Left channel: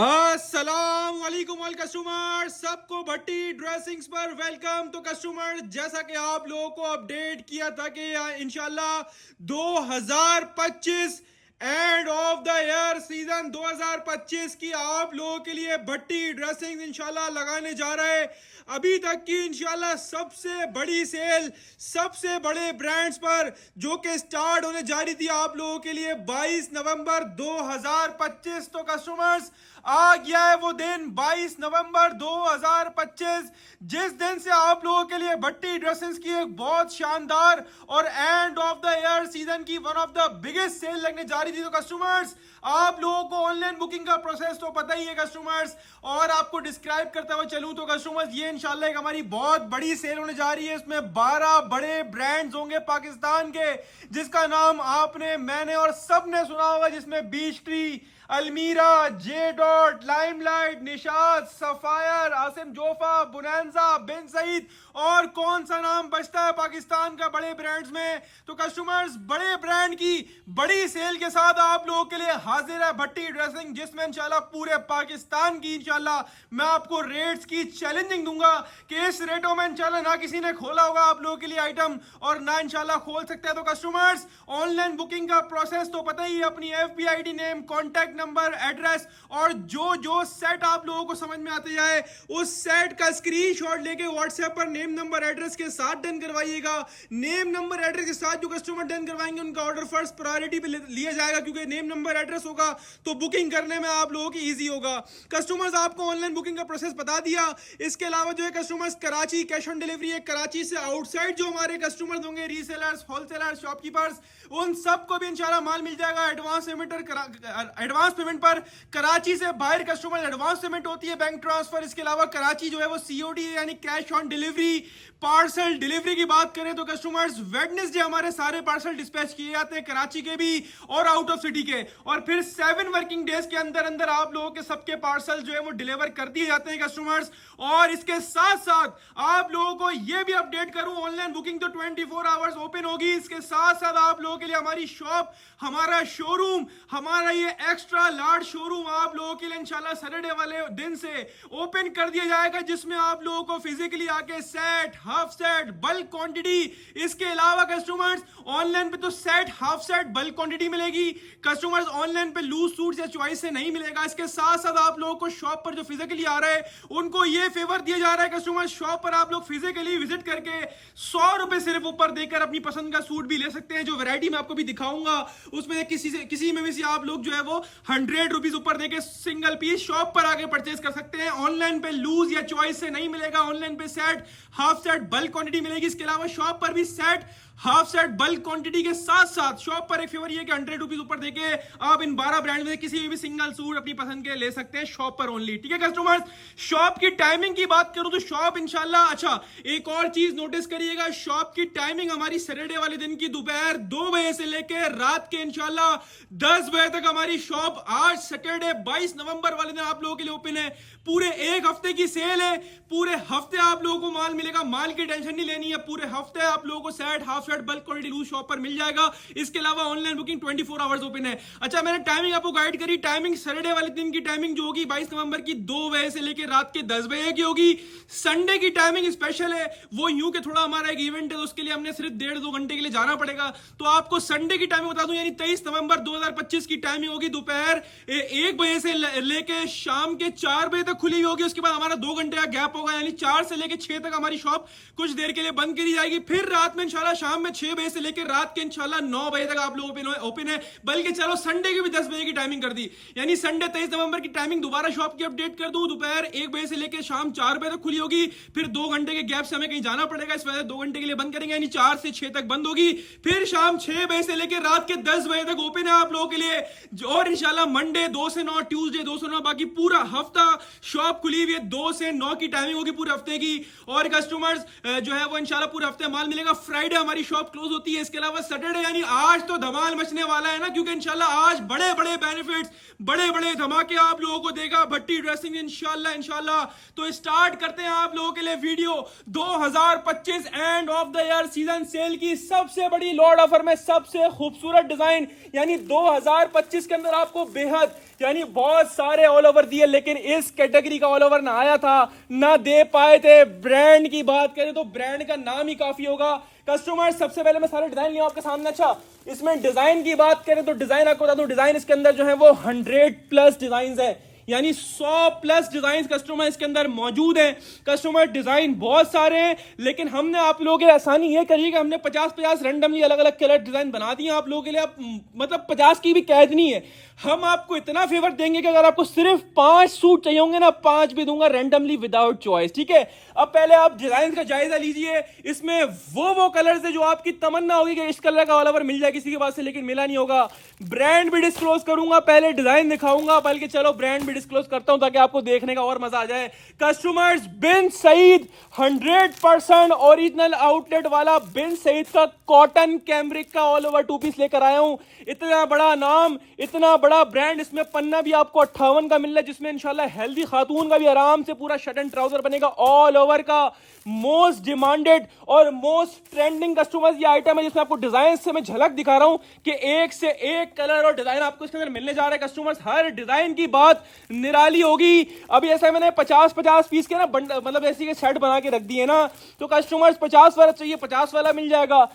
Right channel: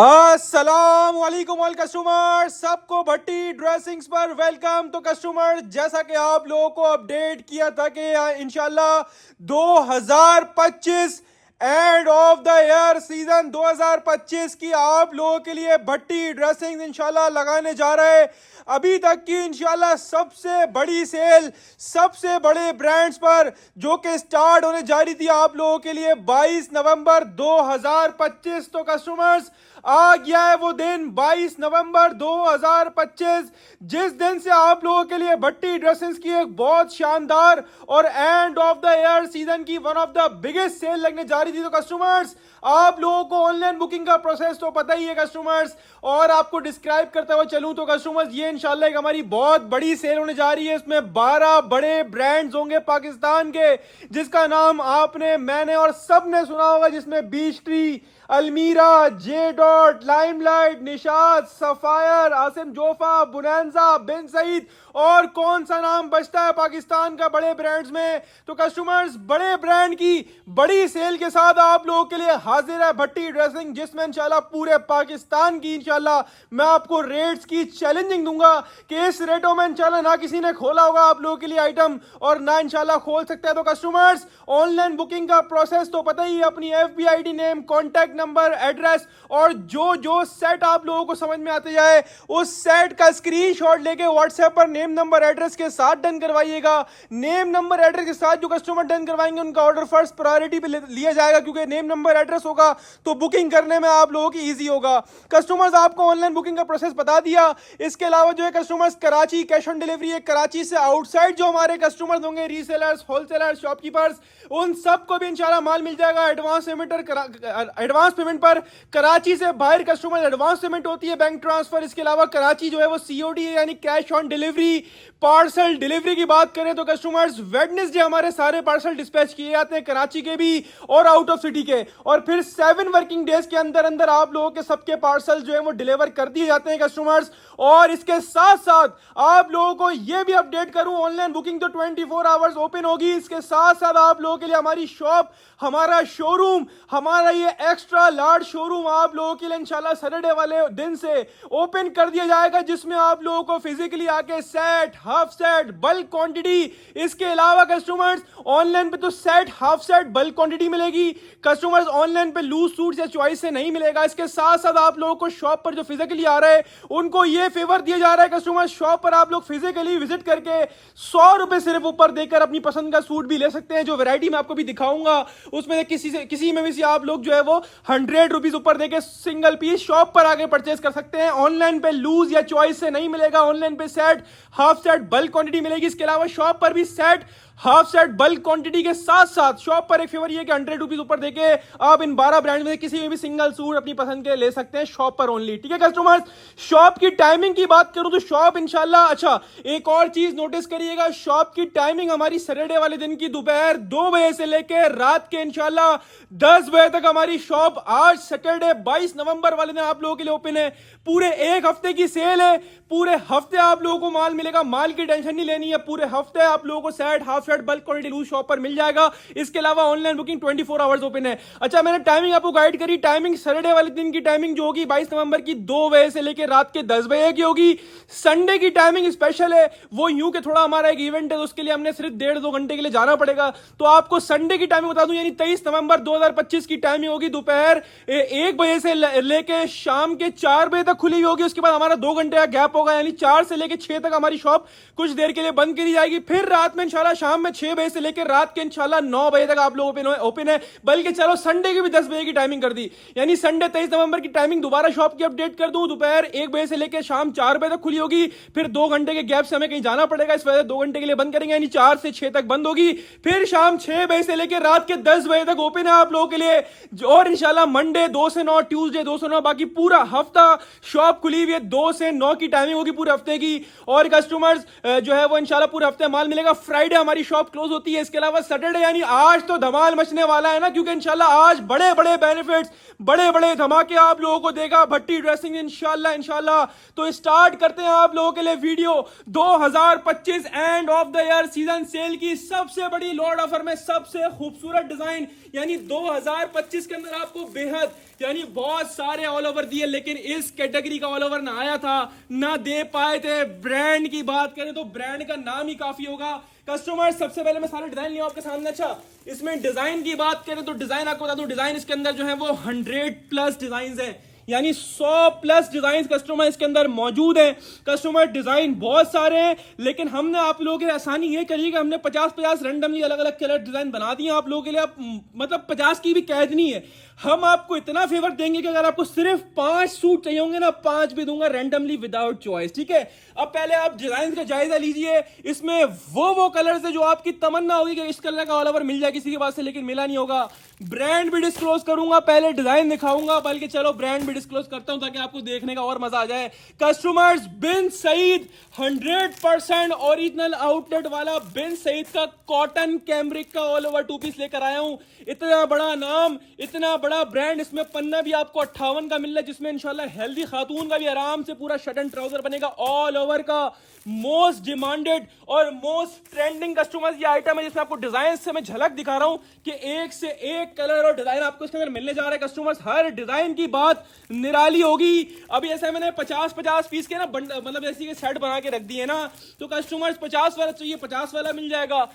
अस्सलाम वालेकुम all customer, सबको भट्टी ड्रेसिंग्स पर वेलकम। तो कस्टमर, जैसा कि आप लोगों को अपडेट किया था कि इंशाल्लाह 2025 and of the year season 2025 की आप लोगों के लिए भट्टी ड्रेसिंग इंशाल्लाह लगाने जा रहे हैं। अभी तक की इंशाल्लाह सबसे बड़ी सेल सबसे बड़े ब्रांड्स पर जो कि स्टार्ट होने जा रही थी आप लोगों के लिए 22 नवंबर 2025। तो कस्टमर्स, आ गया है वो दिन 22 नवंबर 2025, जिस दिन से आप लोगों के लिए भट्टी ड्रेसेस की एक बहुत शानदार और end of the year season की one of the biggest sale लगने जा रही थी। तो कस्टमर्स, आप लोगों को ऑनलाइन बुकिंग का प्रोसेस तो पता ही है कस्टमर्स, और आपको डिस्क्राइब करते हुए चलूं तो कस्टमर्स, ये इंशाल्लाह एक हमारी बहुत बड़ी सेल होने जा रही है। इसमें 12 बड़े ब्रांड्स होंगे पाकिस्तान के, जिसका नाम आपने, मैंने और सबने सुना होगा, जिसमें बीच ट्री, अलमीरा, जे डॉट, लाइमलाइट, निशात, सफायर, आसिम जोफा, बुनैंजा, बिन सईद, और कौन सा नाम बचता है पाकिस्तान का बड़े ब्रांड्स में। तो कस्टमर्स, बड़े ब्रांड की बड़ी सेल के साथ आप लोगों के लिए हाजिर है भट्टी ड्रेसिंग, जिसमें इंशाल्लाह पूरे पाकिस्तान की इंशाल्लाह मैं आपको रेट्स की चैलेंजिंग दूंगा कि इस रेटों में इंशाल्लाह ना किसी ने खोला होगा आप लोगों के लिए आइटम, और ना इंशाल्लाह खोल सकता है। तो कस्टमर्स, ऑनलाइन बुकिंग का प्रोसेस तो पता ही है, अपनी FBID name, contact number, address, और जो जो सेट आप लोगों को समझ में आते जाए उस सेट का स्क्रीनशॉट लेके व्हाट्सएप पर नेम नंबर एड्रेस के साथ डन करवाइएगा। नेम नंबर एड्रेस के साथ जो कस्टमर डन करवाएंगे उनका ऑर्डर फर्स्ट प्रायोरिटी पे लिया जाएगा, क्योंकि नेम नंबर एड्रेस होगा तो बुकिंग करने में आप लोगों की इजी होगा। कस्टमर्स, आपको ऑनलाइन बुकिंग का प्रोसेस बता दिया। इसके अलावा जो है customers, Karachi cash on delivery है। कराची से आउटसाइड जो हमारे कस्टमर्स होंगे, रीसेलर्स, होलसेलर्स, शॉपकीपर्स, उन सबको भी इंशाल्लाह माल मिल जाएगा एडवांस पेमेंट पर। कराची से बाहर कस्टमर एडवांस पेमेंट होती है, बैंक ट्रांसफर। इसके अलावा कराची जो है वो COD है, यानी cash on delivery. Parcel delivery की बात करें तो कस्टमर्स, वेडनेसडे हमारे सारे पार्सल डिस्पैच किए जाते हैं, कराची के भी और आउट ऑफ सिटी के, और फिर 7 वर्किंग डेज के अंदर अंदर आप लोगों के सबके पार्सल जो है वो डिलीवर कर दिए जाते हैं कस्टमर्स। और इसके साथ साथ आप लोगों को ये भी अपडेट करूं, ऑनलाइन बुकिंग तो 24 आवर्स ओपन होगी। इसके साथ साथ आप लोगों के लिए हमारी शॉप, हमारा शोरूम, हमारा ये एक्स्ट्रा लार्ज शोरूम आप लोगों के लिए इंशाल्लाह सैटरडे वाले दिन से ओपन कर दिया जाएगा, जिसमें आप लोगों को फिजिकली आके set, half set, bulk quantity, इसके अलावा कस्टमर्स ऑनलाइन पे तो set, half set, bulk quantity मिलेगी। कस्टमर्स, ऑनलाइन पे लूज सूट या चॉइस से नहीं मिलेगा। इसके साथ साथ आप लोगों को शॉप पर जो फिजिकली आ रहा है उनको ये फेवर दिया जा रहा है कस्टमर्स, शॉप पर आप लोग फिजिकली विजिट करके 100 रुपए सिर्फ ऊपर देकर अपनी पसंद का सूट भी ले सकते हैं। जो वैरायटी मैं आपको भी दिखाऊंगा उसमें किसी में भी आप लोग जो है वो 100 रुपीज ऊपर देकर सिंगल पीस शॉप पर आगे परचेज कर सकते हैं। ऑनलाइन पे लूज या चॉइस से नहीं मिलेगा, ऑनलाइन पे set, half set, bulk quantity मिलेगी। इसके अलावा शॉप पर भी set, half set, bulk quantity के साथ साथ शॉप पर एक फेवर ये कि 100 रुपीज ऊपर देके आप इन 12 ब्रांड में किसी में भी सिंगल सूट अपनी पसंद के ले सकते हैं शॉप पर ओनली। ठीक है कस्टमर्स, शॉप की टाइमिंग की बात करूं तो शॉप इंशाल्लाह, अच्छा एक और चीज नोटिस करिएगा, शॉप की टाइमिंग हमारी सैटरडे वाले दिन की दोपहर 2 बजे से लेकर रात के इंशाल्लाह 10 बजे तक हमारी शॉप आज सैटरडे 22 नवंबर वाले दिन आप लोगों के लिए ओपन है। पूरे एक हफ्ते की सेल है, पूरे हफ्ते आप लोगों को माल मिलेगा, माल की टेंशन नहीं लेनी है। पूरे हफ्ते आप लोगों को set, half set, bulk quantity loose shop पर मिल जाएगा। इसके अलावा ऑनलाइन बुकिंग 24 आवर्स ओपन है। अच्छा, मैंने टाइमिंग आपको गाइड करी, टाइमिंग सैटरडे वाले दिन की टाइमिंग जो होगी 22 नवंबर की 2 बजे से लेकर रात के 10 बजे की होगी। संडे की टाइमिंग स्पेशल है, वो यूं के थोड़ा हमारा एक इवेंट है तो उसके लिए हमने सिर्फ 1.5-2 घंटे के लिए जाना पड़ेगा। तो आपको संडे की टाइमिंग बता दूं, यानी 23 नवंबर 2025 की टाइमिंग होगी दोपहर 1 बजे से लेकर शाम के 4 बजे तक खुली होगी। उसके बाद हमारा 2 घंटे का गैप होगा, यानी 4 से लेकर 6 तक हमारी शॉप कुछ देर के लिए बंद करी जाएगी। फिर रात में इंशाल्लाह शाम में 6 बजे से लेकर रात के इंशाल्लाह 9 बजे तक आप लोग ओपन है। बल्कि चलो संडे की भी 10 बजे की टाइमिंग कर दी, यानी संडे 23 नवंबर की टाइमिंग दोबारा शॉप की अपडेट कर दूं, दोपहर 1 बजे से लेकर शाम 4 बजे तक खुली होगी। फिर 2 घंटे के गैप से हमें कहीं जाना पड़ेगा, इस वजह से 2 घंटे के लिए बंद करेंगे, यानी 4 से 6 तक बंद होगी। फिर शाम 6 बजे से लेकर रात के 10 बजे तक ओपन है आप लोगों के लिए। और इंशाल्लाह मंडे 2 से 9, ट्यूसडे 2 से 9, बाकी पूरा हफ्ता शॉप खुली हुई है। 2 से 9 की टाइमिंग होगी पूरे हफ्ते की। और कस्टमर्स जो है वो इंशाल्लाह पूरे हफ्ते माल मिलेगा। फ्राइडे हमारी शॉप क्लोज होती है। इसके अलावा सैटरडे यानी आज तो धमाल मचने वाला है ना, क्योंकि इंशाल्लाह आज बड़े बड़े बेनिफिट्स, बड़े बड़े धमाके आप लोगों को देगा भट्टी ड्रेसिंग इंशाल्लाह। तो स्टार्ट करते हैं आप लोगों के लिए video 2025 and of the year season cell की सबसे बड़ी लॉट ऑफर में सबसे खूबसूरत डिजाइन, यानी 2025 के अंदर आपको बेहद यानी बहुत सारे ऑल ओवर दिए, लेकिन इस कैटेगरी का ऑल ओवर ना आया था ना दे पाए थे। ब्रांड की बात करें तो ब्रांड का नाम ही काफी होगा। कस्टमर सबसे पहले मैं सारे डिजाइन लिया आपके सामने। अच्छा, इसमें डिजाइन की बात करें तो डिजाइन आपको बता दूं, डिजाइन इसके अंदर जो है वो 100+ डिजाइन है, यानी 100+ डिजाइन कस्टमर इसके अंदर मौजूद हैं। कस्टमर डिजाइन बहुत सारे हैं, लेकिन हमने आप लोगों के लिए आसानी ये करी कि हमने 50-50 रैंडमली अलग अलग कलर डिजाइन बना दिए आप लोगों के लिए। आप मतलब 50 की भी कैद नहीं है। हम आपको इतना फेवर देंगे कि अगर आपको सिर्फ 5 सूट चाहिए होंगे ना, 5 भी दूंगा रैंडमली विदाउट चॉइस, ठीक है। अब पहले आप डिजाइन का जायजा लीजिए। इसमें वो कलर्स है जो आपकी तमन्ना होगी कि इस कलर का ऑल ओवर मिल जाए किसी के पास से, लेकिन मिला नहीं होगा। ब्रांड भी डिस्क्लोज करूंगा, पहले डिजाइन दिखाऊंगा, बल्कि चलो ब्रांड भी डिस्क्लोज करता हूं ताकि आपको देखने का और मजा आ जाए। कस्टमर्स, बिन सईद 100% ओरिजिनल आउटलेट वाला बिन सईद का कॉटन कैमरिक का ऑल ओवर 2 पीस लेकर आया हूं। इतना बड़ा नाम, इतना बड़ा ब्रांड, इसमें पन्ना भी आपको 58 का मिल रहा है, जिसमें इंशाल्लाह हेल्दी खातून का भी आराम से पूरा शर्ट एंड ट्राउजर बनेगा। ऑल ओवर का मोस्ट डिमांडेड और मोस्ट ट्रेंडिंग कस्टमर्स ये आइटम है, जिसमें आपको डिजाइन से मैं झलक दिखा रहा हूं कि एक से एक कलर और डिजाइन आपको इसके अंदर मिलने जा रहा है। कस्टमर्स, हर डिजाइन की बात निराली होगी। अभी ऐसे मैंने 50-50 पीस के ना मतलब ऐसी के सेट बना के रख दिए ना, तो कस्टमर्स 50 वाला चाहिए 50 वाला मिल जाएगा,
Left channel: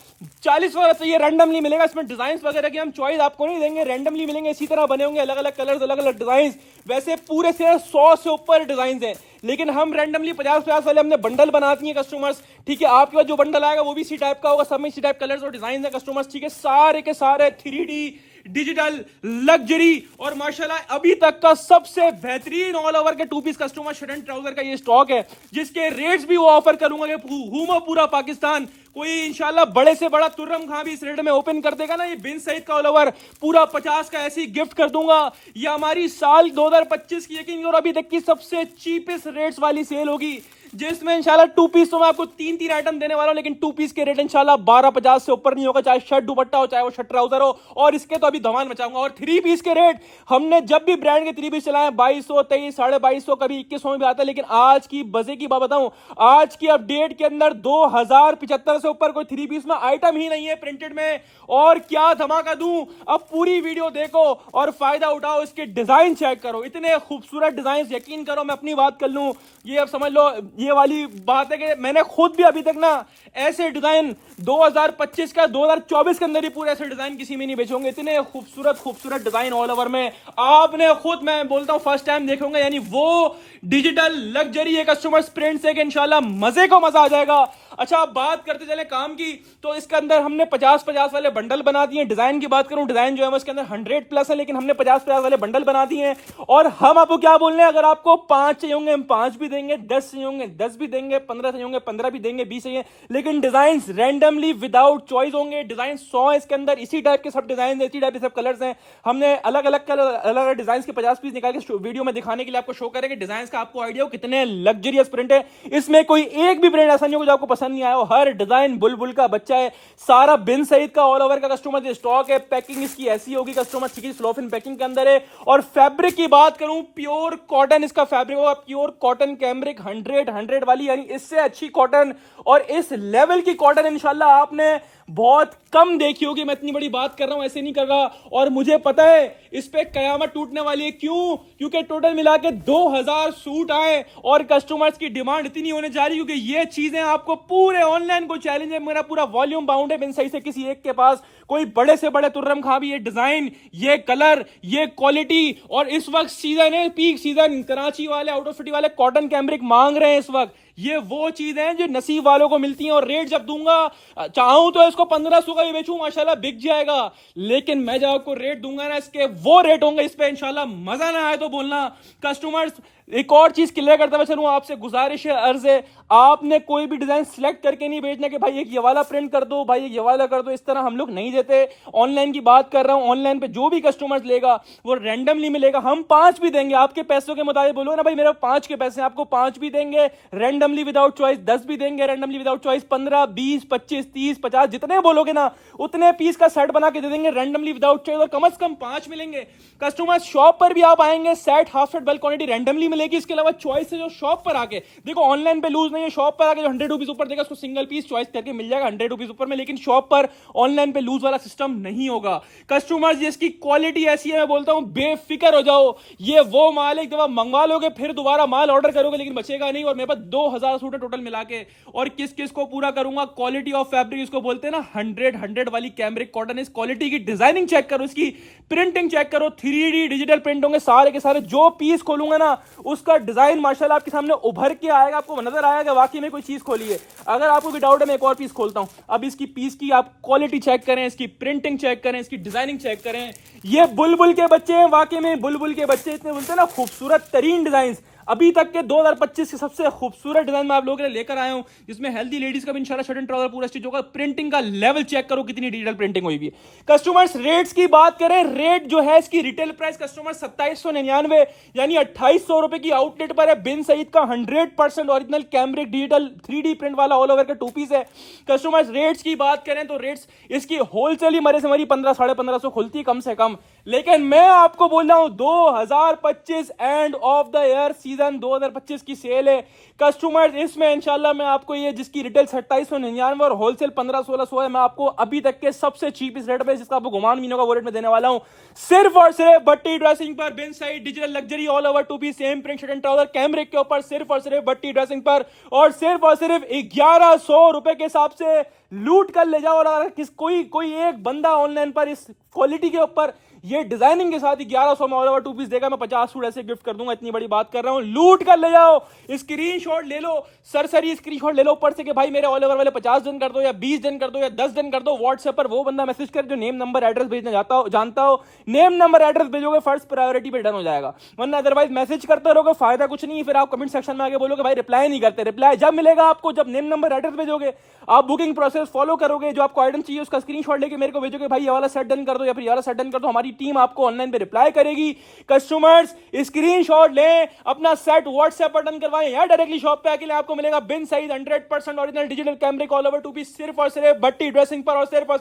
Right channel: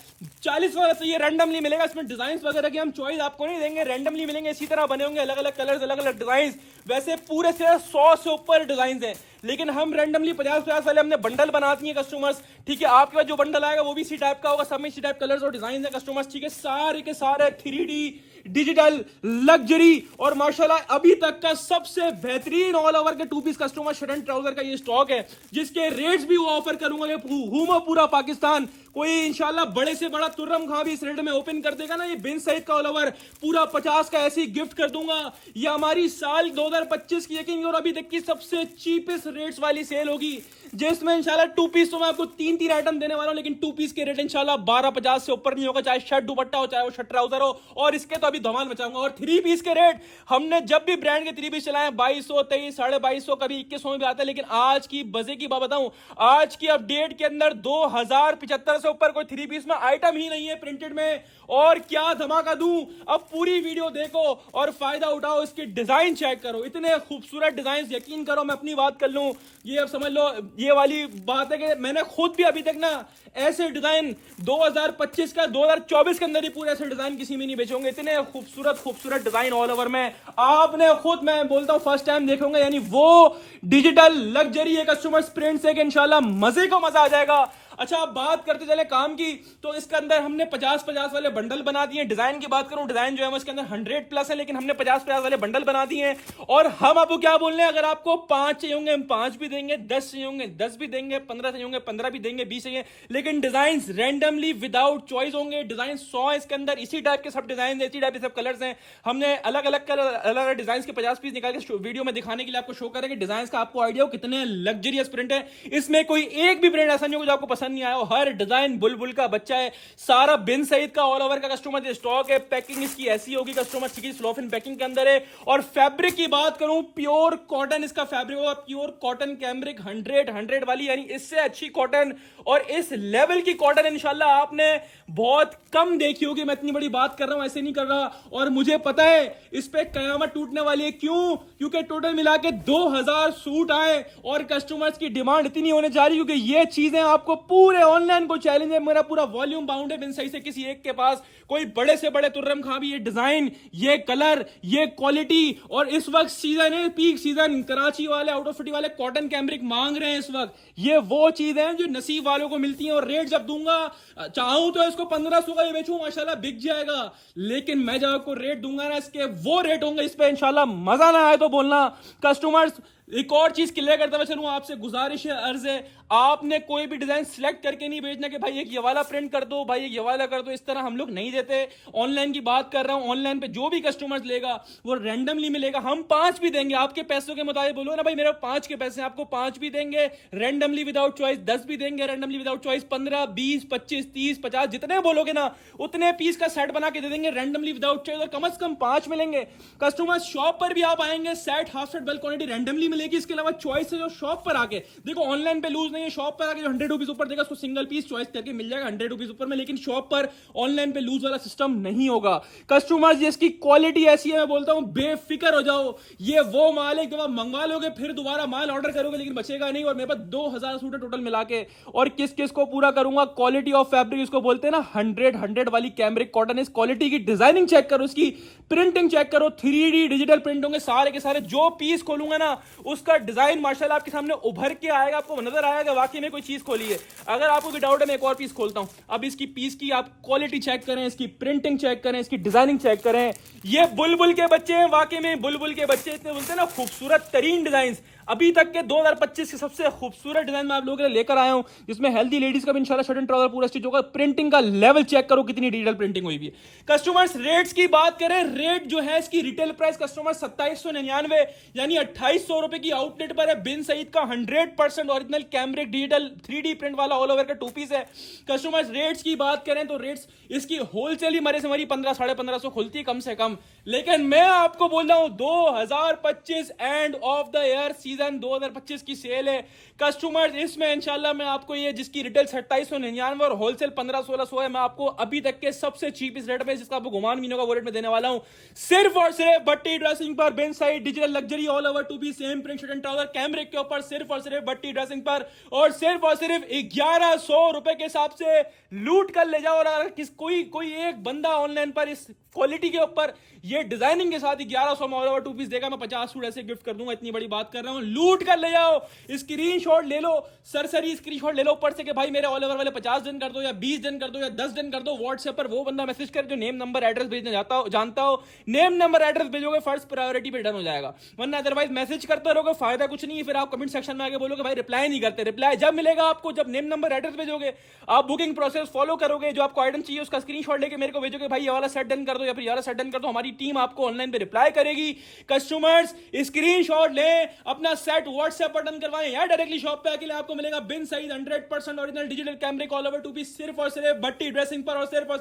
40 वाला चाहिए रैंडमली मिलेगा। इसमें डिजाइन वगैरह की हम चॉइस आपको नहीं देंगे, रैंडमली मिलेंगे, इसी तरह बने होंगे अलग अलग कलर्स, अलग अलग डिजाइन। वैसे पूरे से 100 से ऊपर डिजाइन है, लेकिन हम रैंडमली 50-50 वाले हमने बंडल बना दिए कस्टमर्स, ठीक है। आपके पास जो बंडल आएगा वो भी इसी टाइप का होगा, सब में इसी टाइप कलर्स और डिजाइन है कस्टमर्स, ठीक है। सारे के सारे 3D डिजिटल लग्जरी और माशाल्लाह अभी तक का सबसे बेहतरीन ऑल ओवर के 2 piece customer shirt and trouser का ये स्टॉक है, जिसके रेट्स भी वो ऑफर करूंगा कि घूमो पूरा पाकिस्तान, कोई इंशाल्लाह बड़े से बड़ा तुर्रम खां भी इस रेट में ओपन कर देगा ना, ये बिन सईद का ऑल ओवर पूरा 50 का ऐसी गिफ्ट कर दूंगा। ये हमारी साल 2025 की यकीन और अभी तक की सबसे चीपेस्ट रेट्स वाली सेल होगी, जिसमें इंशाल्लाह 2 पीस तो मैं आपको 3 आइटम देने वाला हूं, लेकिन 2 पीस के रेट इंशाल्लाह 1250 से ऊपर नहीं होगा, चाहे शर्ट दुपट्टा हो चाहे वो शर्ट ट्राउजर हो, और इसके तो अभी धमाल मचाऊंगा। और 3 पीस के रेट हमने जब भी ब्रांड के 3 पीस चलाए 2200, 2300, 2250, कभी 2100 में भी आता है, लेकिन आज की बजे की बात बताऊं, आज की अपडेट के अंदर 2075 से ऊपर कोई 3 पीस में आइटम ही नहीं है प्रिंटेड में। और क्या धमाका दूं, अब पूरी वीडियो देखो और फायदा उठाओ, इसके डिजाइन चेक करो, इतने खूबसूरत डिजाइन, यकीन करो मैं अपनी बात कर लूं, ये अब समझ लो ये वाली बात है कि मैंने खुद भी अभी तक ना ऐसे डिजाइन 2025 का 2024 के अंदर ही पूरे ऐसे डिजाइन किसी में नहीं बेचोगे। इतने खूबसूरत डिजाइन ऑल ओवर में आपने खुद, मैं बोलता हूं फर्स्ट टाइम देखोगे, यानी वो डिजिटल लग्जरी है कस्टमर्स प्रिंट से कि इंशाल्लाह मजे को मजा आ जाएगा। अच्छा, अब बात करते चले काम की, तो इसके अंदर हमने 50-50 वाले बंडल बना दिए। डिजाइन की बात करूं, डिजाइन जो है उसके अंदर 100+ है, लेकिन हमने 50-50 वाले बंडल बना दिए हैं। और हम आपको क्या बोल रहे हैं, अगर आपको 5 चाहिए होंगे हम 5 भी देंगे, 10 चाहिए होंगे 10 भी देंगे, 15 चाहिए होंगे 15 भी देंगे, 20 चाहिए, लेकिन डिजाइन रैंडमली विदाउट चॉइस होंगे। डिजाइन 100 है इसके अंदर, इसी टाइप के सब डिजाइन है, इसी टाइप के सब कलर्स हैं। हमने अलग अलग कलर, अलग अलग डिजाइन के 50 पीस निकाल के वीडियो में दिखाने के लिए आपको शो करेंगे। डिजाइन का आपको आइडिया हो कितने लग्जरियस प्रिंट है, इसमें कोई एक भी ब्रांड ऐसा नहीं होगा जो आपको पसंद नहीं आया हो। हर डिजाइन बुलबुल का बच्चा है, सारा बिन सईद का ऑल ओवर का कस्टमर स्टॉक है। पैकिंग इसकी ऐसी होगी कस्टमर, स्लोफिन पैकिंग के अंदर है। और फैब्रिक की बात करूं, प्योर कॉटन इसका फैब्रिक होगा, प्योर कॉटन कैमरिक 100 वाली, यानी इससे अच्छी कॉटन और इस लेवल की कॉटन इंशाल्लाह आपने बहुत कम देखी होगी। मैं इतनी बड़ी बात कर रहा हूं, ऐसे नहीं कर रहा, और मुझे पता है इस पे कयामत टूटने वाली है। क्यों? क्योंकि टोटल मिला के 2000 सूट आए और कस्टमर्स की डिमांड इतनी होने जा रही है, क्योंकि ये चीजें आपको पूरे ऑनलाइन को चैलेंज है, मेरा पूरा वॉल्यूम बाउंड है बिन सही से किसी एक के पास, कोई बड़े से बड़े तुर्रम खां भी ये डिजाइन, ये कलर, ये क्वालिटी, और इस वक्त सीजन है, पीक सीजन, कराची वाले आउट ऑफ सिटी वाले कॉटन कैमरिक मांग रहे हैं इस वक्त। ये वो चीज है जो नसीब वालों को मिलती है। और रेट जब दूंगा, चाहूं तो इसको 1500 का भी बेचूं, माशाल्लाह बिक जाएगा, लेकिन मैं जब आपको रेट दूंगा ना, इसके वो रेट होंगे, इस पे इंशाल्लाह मजा ना आए तो बोलना। कस्टमर्स, एक और चीज क्लियर करता मैं चलूं, आपसे गुजारिश है, अर्ज है, आपने कोई भी डिजाइन सिलेक्ट करके नहीं भेजना कि भाई एक ये वाला प्रिंट कर दो, भाई एक ये वाला कर दो, इस तरह हम लोग नहीं देते। ऑनलाइन की बात कर रहा हूं, ऑनलाइन पे जो भी कस्टमर्स लेगा वो रैंडमली मिलेगा। हम 5 भी देंगे आपके पैसों के मुताबिक, बोलो ना भाई मेरे 5 के पैसे, आपको 5 भी देंगे रैंडमली विदाउट चॉइस, 10 भी देंगे रैंडमली विदाउट चॉइस, 15, 20, 25, 30, 50 जितने बोलोगे ना उतने पीस का सेट बना के दे देंगे रैंडमली विदाउट चॉइस, और कम से कम 5 मिलेंगे। कस्टमर्स, शॉप पर भी आप आएंगे, set half set bulk quantity randomly मिलेगी। इसके अलावा चॉइस है जो शॉप पर आके देखो, ऑनलाइन पे लूज नहीं है, शॉप पर आके जो 100 रुपीज ऊपर खरीदेगा उसको सिंगल पीस चॉइस करके मिल जाएगा 100 रुपीज ऊपर में, लेकिन शॉप पर ऑनलाइन पे लूज वाला सिस्टम नहीं होगा। कस्टमर्स जिसकी क्वालिटी ऐसी है, मैं बोलता हूं बेफिक्र हो जाओ, ये वो माल है एक दफा मंगवा लोगे फिर दोबारा माल ऑर्डर करोगे लेकिन बचेगा नहीं। और मेरे पास 2000 सूट है टोटल मिला के, और किस किस को पूरा करूंगा। क्वालिटी ऑफ फैब्रिक इसको बोलते हैं ना, 100 वाली कैमरिक कॉटन। इस क्वालिटी की डिजाइनिंग चेक करो, इसकी प्रिंटिंग चेक करो, 3D डिजिटल प्रिंट होंगे सारे के सारे। जो पीस खोलूंगा ना उसका डिजाइन माशाल्लाह आपके सामने उभर के आएगा, आपको नजर आएगा वाकई में कोई चीज खोली है। अगर आपको भी डाउट है मैं एक और पीस खोलता हूं। अब इसकी पीस की आप क्वालिटी चेक करें, इसकी प्रिंटिंग चेक करें, इसकी डिजाइनिंग चेक करें। ये बुलबुल के बच्चे हैं, वाकई में बुलबुल के बच्चे इतने बोलते हैं ना खूबसूरत तरीन डिजाइन अभी तक के 2025 के सबसे खूबसूरत डिजाइन में आप लोगों के लिए लेकर आया हूं, जिसमें हेल्दी लेडीज का भी इंशाल्लाह शर्ट एंड ट्राउजर पूरा स्टिच होगा। प्रिंटिंग का लेवल चेक करो कितनी डिजिटल प्रिंटिंग हुई है। कस्टमर्स रेट्स की बात करें, रेट जो है इसकी रिटेल प्राइस कस्टमर 2799 यानी 2800 रुपए की आउटलेट पर है। बिन सईद का 100% original cambric digital 3D print वाला ऑल ओवर का टू पीस है। कस्टमर्स रेट्स की बात करें तो रेट्स इसकी होलसेल ही मरे से मरी 1500-1550 खुलती कम से कम, लेकिन मैं आपको बोल रहा हूं 2025 and of the year season 2025 की सेल है कस्टमर्स। इसमें इंशाल्लाह मैं आपको ये जिसकी रिटेल 2799 और होलसेल 1500-1600 है, मैं आपको अभी तक के सबसे चीपेस्ट रेट पे जिसका आपको गुमान भी नहीं होगा वो रेट में देने वाला हूं। सिर्फ और सिर्फ भट्टी ड्रेसिंग पर, Bin Saeed digital luxury all over two piece same print shirt and trouser cambric के ऊपर, सिर्फ और सिर्फ भट्टी ड्रेसिंग पर, और सिर्फ 1100 रुपए के हिसाब से लूट कर ले जाओ। और अगर कोई एक बंदा ऑनलाइन पर इस क्वालिटी के ऊपर ये डिजाइनिंग के साथ 1100 में ऑल ओवर टू पीस देगा, मैं 50 सूट ऐसे गिफ्ट कर दूंगा। इतनी बड़ी बात कर रहा हूं, लूट कर ले जाओ। स्क्रीनशॉट ले लो, सरसरी स्क्रीनशॉट ले लो ऊपर से कि भाई मेरे ऑल ओवर वाले 50 डन कर दो या 20 डन कर दो या 10 डन कर दो। व्हाट्सएप पर वो बंदा मैसेज कर जो नेम नंबर एड्रेस भेजना जानता हो, नेम नंबर एड्रेस भेजोगे फर्स्ट प्रायोरिटी पे डन हो जाएगा। वरना अदरवाइज मैसेज करते रहोगे फायदा कुछ नहीं है। फिर आप कमेंट सेक्शन में आगे बोलोगे भाई रिप्लाई नहीं करते। रिप्लाई जब मिलेगा आपको जब नेम नंबर एड्रेस भेजोगे, आप बुकिंग प्रोसेस फॉलो करोगे, जो आपको आइटम चाहिए उसका स्क्रीनशॉट लेके मेरे को भेजोगे भाई ये वाला सेट डन कर दो या फिर ये वाला सेट डन कर दो, हमारी टीम आपको ऑनलाइन पे रिप्लाई करेगी। कस्टमर्स स्क्रीनशॉट लें, अपना सेट व्हाट्सएप पर डन करवाएं या डायरेक्टली शॉप पे आके आपको मिलेगा Bin Saeed 100% original digital cambric all over two piece सिर्फ और सिर्फ भट्टी ड्रेसिंग पर, और सिर्फ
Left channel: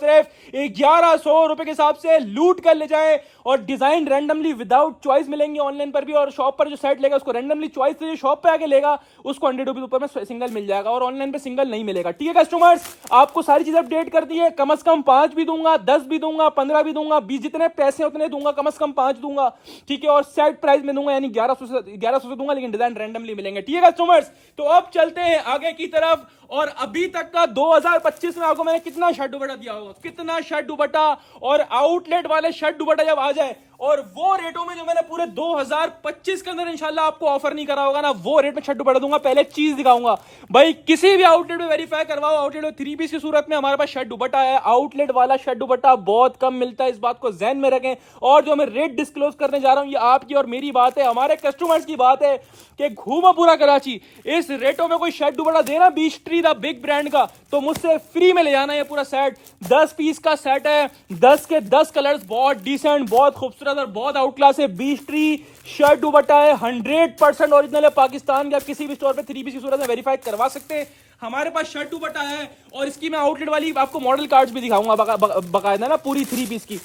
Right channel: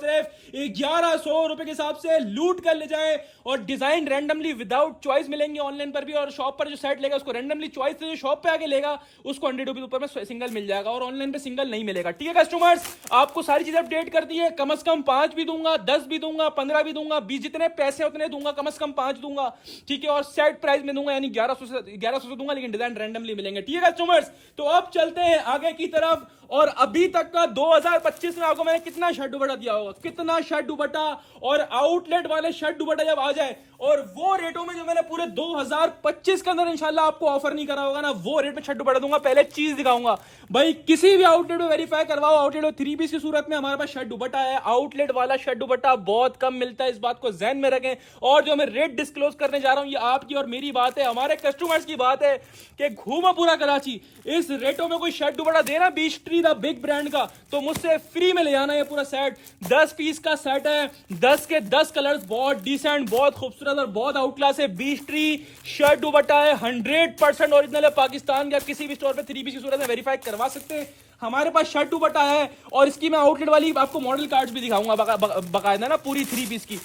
1100 रुपए के हिसाब से लूट कर ले जाए। और डिजाइन रैंडमली विदाउट चॉइस मिलेंगे ऑनलाइन पर भी, और शॉप पर जो सेट लेगा उसको रैंडमली चॉइस से जो शॉप पे आके लेगा उसको 100 रुपए ऊपर में सिंगल मिल जाएगा, और ऑनलाइन पे सिंगल नहीं मिलेगा। ठीक है कस्टमर्स, आपको सारी चीजें अपडेट कर दी है। कम से कम 5 भी दूंगा, 10 भी दूंगा, 15 भी दूंगा, 20 जितने पैसे उतने दूंगा, कम से कम 5 दूंगा। ठीक है, और सेट प्राइस में दूंगा यानी 1100 से दूंगा, लेकिन डिजाइन रैंडमली मिलेंगे। ठीक है कस्टमर्स, तो अब चलते हैं आगे की तरफ। और अभी तक का 2025 में आपको मैंने कितना शर्ट दुपट्टा दिया होगा, कितना शर्ट दुपट्टा, और आउटलेट वाले शर्ट दुपट्टा जब आ जाए और वो रेटों में जो मैंने पूरे 2025 के अंदर इंशाल्लाह आपको ऑफर नहीं करा होगा ना, वो रेट में शर्ट दुपट्टा दूंगा। पहले चीज दिखाऊंगा भाई, किसी भी आउटलेट में वेरीफाई करवाओ, आउटलेट में 3 पीस की सूरत में हमारे पास शर्ट दुपट्टा है। आउटलेट वाला शर्ट दुपट्टा बहुत कम मिलता है, इस बात को ध्यान में रखें। और जो मैं रेट डिस्क्लोज करने जा रहा हूं ये आपकी और मेरी बात है, हमारे कस्टमर्स की बात है कि घूमा पूरा कराची इस रेटों में कोई शर्ट दुपट्टा देना beech tree the big brand का, तो मुझसे फ्री में ले जाना। ये पूरा सेट 10 पीस का सेट है, 10 के 10 कलर्स, बहुत डिसेंट, बहुत खूबसूरत और बहुत आउट क्लास है। बीच ट्री शर्ट दुपट्टा है, 100% ओरिजिनल है, पाकिस्तान का किसी भी स्टोर पे 3 पीस की सूरत में वेरीफाई करवा सकते हैं। हमारे पास शर्ट दुपट्टा है, और इसकी मैं आउटलेट वाली आपको मॉडल कार्ड्स भी दिखाऊंगा बकायदा ना, पूरी 3 पीस की।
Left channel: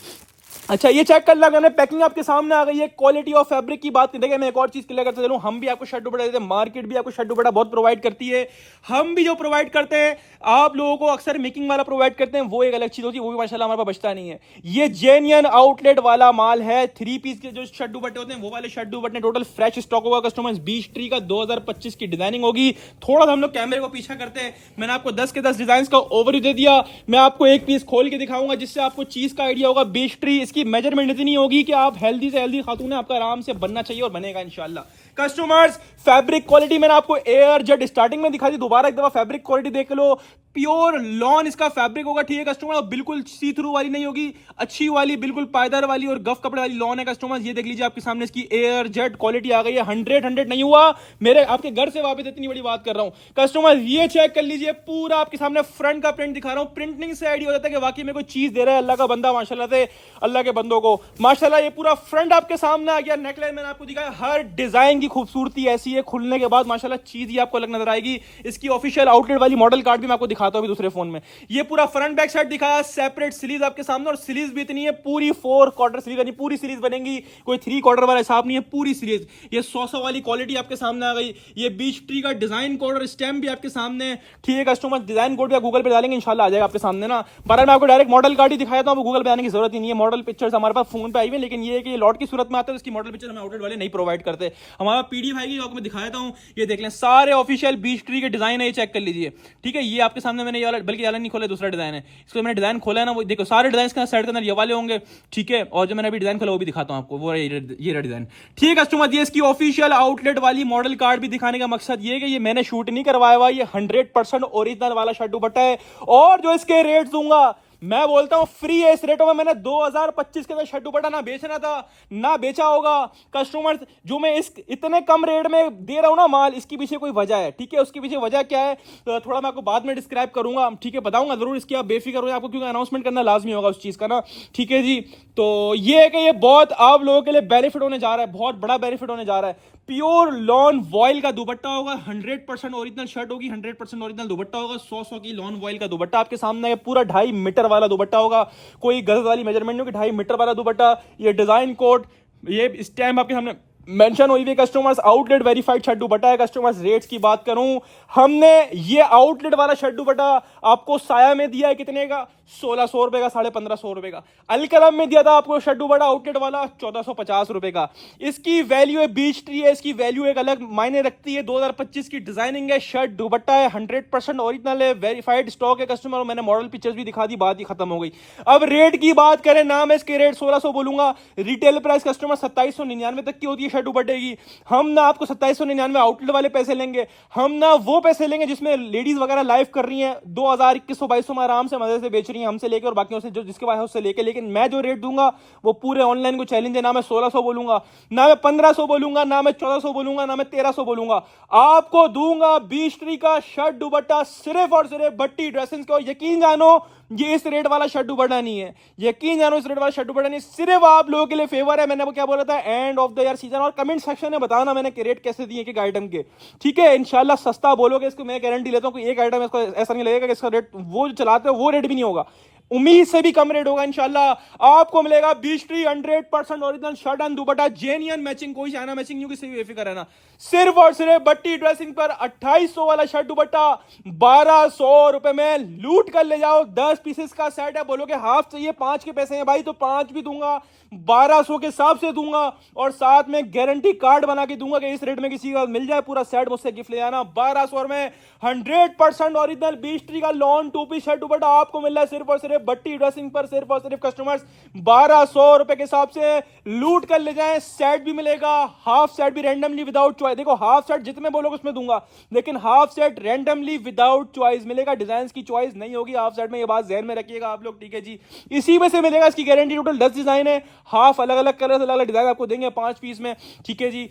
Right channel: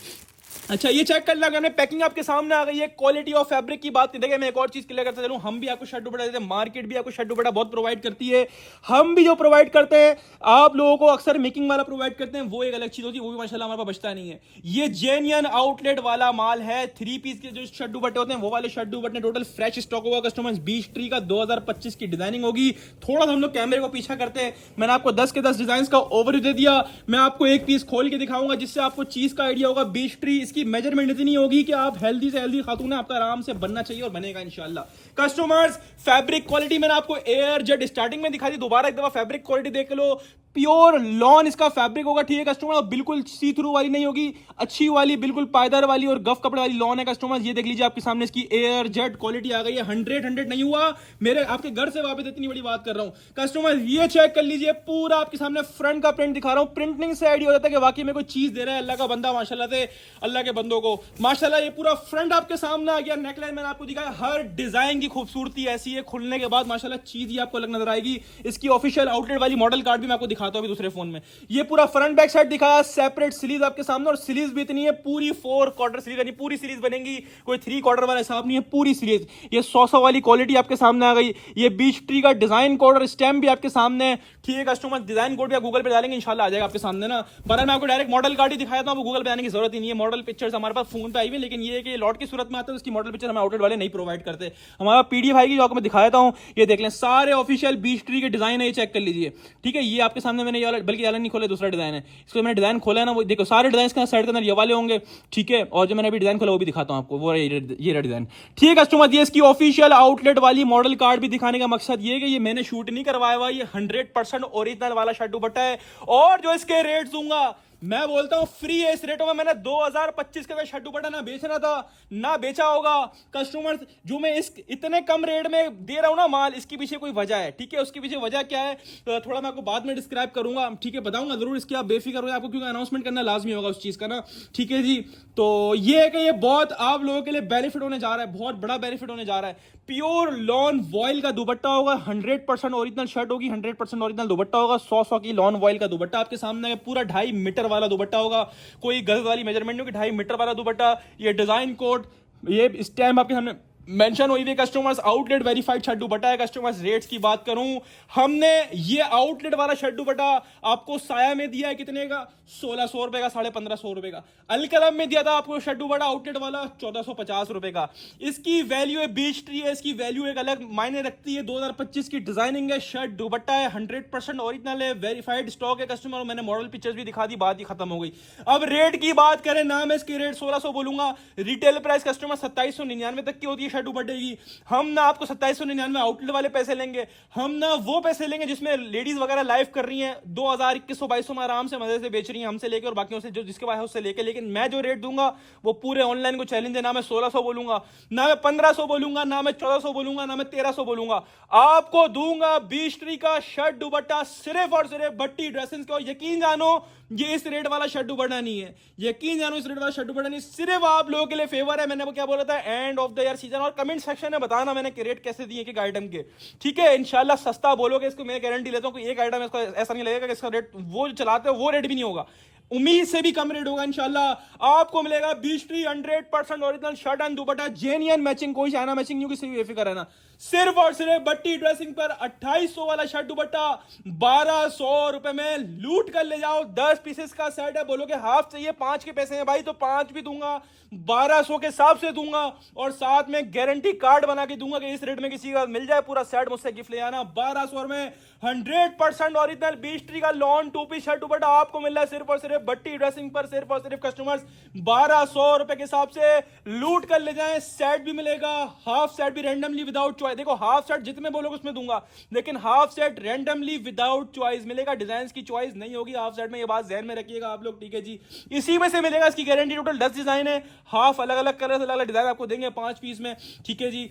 अच्छा ये चेक कर लगा, पैकिंग आपके सामने आ गई है। क्वालिटी ऑफ फैब्रिक की बात देखिए, मैं एक और चीज क्लियर करते चलूं, हम भी आपको शर्ट दुपट्टा देते हैं, मार्केट भी आपको शर्ट दुपट्टा बहुत प्रोवाइड करती है। हम भी जो प्रोवाइड करते हैं आप लोगों को अक्सर मेकिंग वाला प्रोवाइड करते हैं, वो एक अलग चीज होती है, वो भी माशाल्लाह हमारे पास बचता नहीं है। ये जेन्युइन आउटलेट वाला माल है। 3 पीस के जो शर्ट दुपट्टे होते हैं वो वाले शर्ट दुपट्टे टोटल फ्रेश स्टॉक होगा कस्टमर्स। बीच ट्री का 2025 की डिजाइनिंग होगी। थोड़ा सा हम लोग कैमरे को पीछा करते हैं, मैंने आपको 10 के 10 डिजाइन का ओवरव्यू दे दिया। मैं आपको एक पीस खोल के दिखाऊंगा जिससे आपको चीज का आइडिया होगा। बीच ट्री इसकी मेजरमेंट इतनी होगी कि आप हेल्दी से हेल्दी खातून है, आपका आराम से बनना चाहिए और बनेगा इंशाल्लाह। कस्टमर्स फैब्रिक क्वालिटी मैंने आपको एयर जेट स्टार्टिंग में दिखा दी, दोबारा एक दफा फैब्रिक क्वालिटी देख लो। प्योर लॉन इसका फैब्रिक होगा। ठीक है कस्टमर, बिल्कुल सी थ्रू वाली नहीं होगी, अच्छी वाली बिल्कुल पायदार वाली और गफ कपड़े वाली लॉन है कस्टमर। ये देख लीजिए आपके सामने इसकी एयर जेट क्वालिटी आ गई है। 100 नहीं हुआ, मेरे आपके घर से वापस इतनी बड़ी बात कर रहा हूं कस्टमर। ये चेक कर लीजिए, पूरा आपके सामने फ्रंट का प्रिंट दिखा रहा हूं। प्रिंटिंग से आइडिया हो जाता है कि वाकई में कोई चीज दे रहा है अल्लाह का बंदा, माशाल्लाह से अल्लाह के बंदों को माशाल्लाह। ये पूरा फ्रंट आपके सामने आ गया। नेकलाइन मैंने आपको दिखाया, हर डिजाइन की खूबसूरती ऐसी है, खुलने के बाद माशाल्लाह चीज ही आपको अलग नजर आएगी। इसकी ऑफिशियल आउटलेट वाली मॉडल कार्ड भी मैं आपको दिखाता हूँ दूसरे फोन में। ये पूरा फ्रंट बैक साइड दिखाया, सेपरेट सीरीज आपके सामने, और सीरीज भी इतनी है पूरी 4 क्वार्टर सीरीज, यानी पूरी सीरीज बनेगी, कोई 3 क्वार्टर वाला हिसाब नहीं है, पूरी सीरीज। ये 100 वाली क्वालिटी आपके सामने आ गई। ये बीच ट्री का डिजाइन कोड और स्टैम्प भी आपके सामने है, ठीक है कस्टमर। डिजाइन कोड भी गूगल पे डालेंगे इंशाल्लाह आ जाएगा आपके सामने ना। पर मैं आपको डायरेक्ट मॉडल कार्ड ही दिखाया था, गूगल पे आने की जरूरत ही नहीं है। मॉडल पिक्चर्स हमारे पास फोन पे आई हुई, लेकिन ये कि लॉट की सूरत में आता है, इसकी मॉडल पिक्चर हमें आउटलेट वाले नहीं प्रोवाइड करते। हमारा पीडीएफ आएगी जो आपको मैं दिखाया हूं, ये देख लें, सारे ऑफिशियल बीच ट्री के डिजाइन है, ये चेक कर लीजिए, ठीक है। ये आपके सामने मैंने ये वाला, बल्कि वाला नहीं खोला, दूसरा डिजाइन है, इसको मैंने डिजाइन खोला है ना, वो देखो सारे डिजाइन के साइड के अंदर ये वाले होंगे, ठीक है। और जो मैंने अभी डिजाइन खोला वो भी दिखाता हूं आपको, वो ये डिजाइन, ठीक है कस्टमर। ये इसकी ऑफिशियल आउटलेट वाली मॉडल कार्ड भी दिखाने का मकसद ये है कि ये मैंने शूट नहीं करवाया हुआ, ये 100% ओरिजिनल वाला शर्ट दुपट्टा है। और जो इसके रेट दूंगा, मैं बोलता हूं फ्री है इस रेटों में। मैंने 2025 के शर्ट दुपट्टा ना बेचना था ना बेचा होगा कस्टमर। जो मैं इस इतने कम रेट में दे रहा हूं ना माल, इसके पीछे कोई वजह है, ठीक है। उसके पीछे वजह क्या है तो थोड़ा मैं आपको बाद में डिस्क्राइब करूंगा, ठीक है, बताऊंगा जरूर इसकी, आप बेफिक्र हो आपको, क्योंकि अनाउंसमेंट करना लाजमी होगा उस चीज का ना, ठीक है जी। तो ये है कि ये बहुत आप लोगों के लिए बेनिफिट होने जा रहा है, बहुत बड़ा बेनिफिट होने जा रहा है। प्योर लॉन वॉयल का दुपट्टा होगा, 100% ओरिजिनल शर्ट होगी, 100% ओरिजिनल दुपट्टा होगा, 100 की लॉन वॉयल का दुपट्टा आपके सामने है। पूरा 2.5 मीटर वाला दुपट्टा होगा, कोई गज वाली मेजरमेंट नहीं होगी, 2.5 मीटर वाला दुपट्टा। ये डिजाइन कोड, ये स्टैम्प आपके सामने मेंशन हुई थी कस्टमर्स। आउटलेट वेरीफाइड शर्ट दुपट्टा है कस्टमर्स। रेट्स की बात करूं, हमने ये आउटलेट वाला शर्ट दुपट्टा आपको साया में दिया है कितने का, 1600 रुपए का, 1550 रुपए का। अलकरम में दिया था आपको शर्ट दुपट्टा आउटलेट वाला 1450 रुपए का। इसकी वैल्यू है, बीच ट्री है, इसकी वैल्यू एक अलग मायने रखती है। 2025 की डिजाइनिंग है, शर्ट दुपट्टा है, 100% ओरिजिनल है, वेरीफाइड स्टॉक है कस्टमर। मैंने मॉडल पिक्चर्स भी दिखा दी, बात ही खत्म हो गई। अब रेट की बात करें ना, मैं इसके रेट 1600 बोलूंगा, रिटेल प्राइस कस्टमर 2799 तक की होती है शर्ट दुपट्टे की। हम ना आपको 2799 आउटलेट वाले पैसे लेंगे, हम ना वो पैसे लेंगे जिसमें लेडीज वगैरह लाइव कर रही हैं, 2000 2100 में आराम से मजे से बेच रही हैं हमसे लेकर, और बाकियों से जो जिसके पास है उससे लेके। लेकिन मैं जो रेट दूंगा वो पूरे ऑनलाइन को चैलेंज है। ना मैं 1600 बोलूंगा, ना मैं 1500 बोलूंगा, ना मैं 1400 बोलूंगा, ना मैं 1300 बोलूंगा। आपको दूंगा बीच ट्री का शर्ट दुपट्टा सिर्फ और सिर्फ भट्टी ड्रेसिंग्स को। यकीन जानो ये इस रेट वाला शर्ट दुपट्टा नहीं है, यकीन जानो इस रेट वाला शर्ट दुपट्टा नहीं, सिर्फ आप लोगों के लिए फेवर है। मैंने आपको क्या बोला था, and of the year season. और कमेंट सेक्शन में बताना मैंने रेट कैसे दिए कि आइटम के, ठीक है। इंशाल्लाह सस्ता बोलोगे इसको, मैं गारंटी लेता हूं कि एक आइटम इसको ऐसा नहीं लगेगा कि इसका रेट वो जो चलाते हो वो रेट भी नहीं होगा, उम्मीद से भी कम रेट होगा इंशाल्लाह। आपको मिलेगा beech tree 100% original shirt and dupatta, genuine matching, कोई चाइना मैचिंग नहीं, किसी भी बेफिक्र रहना। सिर्फ और सिर्फ भट्टी ड्रेसिंग पर 2800 वाला शर्ट दुपट्टा 1200 रुपए में लूट कर ले जाओ। 10 पीसेस का सेट है, बोलोगे हाफ चाहिए, 5 के पैसे हैं भाई तो 5 भी दूंगा, 1200 के हिसाब से दूंगा, और साथ में गारंटी कार्ड बना के दूंगा कि इस रेट में किसी का मिल जाए पूरा सेट, मुझसे गिफ्ट ले आना। 1200 में 100% ओरिजिनल बीच ट्री का लॉन 2 पीस शर्ट दुपट्टा आपको मिल रहा है सिर्फ और सिर्फ भट्टी ड्रेसिंग पर। सिर्फ और सिर्फ कस्टमर्स 1200 रुपए के हिसाब से लूट कर ले जाएं। सेट भी मिलेगा, हाफ सेट भी रैंडमली विदाउट चॉइस। देखो हाफ सेट जितने बोलोगे उसमें दूंगा, लेकिन half set randomly without choice मिलेगा, डिजाइन की चॉइस नहीं होगी हाफ सेट में, ये बात ध्यान में रखिएगा आप लोग, ठीक है जी। इसी में से मिलेगा, इसकी गारंटी टोटल 10 डिजाइन है, हाफ अलग अलग कलर अलग अलग डिजाइन आपको देंगे 5 पीस में, ठीक है जी।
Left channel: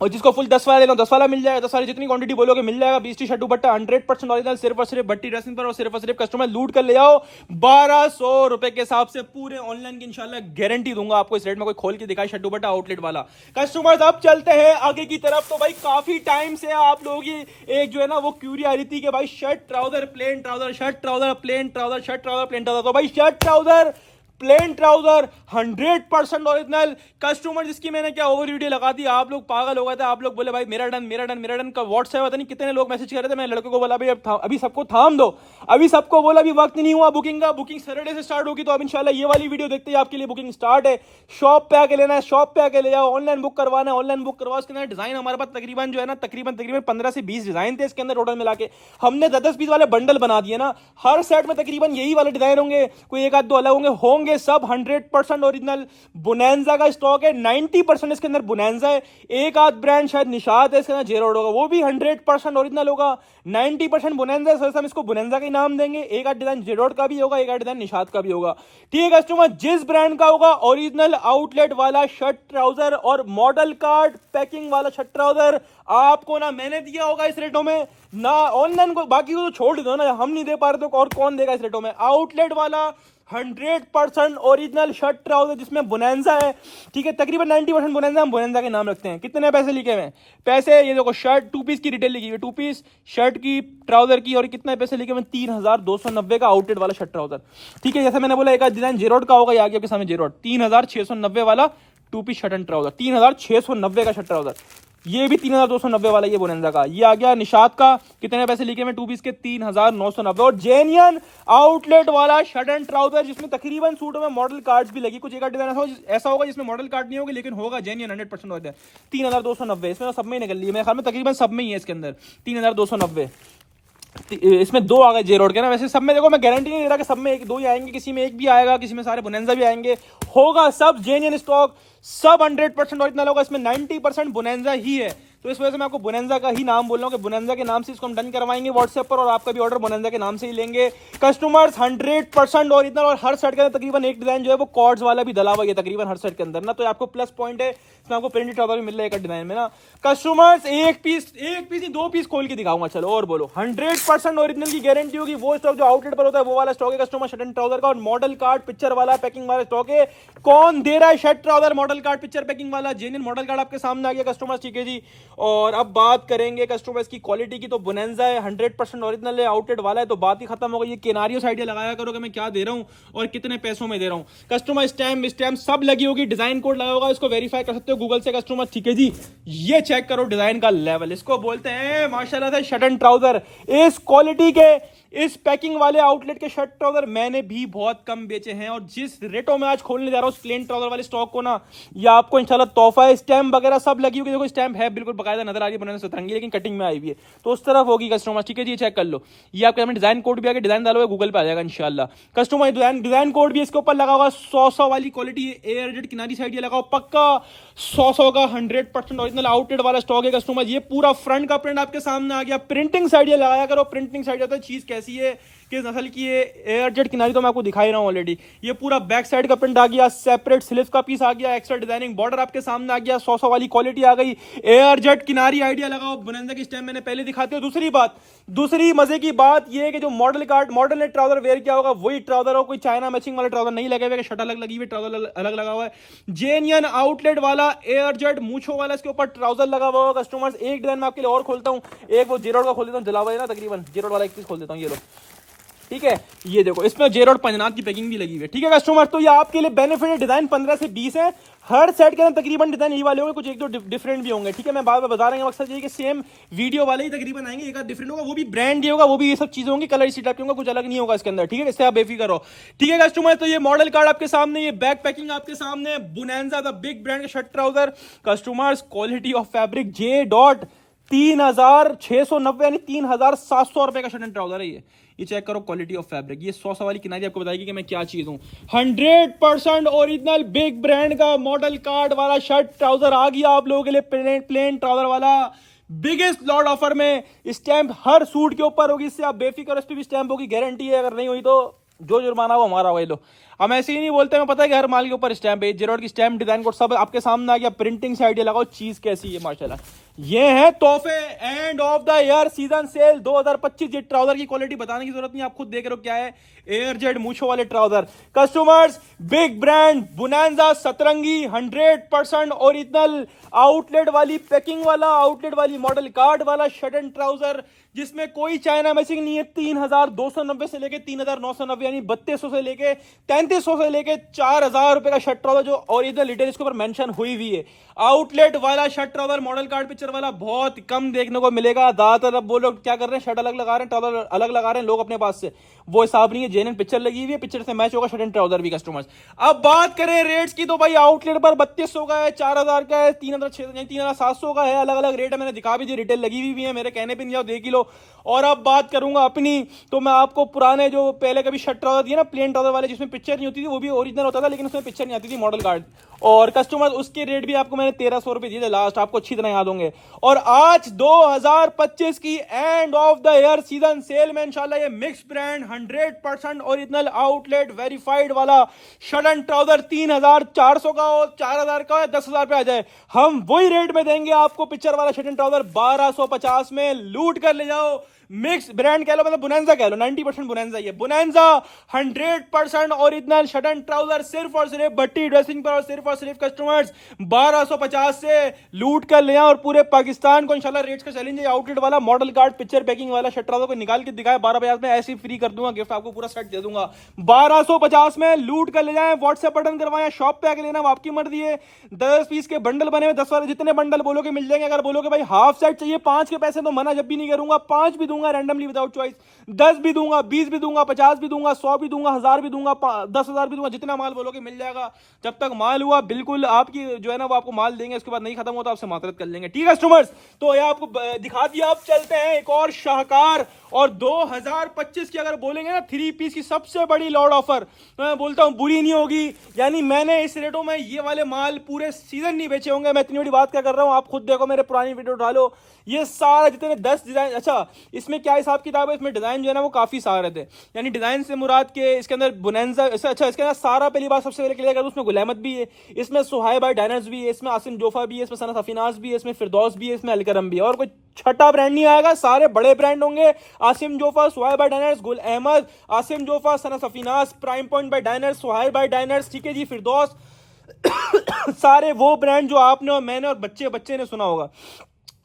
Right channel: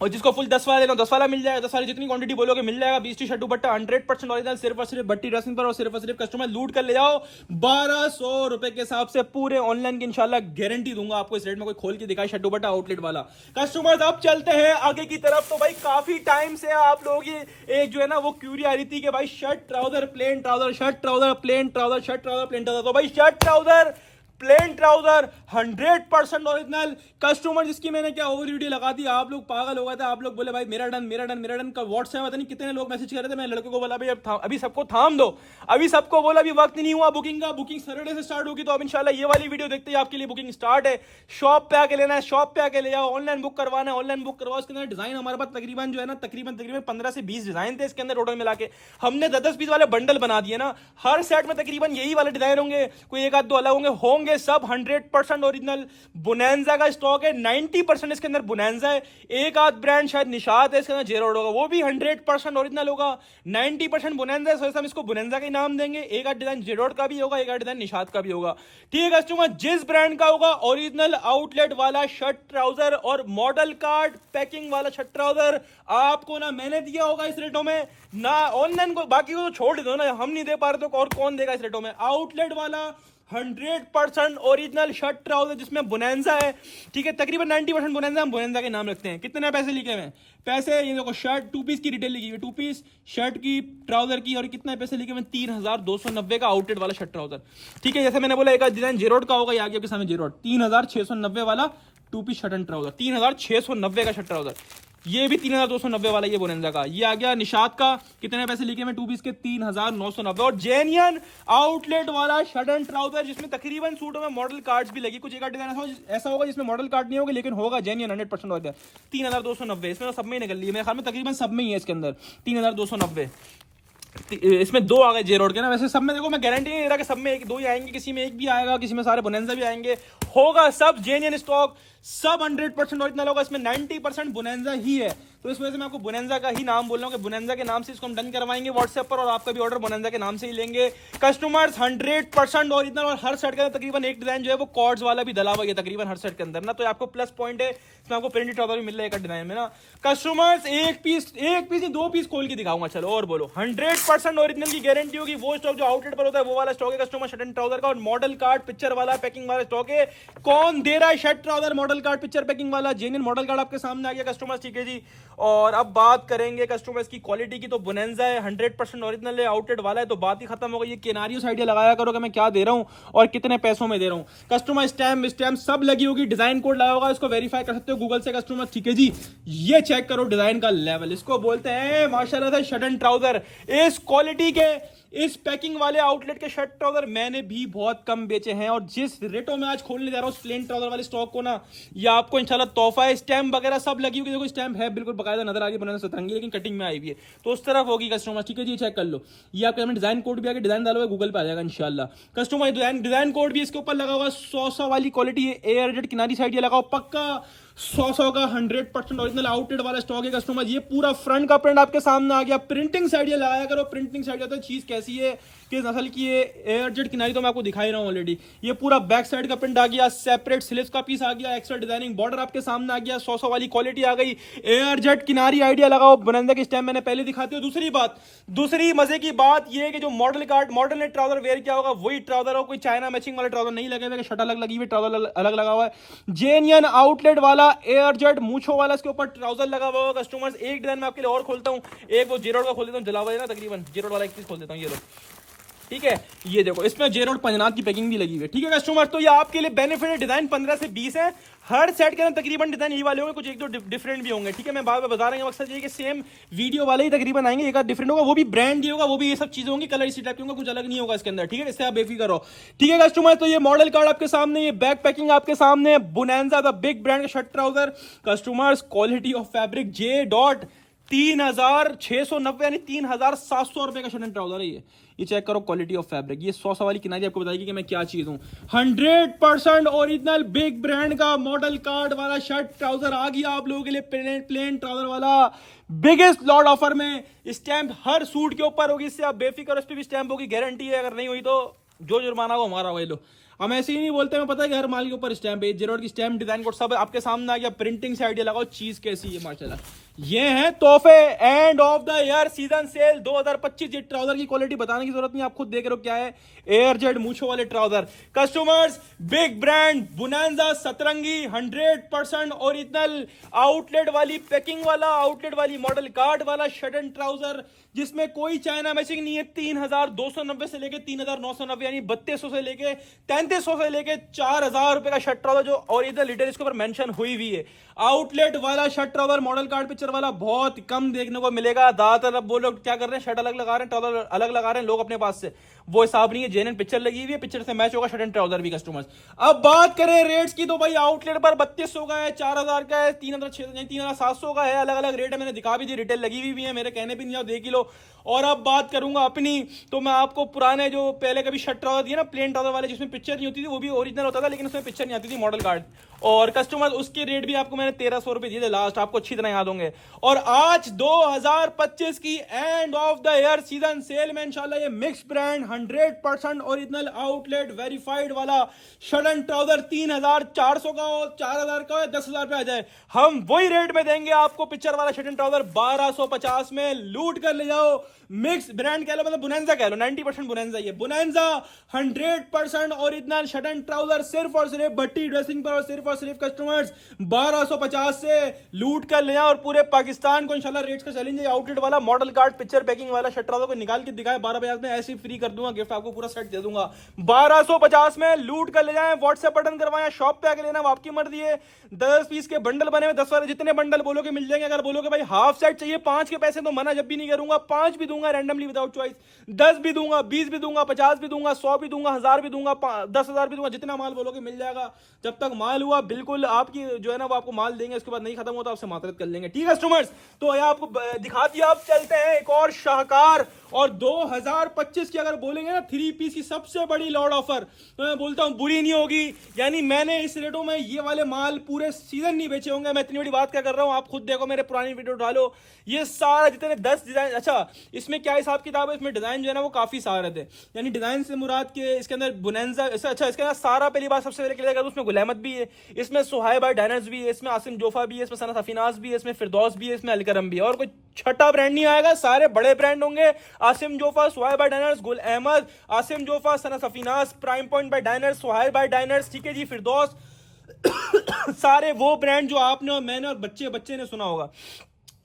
और जिसको फुल 10 वाला लेना 10 वाला मिल जाएगा, 10 वाली जितनी क्वांटिटी बोलोगे मिल जाएगा। 20 टी शर्ट दुपट्टा 100% ओरिजिनल सिर्फ और सिर्फ भट्टी ड्रेसिंग पर, और सिर्फ कस्टमर लूट कर ले जाओ 1200 रुपए के हिसाब से। पूरे ऑनलाइन की इंशाल्लाह गारंटी दूंगा आपको, इस रेट में कोई खोल के दिखाए शर्ट दुपट्टा आउटलेट वाला। कस्टमर्स अब चलते हैं आगे की तरफ। तो भाई काफी टाइम से आप लोगों की एक जो है ना वो क्यूरी आ रही थी कि भाई shirt trouser plane trouser, shirt trouser plane trouser, shirt trouser plane trouser. तो भाई shirt trouser plane trouser 100% original customer, जिसकी मैंने क्या ओवर वीडियो लगा दी, आप लोग पागल हो गए थे। आप लोग बोले भाई मेरा डन मेरा डन मेरा डन का व्हाट्सएप पता नहीं कितने लोग मैसेज कर रहे थे। मैं लड़के को बोला भाई अभी सबको थाम दो, अभी सबको बोला अभी वक्त नहीं हुआ बुकिंग का, बुकिंग सैटरडे से स्टार्ट होगी। तो अब इंशाल्लाह ये वाली वीडियो देखते ही आपके लिए बुकिंग स्टार्ट है। शॉप पे आके लेना है, शॉप पे आके ले जाओ, ऑनलाइन बुक करवाना है ऑनलाइन बुक करवाओ। उसके अंदर डिजाइन हमारे पास तकरीबन जो है ना तकरीबन 15 से 20 डिजाइन थे इसके अंदर टोटल मिला के। हमने 10 पीस वाले बंडल बना दिए ना, हर सेट में तकरीबन यही वाले डिजाइन होंगे, कोई एक आध दो अलग होंगे सब 100% ओरिजिनल। बोनेंजा का स्टॉक है, 90% इसके अंदर बोनेंजा है। एक आध ब्रांड शायद निशात है इसके अंदर जेरोड होगा, वो भी 100% ओरिजिनल होगा। 90% बोनेंजा है, हम इसको बोनेंजा के नाम देंगे। एक आध डिजाइन जेरोड का भी होगा, एक आध डिजाइन निशात का भी होगा, ठीक है कस्टमर। जिस ब्रांड का होगा ओरिजिनल आउटलेट वाला शर्ट ट्राउजर और मॉडल कार्ड पैकिंग वाला शर्ट ट्राउजर आपको ना मैंने दिया होगा इस रेटों में, ना ऑनलाइन को, बाकी को तो छोड़ दो ना, हम नहीं दे पा रहे तो और कौन देगा इस रेटों में। आउटलेट वाला 100% ओरिजिनल शर्ट ट्राउजर जिसमें बोनेंजा है, ठीक है, तकरीबन 90% बोनेंजा, हम बोनेंजा के नाम रखते हैं। कितने पैसे लिखे हुए हैं? पैसे ये देखो, शर्ट 2 पीस की रिटेल लिखी हुई है, 2 पीस शर्ट की, ट्राउजर की, और कितने पैसे लिखे हुए? 3290 का आउटलेट वाला शर्ट ट्राउजर, ठीक है। जैसे मैंने बोला एक डिजाइन जेरोड का होगा, ये आगे आपके सामने जेरोड, 3690 वाला 2 पीस शर्ट एंड ट्राउजर, 3690 का शर्ट ट्राउजर। ये भी 3290 वाला, ये बोनेंजा का। ये आ गया निशात का, कितने पैसे लिखे में 2 पीस के? 3990। और जेन्युइन आउटलेट वाला शर्ट एंड ट्राउजर जिसमें तकरीबन सूटों में मॉडल कार्ड्स भी लगी, कुछ एक डिजाइन ऐसा होगा जिसमें मॉडल कार्ड नहीं होगा, लेकिन होगा जेन्युइन 100% होता है। 3290 इसमें सब में ही निकल ली है, मेरे ख्याल में तकरीबन सब में ही है इसके अंदर 3290। इसमें 2 आ गए जे रोड के ना, वैसे सब में देखो मैं गारंटी नहीं दे रहा कि सब में एक 2 ही आएंगे, किसी में एक भी आएगा, किसी में सारे बोनेंजा भी आएंगे, होगा सब जेन्युइन स्टॉक, सब 100% ओरिजिनल होगा। इसमें 90% बोनेंजा ही है, तो इस वजह से मैं आपको बोनेंजा का ही नाम बोल रहा हूँ कि बोनेंजा के नाम से इसको हम डन करवाएंगे व्हाट्सएप पर, और आपका भी ऑर्डर बोनेंजा के नाम से ही लेंगे। कस्टमर्स 100% ओरिजिनल, और हर सेट के अंदर तकरीबन एक डिजाइन जो है वो कॉर्ड्स वाला भी डला हुआ है तकरीबन हर सेट के अंदर ना, तो आपको प्लस पॉइंट है, इसमें आपको प्रिंटेड ट्राउजर भी मिल रहा है एक डिजाइन में ना। कस्टमर्स एक पीस नहीं 2 पीस खोल के दिखाऊंगा, चलो और बोलो। 100% ओरिजिनल की गारंटी होगी। वो स्टॉक जो आउटलेट पर होता है वो वाला स्टॉक है कस्टमर शर्ट एंड ट्राउजर का, और मॉडल कार्ड पिक्चर वाला पैकिंग वाला स्टॉक है। कौन दे रहा है shirt trouser model card picture packing वाला? जेन्युइन मॉडल कार्ड आपके सामने आ गया कस्टमर्स, ठीक है जी। और अब बात करेंगे कस्टमर्स की क्वालिटी की, तो बोनेंजा है, 100% ओरिजिनल है, आउटलेट वाला है, तो बात ही खत्म हो गई। ये केनारियो आइडिया लगाया करो कि मैं क्या दे रहा हूं और कितने पैसों में दे रहा हूं। कस्टमर स्टैम्प सब लगी होगी, डिजाइन कोड लगा होगा, इसको वेरीफाई कर सकते हो गूगल से कस्टमर, ठीक है जी। ये चेक करो डिजाइन का लेवल, इसको बोलते हैं माशाल्लाह से शर्ट एंड ट्राउजर। इस क्वालिटी के, इस पैकिंग वाले आउटलेट के शर्ट ट्राउजर मैंने भी बहुत कम बेचे हैं, और जिस रेटों में आज खोलने जा रहा हूं उस प्लेन ट्राउजर वाले स्टॉक को ना, ये आपको इंशाल्लाह तोहफा है। स्टैम्प वगैरह सब लगी होगी, देखो स्टैम्प है बिल्कुल बकायदा नजर आ रही है, बनाने सतरंगी, लेकिन कटिंग में आई हुई है, तो उस तरफ होगी कस्टमर, ठीक है जी। चेक कर लो, ये आपके सामने डिजाइन कोड भी आ गया, डिजाइन डालोगे गूगल पे आ जाएगा इंशाल्लाह। कस्टमर डिजाइन कोड भी इसके ऊपर लगा हुआ, 100 वाली क्वालिटी, एयर किनारी साइड ये लगाओ पक्का 100 का 100% ओरिजिनल आउटलेट वाला स्टॉक है कस्टमर। ये पूरा फ्रंट का प्रिंट आपके सामने आ गया, प्रिंटिंग साइड ये लगाया करो, प्रिंटिंग साइड जाता है चीज कैसी है, किस नस्ल की है। एयरजेट किनारी तो मैं आपको दिखा ही रहा हूं ऑलरेडी। ये पूरा बैक साइड का प्रिंट आ गया, सेपरेट स्लीव्स का पीस आ गया, एक्स्ट्रा डिजाइनिंग बॉर्डर आपके सामने आ गया, 100 वाली क्वालिटी आ गई। एयरजेट किनारी आइडिया लगाओ, बोनेंजा की स्टैम्प मैंने पहले दिखाती हूँ। दूसरी मजे की बात यह है कि जो मॉडल ने ट्राउजर वेयर किया होगा वही ट्राउजर हो, कोई चाइना मैचिंग वाले ट्राउजर नहीं लगे हुए, शर्ट अलग लगी हुई, ट्राउजर अलग लगा हुआ है। जेन्युइन आउटलेट वाला एयरजेट मूछो वाला इसके ऊपर ट्राउजर लगा हुआ होगा कस्टमर्स। एक डिजाइन में आपके लिए और खोलता हूं, एक वो जेरोड का खोल देता हूं, जला हुआ है ना तकरीबन, जेरोड वाला एक चीज खोल देता हूं, ये लो, ठीक है। ये देखो इसमें जेरोड पंजनाथ की पैकिंग भी लगी हुई है, ठीक है कस्टमर। तो ये आपके लिए बेनिफिट है, डिजाइन 15 से 20 है, हर सेट के अंदर तकरीबन डिजाइन यही वाले होंगे, कुछ एक दो डिफरेंट भी होंगे, ठीक है। मैं बार बार बता रहा हूं, मकसद ये कि सेम वीडियो वाले ही तकरीबन आएंगे, एक आध डिफरेंट होगा, वो भी ब्रांड ही होगा, वो भी ये सब चीजें होंगी, कलर इसी टाइप के होंगे, कुछ अलग नहीं होगा इसके अंदर, ठीक है। इससे आप बेफिक्र रहो, ठीक है कस्टमर। तो ये मॉडल कार्ड आपके सामने, ये बैक पैकिंग आपके सामने, बोनेंजा द बिग ब्रांड का shirt trouser customers, quality of fabric J dot 3690 यानी 3700 रुपए का शर्ट एंड ट्राउजर है ये चेक करो क्वालिटी ऑफ फैब्रिक। ये 100 वाली किनारी आपको बताएगी कि मैं क्या चीज हूं। 100% ओरिजिनल बिग ब्रांड का मॉडल कार्ड वाला शर्ट ट्राउजर आ गया आप लोगों के लिए, प्लेन ट्राउजर वाला बिगेस्ट लॉट ऑफर में। स्टैंप हर सूट के ऊपर होगी, इससे आप बेफिक्र, इस पे भी स्टैंप होगी, गारंटी है। अगर नहीं हुई तो जो जुर्माना हो हमारा वही लो। हम ऐसे ही नहीं बोलते, मैं पता है कि हर माल के ऊपर स्टैंप है, जेरोड की स्टैंप, डिजाइन कोड सब आपके सामने आ गया, प्रिंटिंग से आइडिया लगाओ, चीज कैसी है माशाल्लाह। ये है तोहफे and of the year season cell 2025। ये ट्राउजर की क्वालिटी बताने की जरूरत नहीं, आप खुद देख रहे हो क्या है, एयरजेट मूछो वाले trouser customers, big brand bonanza सतरंगी, 100% ओरिजिनल आउटलेट वाली पैकिंग वाला, आउटलेट वाली मॉडल कार्ड वाला शर्ट एंड ट्राउजर जिसमें कोई चाइना मैचिंग नहीं है। 3290 से लेके 3990 यानी 3200 से लेके 3300 से लेके 4000 रुपए का शर्ट ट्राउजर जो ओरिजिनल डिटेल इसके ऊपर मेंशन हुई हुई है। आउटलेट वाला shirt trouser model card picture वाला बहुत कम देखने को मिलेगा। ज्यादातर अब वो लोग क्या कर रहे हैं, शर्ट अलग लगा रहे हैं, ट्राउजर अलग लगा रहे हैं लोग अपने पास से, वो हिसाब नहीं है। जेन्युइन पिक्चर लगी हुई है, पिक्चर से मैच होगा शर्ट एंड ट्राउजर भी कस्टमर्स। अब बात करें रेट्स की तो भाई आउटलेट पर 3200 का है, 4000 का है, 3600 3700 का है, अलग अलग रेट है। मैंने दिखा भी दी, रिटेल लगी हुई भी है, मेरे कहने पे नहीं आओ देख ही लो। और अब बात करूंगा अपनी, तो मैं आपको पुराने जो पहले कभी शर्ट ट्राउजर दिए ना, प्लेन ट्राउजर वाले जिसमें पिक्चर नहीं होती थी, वो भी ओरिजिनल होता था लेकिन उसमें पिक्चर नहीं आती थी, मॉडल कार्ड, और कस्टमर उसके रेट भी आपको मैंने मैंने 1300 रुपए दिए थे लास्ट, आपको अच्छी तरह याद होंगे। और आज 2025 की and of the year season cell में इंशाल्लाह ये mix brand 100% original outlet verified वाला शर्ट एंड ट्राउजर 3400 का हो, 4000 का हो, 10,000 पे आ जाए, हम वही रेट में देंगे आपको। पिक्चर वाला शर्ट एंड ट्राउजर 1250 में लूट कर ले जाओ। मिक्स ब्रांड कह लो, मतलब बुनेंजा कह लो, 90% बुनेंजा, ये बुनेंजा 100% ओरिजिनल शर्ट एंड ट्राउजर सिर्फ और सिर्फ भट्टी ड्रेसिंग पर, और सिर्फ कस्टमर्स 1250 से लूट कर ले और पूरे पाकिस्तान को इंशाल्लाह रेट्स का चैलेंज है। आउटलेट वाला मॉडल कार्ड पिक्चर पैकिंग वाला शर्ट ट्राउजर को निकाल के दिखाए 1250 में, ऐसे ही फ्री कर दूंगा गिफ्ट, आपको पूरा सेट दे दूंगा 1250 में। लूट कर ले जाए, व्हाट्सएप बटन करवाएं, शॉप पे आके लेना, आपकी मर्जी है। 10 पीस के बंडल बने हुए, 10 वाले जितने बंडल बोलोगे मिल जाएंगे। अगर बोलोगे भाई हाफ सेट चाहिए 5 के पैसे, तो मना जब भी नहीं करूंगा, 5 भी दूंगा रैंडमली विदाउट चॉइस, 10 भी दूंगा, 20 भी दूंगा, 50 भी दूंगा, 100 भी दूंगा, 1000 भी दूंगा, 10,000 भी दूंगा, जितना माल बोलोगे मिल जाएगा। जब तक माल हुआ बिल्कुल आपकी जो है ना वो आपको माल देंगे, उसके बाद नहीं खत्म हो तो आपसे मातरत कर लेंगे, ठीक है कस्टमर्स। तो ये आपको दिखा दिया। अब चलते हैं एक और शाहकार और 2025 की अगर बोलेंगे ना 3 पीस की सबसे बड़ी लॉट ऑफर, तो मैं बोलता हूं बुरी नहीं होगी। यानी मैंने इस रेटों में ये वाले माल पूरे सीजन नहीं बेचे होंगे। मैं इतनी बड़ी बात क्या कर रहा हूं, आप खुद देखो, मेरे पुरानी वीडियो डालो, ये सारे जितने 10 डिजाइन, अच्छा इसमें क्या हिसाब किताब है, इसमें डिजाइन जो है ना वो काफी सारे थे। यानी डिजाइन से मुराद के इसके अंदर बुनेंजा, अच्छा इसके अंदर सारा, पहली बात सबसे पहले क्लियर कर दूं, उसमें गुल अहमद भी है, इसमें सुहाइब बाय डायनर्स भी है, इसमें आसिम जोफा भी है, इसमें सना सफीनाज भी है, इसमें फिरदौस भी है, इसमें अलकरम भी है, और कोई छठा ब्रांड नहीं आएगा, सारे बड़े ब्रांड होंगे। Asim Jofa, Suhaib by Diners, Gul Ahmed, Asim Jofa, Sana Safinaz, prime point by Diners, Suhaib by Diners, ठीक है जी, फिरदौस सारे वो ब्रांड जो आपने और मैंने और बच्चे ने सुना होगा,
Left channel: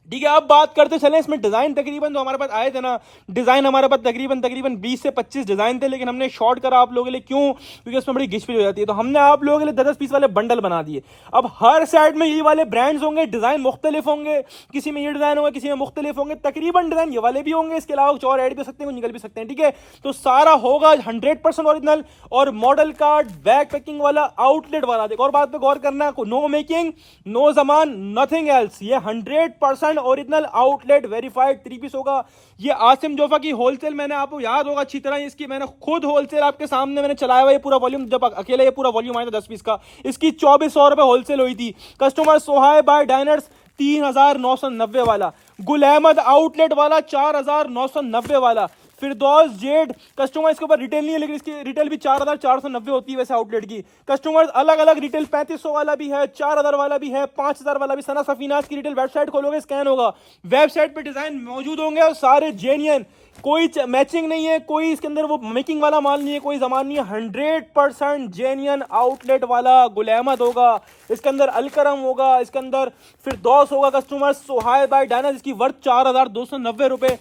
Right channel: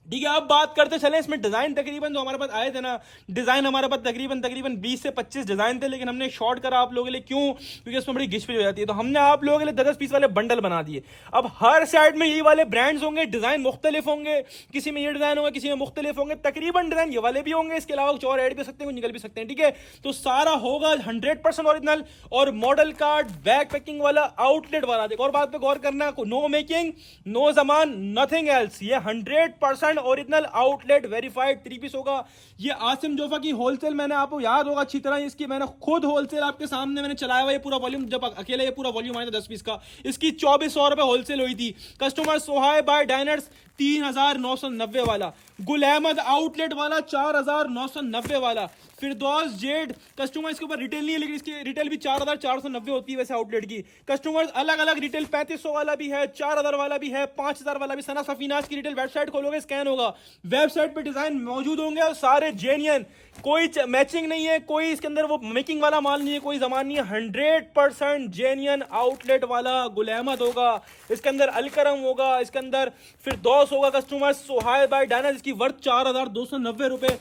ठीक है। अब बात करते चले इसमें डिजाइन तकरीबन जो हमारे पास आए थे ना, डिजाइन हमारे पास तकरीबन 20 से 25 डिजाइन थे, लेकिन हमने शॉर्ट करा आप लोगों के लिए, क्यों? क्योंकि इसमें बड़ी घिस हो जाती है, तो हमने आप लोगों के लिए 10 पीस वाले बंडल बना दिए। अब हर साइड में ये वाले ब्रांड्स होंगे, डिजाइन मुख्तलिफ होंगे, किसी में ये डिजाइन होगा, किसी में मुख्तलिफ होंगे, तकरीबन डिजाइन ये वाले भी होंगे, इसके अलावा कुछ और ऐड भी सकते हैं, निकल भी सकते हैं, ठीक है। तो सारा होगा 100% ओरिजिनल और मॉडल कार्ड बैक पैकिंग वाला आउटलेट वाला। देखो और बात पे गौर करना, नो मेकिंग, नो जमान, नथिंग एल्स, ये 100% ओरिजिनल आउटलेट वेरीफाइड 3 पीस होगा। ये आसिम जोफा की होलसेल, मैंने आपको याद होगा अच्छी तरह, इसकी मैंने खुद होलसेल आपके सामने मैंने चलाया हुआ, ये पूरा वॉल्यूम, जब अकेले ये पूरा वॉल्यूम आया था 10 पीस का, इसकी 2400 रुपए होलसेल हुई थी। कस्टमर सोहाइब बाय डायनर्स 3990 वाला, गुल अहमद आउटलेट वाला 4990 वाला, फिरदौस जेड कस्टमर, इसके ऊपर रिटेल नहीं है लेकिन इसकी रिटेल भी 4490 होती है वैसे आउटलेट की। कस्टमर्स अलग अलग रिटेल 3500 वाला भी है, 4000 वाला भी है, 5000 वाला भी। सना सफीनाज की रिटेल वेबसाइट खोलोगे स्कैन होगा, वेबसाइट पे डिजाइन मौजूद होंगे और सारे जेन्युइन, कोई मैचिंग नहीं है, कोई इसके अंदर वो मेकिंग वाला माल नहीं है, कोई जमान नहीं है, 100% जेन्युइन आउटलेट वाला। गुल अहमद होगा इसके अंदर, अलकरम होगा इसके अंदर, फिरदौस होगा कस्टमर, सोहाइब बाय डायनर्स, इसकी वर्थ 4290 रुपए,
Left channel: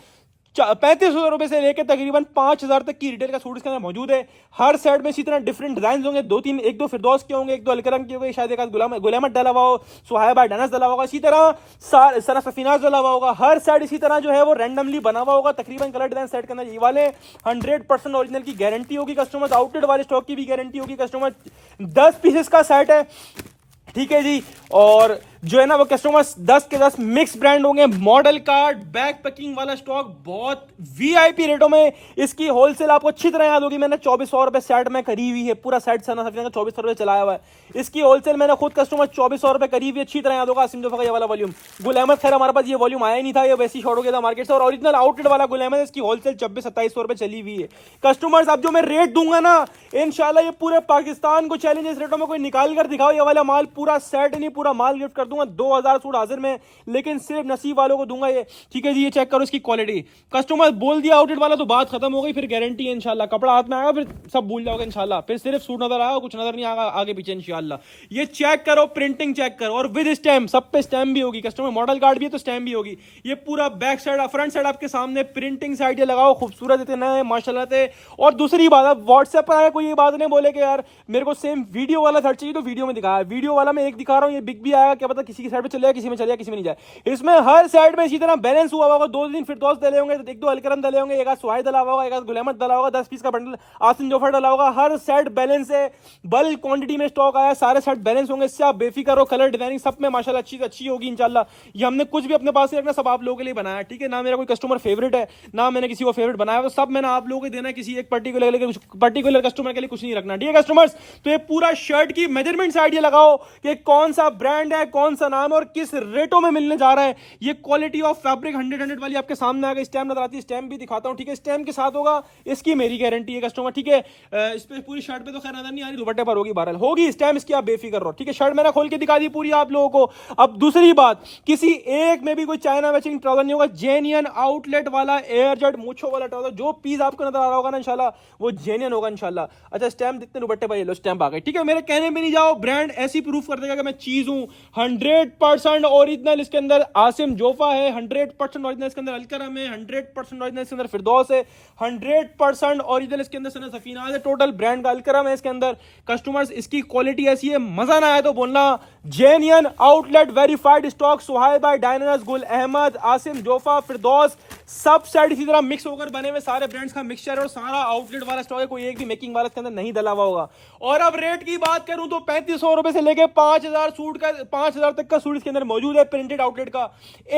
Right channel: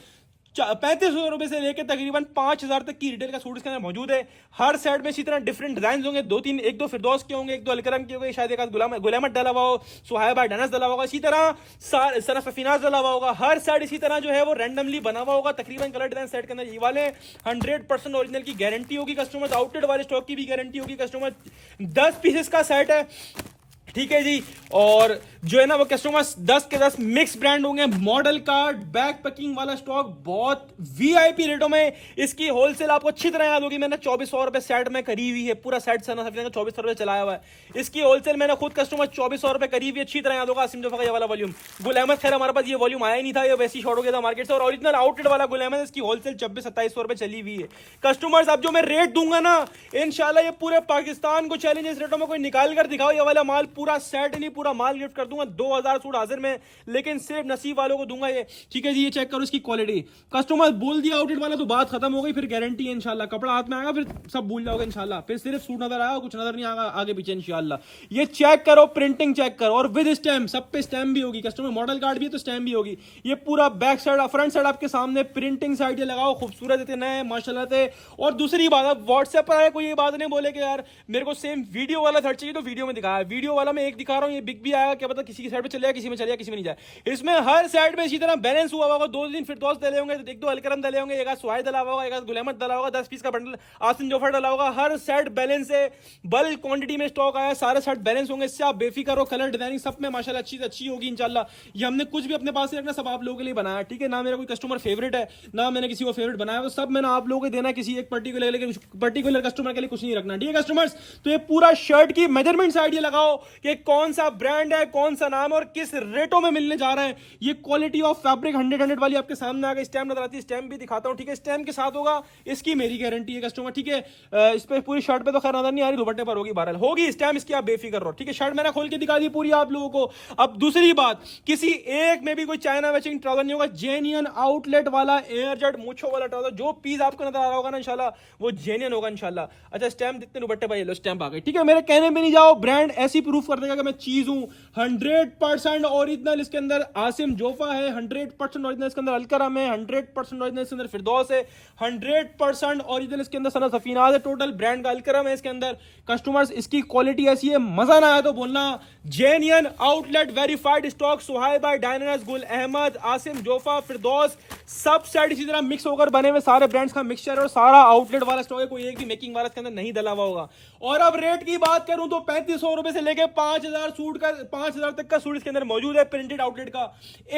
3500 रुपए से लेकर तकरीबन 5000 तक की रिटेल का सूट इसके अंदर मौजूद है। हर सेट में इसी तरह डिफरेंट डिजाइन होंगे, एक दो फिरदौस के होंगे, एक दो अलकरम के होंगे, शायद एक गुल अहमद डाला हुआ हो, सुहाइब बाय डायनर्स डाला होगा, इसी तरह सना सफीनाज डाला हुआ होगा। हर सेट इसी तरह जो है वो रैंडमली बना हुआ होगा। तकरीबन कलर डिजाइन सेट के अंदर ये वाले 100% ओरिजिनल की गारंटी होगी कस्टमर, आउटलेट वाले स्टॉक की भी गारंटी होगी कस्टमर। 10 पीसेस का सेट है, ठीक है जी। और जो है ना वो कस्टमर्स 10 के 10 मिक्स ब्रांड होंगे, मॉडल कार्ड बैक पैकिंग वाला स्टॉक, बहुत वीआईपी रेटों में। इसकी होलसेल आपको अच्छी तरह याद होगी, मैंने 2400 रुपए सेट में करी हुई है, पूरा सेट सना सकते हैं 2400 रुपए चलाया हुआ है। इसकी होलसेल मैंने खुद कस्टमर 2400 रुपए करी हुई, अच्छी तरह याद होगा। आसिम जोफा का ये वाला वॉल्यूम, गुल अहमद खैर हमारे पास ये वॉल्यूम आया नहीं था, ये वैसी शॉर्ट हो गया था मार्केट से। और ओरिजिनल आउटलेट वाला गुल अहमद, इसकी होलसेल 2600-2700 रुपए चली हुई है कस्टमर्स। अब जो मैं रेट दूंगा ना इंशाल्लाह ये पूरे पाकिस्तान को चैलेंज, इस रेटों में कोई निकाल कर दिखाओ, ये वाला माल पूरा सेट नहीं पूरा माल गिफ्ट कर दूंगा। 2000 सूट हाजिर में, लेकिन सिर्फ नसीब वालों को दूंगा ये, ठीक है जी। ये चेक करो इसकी क्वालिटी, कस्टमर बोल दिया आउटलेट वाला तो बात खत्म हो गई, फिर गारंटी है इंशाल्लाह। कपड़ा हाथ में आएगा फिर सब भूल जाओगे इंशाल्लाह, फिर सिर्फ सूट नजर आएगा, कुछ नजर नहीं आएगा आगे पीछे इंशाल्लाह। ये चेक करो, प्रिंटिंग चेक करो, और विद स्टैम्प, सब पे स्टैम्प भी होगी कस्टमर, मॉडल कार्ड भी है तो स्टैम्प भी होगी। ये पूरा बैक साइड फ्रंट साइड आपके सामने, प्रिंटिंग साइड ये लगाओ, खूबसूरत इतना है माशाल्लाह से। और दूसरी बात, अब व्हाट्सएप पर आए कोई ये बात नहीं बोले कि यार मेरे को सेम वीडियो वाला शर्ट चाहिए तो वीडियो में दिखाया, वीडियो वाला मैं एक दिखा रहा हूँ, ये बिग भी आएगा क्या पता, किसी की साइड पे चले जाए, किसी में चले जाए, किसी में नहीं जाए। इसमें हर साइड में इसी तरह बैलेंस हुआ होगा, 2 फिरदौस डले होंगे, एक दो अलकरम डले होंगे, एक सुहाइब डला होगा, एक गुल अहमद डला होगा, 10 पीस का बंडल आसिम जोफर डला होगा। हर सेट बैलेंस है, बल्क क्वांटिटी में स्टॉक आया, सारे सेट बैलेंस होंगे, इससे आप बेफिक्र हो। कलर डिजाइनिंग सब में माशाल्लाह अच्छी होगी इंशाल्लाह। ये हमने कुछ भी अपने पास नहीं रखना, सब आप लोगों के लिए बनाया, ठीक है। ना मेरा कोई कस्टमर फेवरेट है, ना मैंने किसी को फेवरेट बनाया, तो सब मैंने आप लोगों को देना है, किसी एक पर्टिकुलर कस्टमर के लिए कुछ नहीं रखना, ठीक है कस्टमर्स। तो ये पूरा शर्ट की मेजरमेंट साइड ये लगाओ कि कौन सा ब्रांड है, कौन कौन सा नाम है और किस रेटों में मिलने जा रहा है। ये क्वालिटी ऑफ फैब्रिक 100 वाली आपके सामने आ गई। स्टैम्प नजर आती है, स्टैम्प भी दिखाता हूँ, ठीक है। स्टैम्प के साथ होगा, इसकी मेरी गारंटी है कस्टमर, ठीक है। इस पे पूरी शर्ट पे तो खैर नजर नहीं आ रही, दुपट्टे पर होगी, बहरहाल होगी स्टैम्प इसकी, आप बेफिक्र रहो, ठीक है। शर्ट मैंने खोल के दिखा दी पूरी आप लोगों को। अब दूसरी बात, किसी एक में भी कोई चाइना मैचिंग ट्राउजर नहीं होगा, जेन्युइन आउटलेट वाला एयर जेट मूछों वाला ट्राउजर। जो पीस आपको नजर आ रहा होगा ना इंशाल्लाह वो जेन्युइन होगा इंशाल्लाह। अच्छा स्टैम्प जितने दुपट्टे पर ये लो स्टैम्प आ गई, ठीक है। मेरे कहने में नहीं जाओ, ब्रांड ऐसी प्रूफ कर देगा कि मैं चीज हूं। 100% ओरिजिनल इसके अंदर आसिम जोफा है, 100% ओरिजिनल इसके अंदर अलकरम है, 100% ओरिजिनल इसके अंदर फिरदौस है, 100% ओरिजिनल इसके अंदर सना सफीनाज है। टोटल ब्रांड का अलकरम है इसके अंदर। कस्टमर्स इसकी क्वालिटी ऐसी है, मजा ना आया तो बोलना। Genuine outlet verified stock, Suhaib by Diners, Gul Ahmed, Asim Jofa, फिरदौस, सब सेट इसी तरह मिक्स होकर बने हुए सारे ब्रांड्स का मिक्सचर और सारा आउटलेट वाला स्टॉक है, कोई एक भी मेकिंग वाला इसके अंदर नहीं डला हुआ होगा। और अब रेट की बात करूं तो 3500 रुपए से लेके 5000 सूट का 5000 तक का सूट इसके अंदर मौजूद है प्रिंटेड आउटलेट का।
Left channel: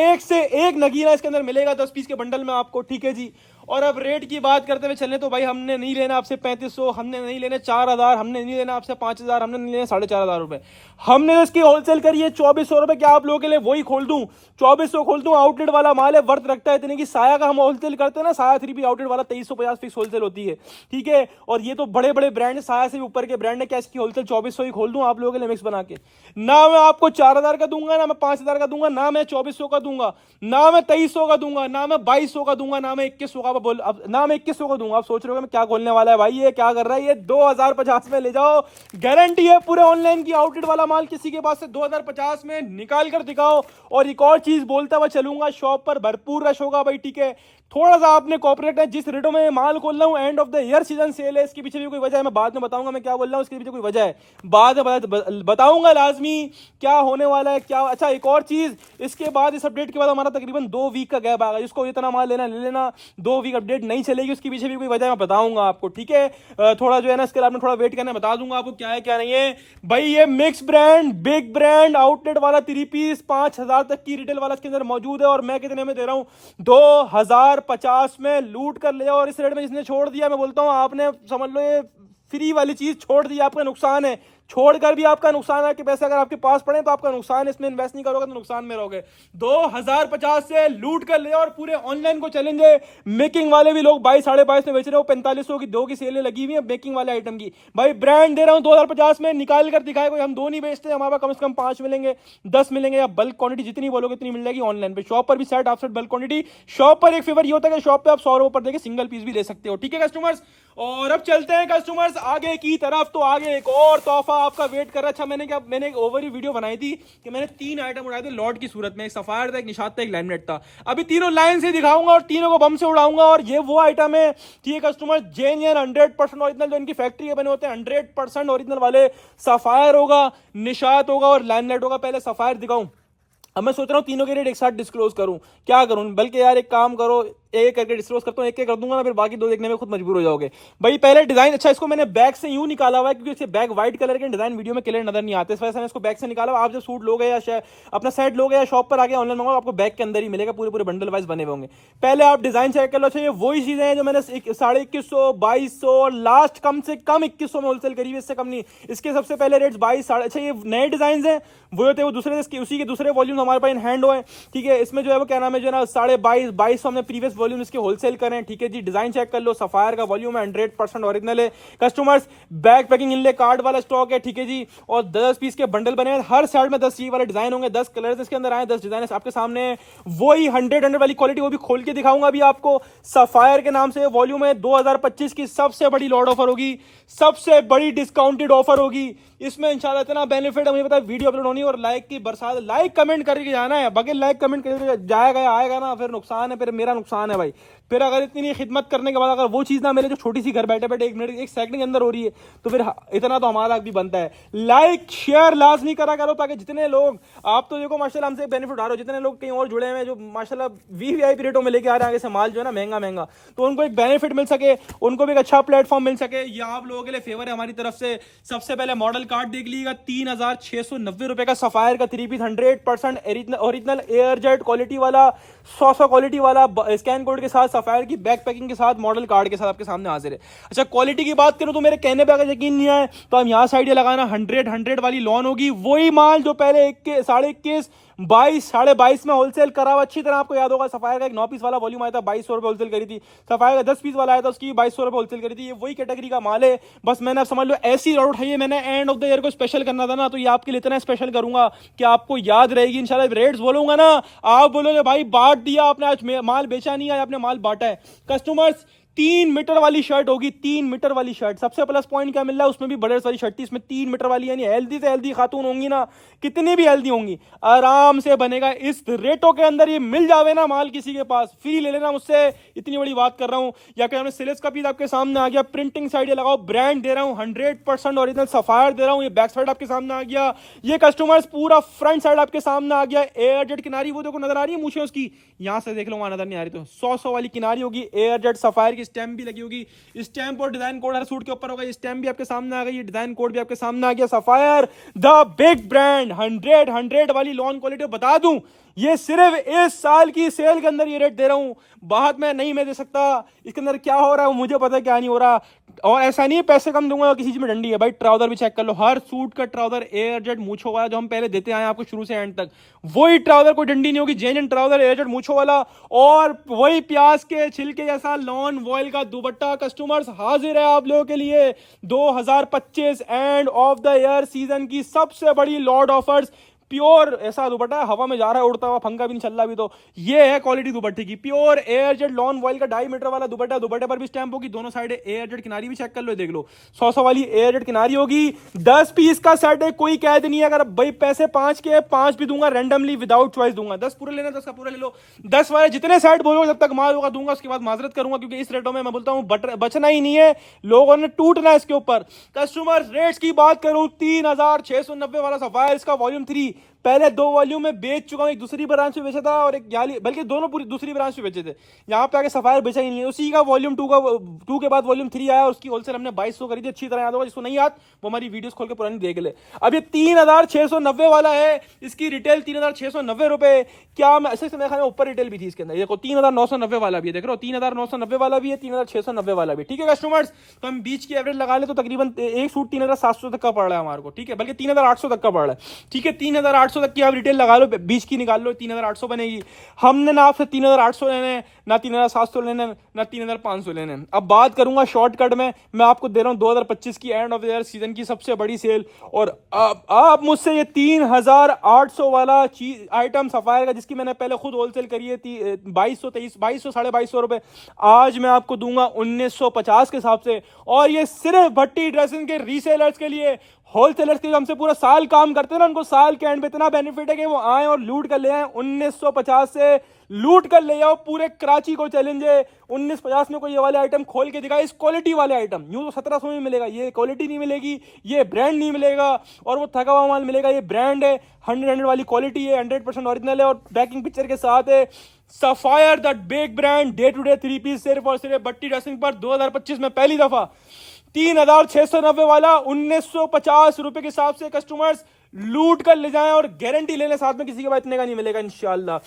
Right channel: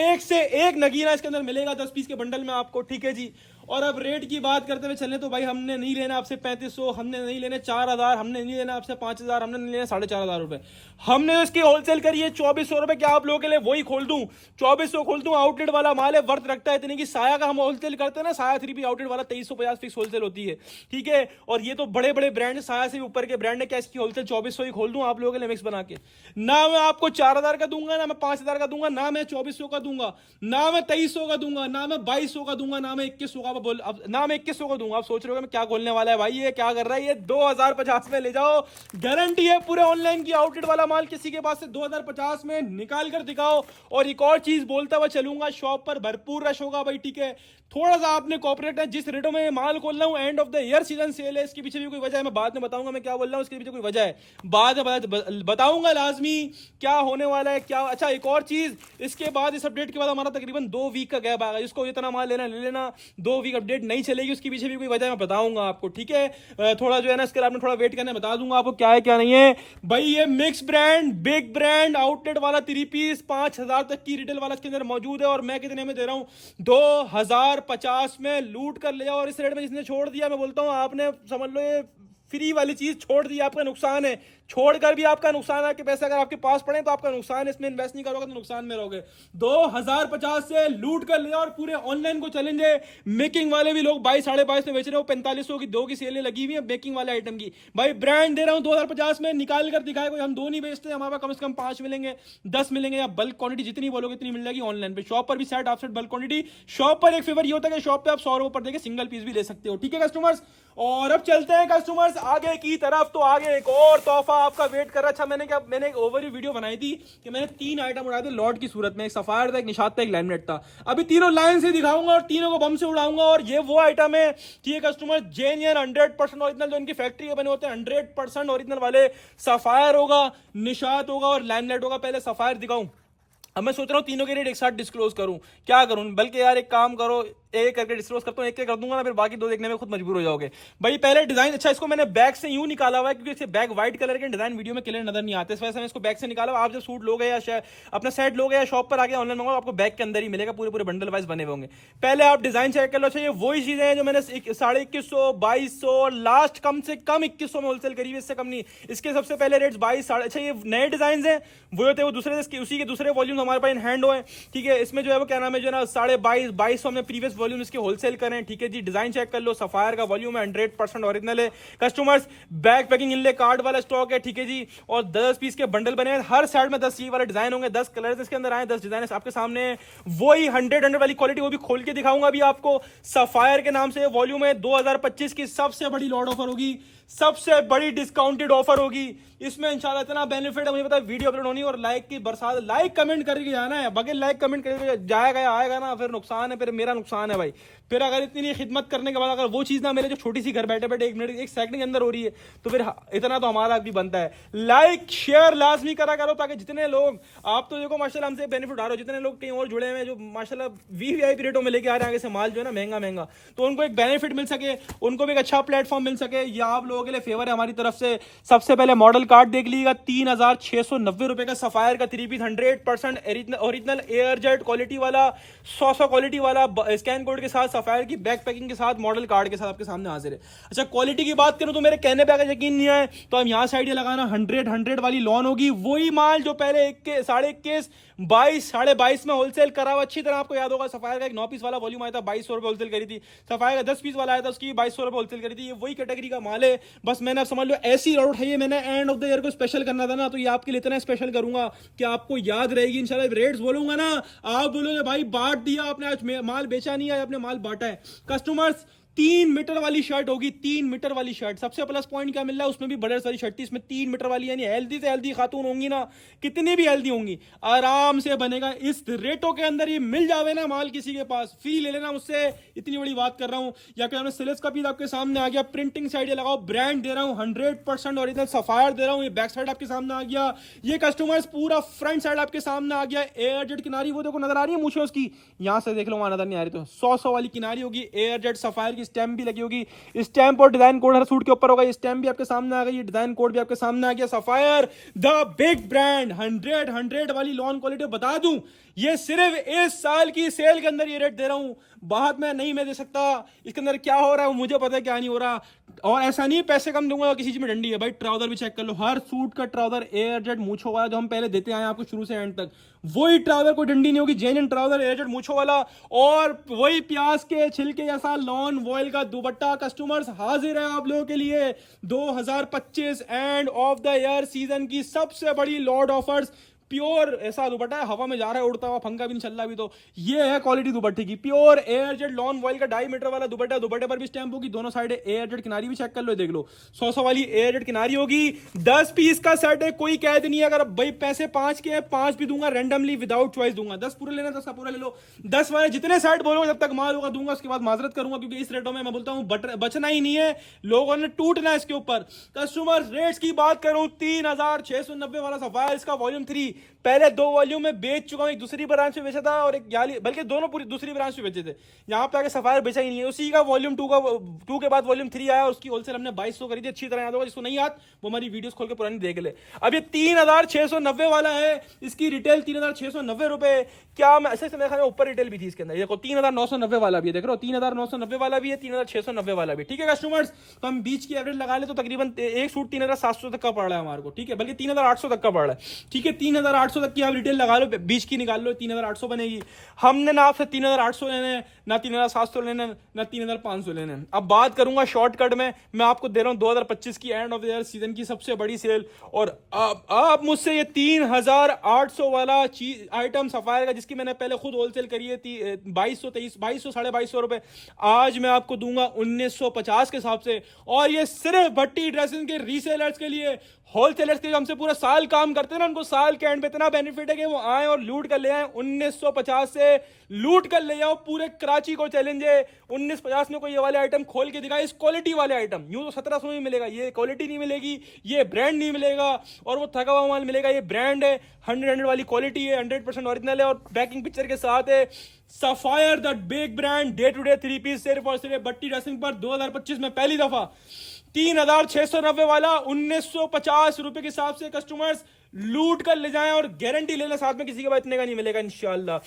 एक से एक नगीना इसके अंदर मिलेगा 10 पीस के बंडल में आपको, ठीक है जी। और अब रेट की बात करते हुए चले तो भाई हमने नहीं लेना आपसे 3500, हमने नहीं लेने 4000, हमने नहीं लेना आपसे 5000, हमने नहीं लेना 4500 रुपए। हमने इसकी होलसेल करी है 2400 रुपए। क्या आप लोगों के लिए वही खोल दूं, 2400 खोल दूं। आउटलेट वाला माल है, वर्थ रखता है इतने की। साया का हम होलसेल करते हैं ना, साया 3P आउटलेट वाला 2350 फिक्स होलसेल होती है, ठीक है। और ये तो बड़े बड़े ब्रांड है, साया से ऊपर के ब्रांड है। क्या इसकी होलसेल 2400 ही खोल दूं आप लोगों के लिए मिक्स बना के? ना मैं आपको 4000 का दूंगा, ना मैं 5000 का दूंगा, ना मैं 2400 का दूंगा, ना मैं 2300 का दूंगा, ना मैं 2200 का दूंगा, ना मैं 2100 का बोल, ना मैं 2100 को दूंगा। आप सोच रहे हो मैं क्या खोलने वाला है भाई, ये क्या कर रहा है, ये 2050 में ले जाओ, गारंटी है पूरे ऑनलाइन की। आउटलेट वाला माल किसी के पास से 2050 में निकाल कर दिखाओ। और एक और चीज बोलता हुआ चलूंगा, शॉप पर भरपूर रश होगा भाई, ठीक है। थोड़ा सा आपने कॉपरेट है, जिस रेटों में माल खोल रहा हूं, and of the year season cell है, इसके पीछे भी कोई वजह है, मैं बाद में बताऊंगा मैं क्या बोल रहा हूं, इसके पीछे कोई वजह है, बाद में बताऊंगा लाजमी क्या होने वाला है क्या। अच्छा एक और चीज, इसके बाद इस अपडेट के बाद हमारा तकरीबन 2 वीक का गैप आएगा। जिसको इतना माल लेना ले लेना, 2 वीक अपडेट नहीं चलेगी, उसके पीछे भी कोई वजह मैं बताऊंगा आपको, ठीक है। थोड़ा जो है ना इसके लिए आपने थोड़ा वेट करना, बता दूंगा आपको क्या है क्या नहीं है भाई। ये mix brand, big brand outlet वाला 3 पीस 5000 तक की रिटेल वाला इसके अंदर मौजूद है। और मैं कितने में दे रहा हूं, 2050 में लूट कर ले। और इस रेट में जिसने छोड़ दिया, मैं बोलता हूं आपने समझ लो ये फ्री वाली चीज छोड़ दी, आपका नुकसान है। छोड़कर भी आपका नुकसान है कि पैसे अगर आपके पास पड़े तो आपका नुकसान है, इसमें इन्वेस्ट नहीं करोगे तो नुकसान में रहोगे। 2050 से लूट कर ले। और पूरे ऑनलाइन को चैलेंज है, मेकिंग वाले भी लोग 22 22.5 में बेच रहे हो, 4500 की 2 की सेलें लगी हुई है मेकिंग वाले आइटम की। भाई ब्रांड दे रहा हूं 2050 में, निकाल कर दिखाए कोई। हम 2 नहीं बेचते, हमारे पास कम से कम 5 मिलेंगे, 10 मिलेंगे, या बल्क क्वांटिटी जितनी बोलोगे इतनी मिल जाएगी ऑनलाइन पे। शॉप पर भी set of set bulk quantity. Shop पर एक फेवर ये होता है कि शॉप पे आप 100 रुपए पर देके सिंगल पीस भी ले सकते हो, ठीक है कस्टमर्स। और अब चलते हैं कस्टमर्स आगे की तरफ। तो आगे एक और तोहफा आपका वेट कर रहा है। अच्छा मैंने एक ओवरव्यू वीडियो बनाई थी कि मैंने 3 आइटम उड़ाए थे लॉट की सूरत में, एक सफायर था, एक निशात था, एक लैमिनेट था। अभी तीनों लाइन से दिखाऊंगा और तीनों को बम से उड़ाऊंगा। और ये वो आइटम है कि ये कस्टमर जेन्युइन 100% ओरिजिनल जो इनकी फैक्ट्री के बने होते हैं, 100% ओरिजिनल वाले सफायर होगा, निशात होगा और लैमिनेट होगा। पहले सफायर दिखाऊं, अब मैं सोच रहा हूँ तीनों के रेट एक साथ डिस्क्लोज करूं, क्या करूं। बल्कि यार एक काम करो, एक करके डिस्क्लोज करता हूं, एक कर दूंगा ना, फिर बाकी 2 देखने में खुद मजबूर हो जाओगे भाई। पहले डिजाइन, अच्छा इसको मैंने बैक से यूं निकाला हुआ है क्योंकि इससे बैक व्हाइट कलर के डिजाइन वीडियो में क्लियर नजर नहीं आते, इस वजह से मैं इसको बैक से निकाला हुआ। आप जब सूट लोगे या अपना सेट लोगे या शॉप पर आगे ऑनलाइन मंगाओ, आपको बैक के अंदर ही मिलेगा, पूरे पूरे बंडल वाइज बने होंगे। पहले आप डिजाइन चेक कर लो। अच्छा ये वही चीजें हैं जो मैंने 2150, 2200, लास्ट कम से कम 2100 में होलसेल करी है, इससे कम नहीं। इसके सबसे पहले रेट 22, अच्छा ये नए डिजाइन है, वो होते हैं वो दूसरे, उसी के दूसरे वॉल्यूम हमारे पास इन हैंड हुए, ठीक है। इसमें जो है वो क्या नाम है जो ना 2250 में प्रीवियस वॉल्यूम इसके होलसेल करें, ठीक है जी। डिजाइन चेक कर लो, सफायर का वॉल्यूम है, 100% ओरिजिनल है कस्टमर्स। बैक पैकिंग इनले कार्ड वाला स्टॉक है, ठीक है जी। और 10 पीस के बंडल बने हैं, हर साइड में 10 वाले डिजाइन होंगे, 10 कलर इसके अंदर आए, 10 डिजाइन आपके सामने। वही 100 वाली क्वालिटी, वो भी खोल के दिखाऊंगा अभी आपको। सफायर के नाम से वॉल्यूम है, 2025 की सबसे बड़ी लॉट ऑफर होगी, सबसे बड़ी डिस्काउंटेड ऑफर होगी। इसमें इंशाल्लाह इतना बेनिफिट है, मुझे पता है। वीडियो अपलोड होनी और लाइक की बरसात, लाइक कमेंट करके जाना है, बगैर लाइक कमेंट करके जाएगा आएगा ना, फिर नुकसान है, फिर मेरा नुकसान है भाई। फिर अगर इतनी खिदमत करने के बाद अगर वो चीज ना मिले जो छोटी सी घर बैठे बैठे 1 मिनट 1 सेकंड के अंदर हो रही है, तो फिर इतना तो हमारा भी बनता है। लाइक शेयर लाजमी करा करो, ताकि जितने लोग, आप तो देखो माशाल्लाह हमसे बेनिफिट उठा रहे हो, जितने लोग कहीं और जुड़े हुए हैं जो माशाल्लाह वीवीआईपी रेटों में लेके आ रहे हैं आगे से माल जो है ना महंगा, तो उनको एक बेनिफिट मिल सके, उनको भी एक अच्छा प्लेटफॉर्म मिल सके। ये आप लोगों के लिए फेवर है हमारी तरफ से। सबसे पहले मॉडल कार्ड देख लीजिएगा, 3,690 रुपए का सफायर का 3 piece 100% original air jet quality वाला, 100 क्वालिटी वाला, स्कैन कोड के साथ, सफायर की बैक पैकिंग के साथ, मॉडल कार्ड के साथ आपके सामने हाजिर है। अच्छा, क्वालिटी की बात करूं तो मेरे कहने पे अगर यकीन नहीं आए तो हम यहाँ साइड लगाना 100 वाली लॉन होगी, वही माल जो पहले 21 22 22.5 में होलसेल करा हुआ। अच्छी तरह आपको याद होगा, सफायर का एक 9 पीस वाला वॉल्यूम आया था, 2200 रुपए होलसेल करी थी। सफायर का 10 पीस वाला आया था, उसकी 2200 रुपए होलसेल करी थी। ये वही कैटेगरी का माल है। बस मैंने आप समझ लो ऐसी लॉट उठाई है, मैंने एंड ऑफ द ईयर को स्पेशल करना था ना, तो ये आपके लिए इतना स्पेशल करूंगा कि आपको याद रहेगी इंशाल्लाह। रेट्स बोलूंगा ना, आप बोलोगे भाई बांट दिया आपने, आज माल बेचा नहीं है, आपने माल बांटा है। कस्टमर्स, 3 मीटर वाली शर्ट होगी, 3 मीटर वाली शर्ट। सबसे प्लस पॉइंट क्या मिल रहा है, उसमें भी बड़े सारी शर्ट थी, इसमें 3 मीटर वाली, यानी हेल्दी से हेल्दी खातून होंगी ना, कितनी भी हेल्दी होंगी, आराम से बनेगा। इस रेटों के अंदर ये मिल जावे ना माल किसी के पास, फ्री ले लेना मुझसे, इतनी बड़ी बात कर रहा हूं। या कि हमने सिलेक्स का पीस आपके सामने आ गया, प्रिंटिंग साइड ये लगाओ, ब्रांड दे रहा हूं, 100% ओरिजिनल सफायर दे रहा हूं। ये बैक साइड आपके सामने आ गया, ये कस्टमर्स पूरा फ्रंट साइड आपके सामने आ गया। एयर जेट किनारी वो देखो नजर आ रही है, मूछे उसकी यहां से देख लो, वहां नजर नहीं आ रही तो 100 वाली किनारी होगी। एयर जेट सफायर की स्टैम्प भी लगी होगी, स्टैम्प और डिजाइन कोड हर सूट के ऊपर होगा। ये स्टैम्प भी आपके सामने आ गई, डिजाइन कोड भी आपके सामने आ गया। सफायर द बिग ब्रांड, 100 वाली लॉन क्वालिटी। बता दूं, ये सिर्फ इस साल की सेल के अंदर ये रेट दे रहा हूं, बाद में नहीं मैं दे सकता। इसके अंदर क्या हो रहा है मुझे पता है, क्या नहीं हो रहा। और ऐसा नहीं पैसे कम दूंगा किसी चीज में डंडी है भाई। ट्राउजर भी चेक कर लो, हर सूट का ट्राउजर एयर जेट मूछो वाला जो हम पहले देते आए आपको शुरू से एंड तक, वही ट्राउजर, कोई डंडी नहीं होगी, जेन्युइन ट्राउजर एयर जेट मूछो वाला। और वही प्याज के छिलके जैसा नॉन वॉयल का दुपट्टा। कस्टमर्स, हाजिर है आप लोगों के लिए 2025 and of the year season की सबसे बड़ी लॉट ऑफर्स। प्योर ऐसा दुपट्टा है, हवा में जा रहा है उड़ता हुआ, पंखा भी नहीं चल रहा अभी तो। ये है क्वालिटी दुपट्टे की, pure air jet lawn vial का 2.5 मीटर वाला दुपट्टा। दुपट्टे पर भी स्टैंप होगी, दोनों साइड एयर जेट किनारी भी चेक कर लो, देख लो 100 वाली एयर जेट किनारी होगी। 10 पीस का सेट है, कोई कैद नहीं है। अगर भाई पैसे 5 के 5 भी दूंगा, रैंडमली विदाउट चॉइस दूंगा। 10 पूरे लेना, 10 का पूरा ले लो। 10 वाले जितने सेट बोलो, जब तक माल होगा दूंगा, उसके बाद माजरत करूंगा, क्योंकि इस रेटों में मैं बोलता हूं बचना ही नहीं है, लोगों ने टूटना है इसके ऊपर। कस्टमर रेट्स की बात करूं, 3,690 वाला सफायर, इसका वॉल्यूम 3 पहले 2 वॉल्यूम में बेच चुका हूं। एक दूसरी ब्रांच में बेचा था और एक बल्कि दोनों पूरी दूसरी ब्रांच में बेचे थे। यहां पे आके सफायर बेचा ही नहीं है। उसी का वॉल्यूम 2 के बाद वॉल्यूम 3 आया, उसकी होलसेल हमने 2200 करी थी। अच्छी तरह याद होगा, जिसको नहीं याद वो हमारी वीडियोस खोल के पुरानी देख ले। अब ये 3,690 वाला है, इसकी रिटेल 3,690 रुपए। क्या मैं ऐसे मेरे ख्याल में ऊपर रिटेल भी थी इसके अंदर, देखो 3,990 वाला भी है, देख रहे हो 3,990 वाला भी है, 3,690 वाला भी। ठीक है कस्टमर्स, तो हम बीच की एवरेज लगा ले तो तकरीबन एक सूट 3,700 तक का पड़ रहा है हमारे को। ठीक है, बल्कि 3,800 तक का पड़ रहा है। ठीक है, 3,800 तक की आप रिटेल लगा लो, बीच की निकाल लो, 3,800 बनेगी। हमने ना आपसे 3,800 लेने हैं, ना 3,700 लेने, ना 3,500 लेने। अब बात करूंगा शॉर्टकट में, मैं आपको दे रहा हूं 2025 की and of the year season की सबसे बड़ी सेल। और आप मुझसे ये 3,800 वाला चीज आइटम सफायर का, जिसकी मैंने पहले खुद होलसेल करी है 2200 साढ़े 2200 रुपए, आज मैं आपको दूंगा 1950 के हिसाब से। और ये सिर्फ भट्टी ड्रेसिंग के रीसेलर्स के लिए, होलसेलर्स के हमसे पूरा साल काम करते हैं ना, उनको साल के एंड पे इतना बेनिफिट है कि वो आए और लूट कर ले आए। 1950 से लूट कर ले जाओ, पूरे कराची को चैलेंज है। 1950 में कोई ये वाले आइटम खोल के दिखाए, इस क्वालिटी वाले आइटम। यूं तो 1700 में मिलेगा, ये क्वालिटी नहीं मिलेगी, ये ब्रांड नहीं मिलेगा, और वो थका हुआ माल मिलेगा। ये ब्रांड है, 100 वाली क्वालिटी है, 100% ओरिजिनल है और पैकिंग पिक्चर के साथ है। Sapphire the big brand, day to day 3 piece सिर्फ और सिर्फ भट्टी ड्रेसिंग पर 2025 में पहली दफा 3,690 वाला 1950 रुपए के हिसाब से। कस्टमर्स लूट कर ले जाएं और गारंटी ले लें साथ में, किसी के बाद इतने का नहीं मिलेगा इंशाल्लाह।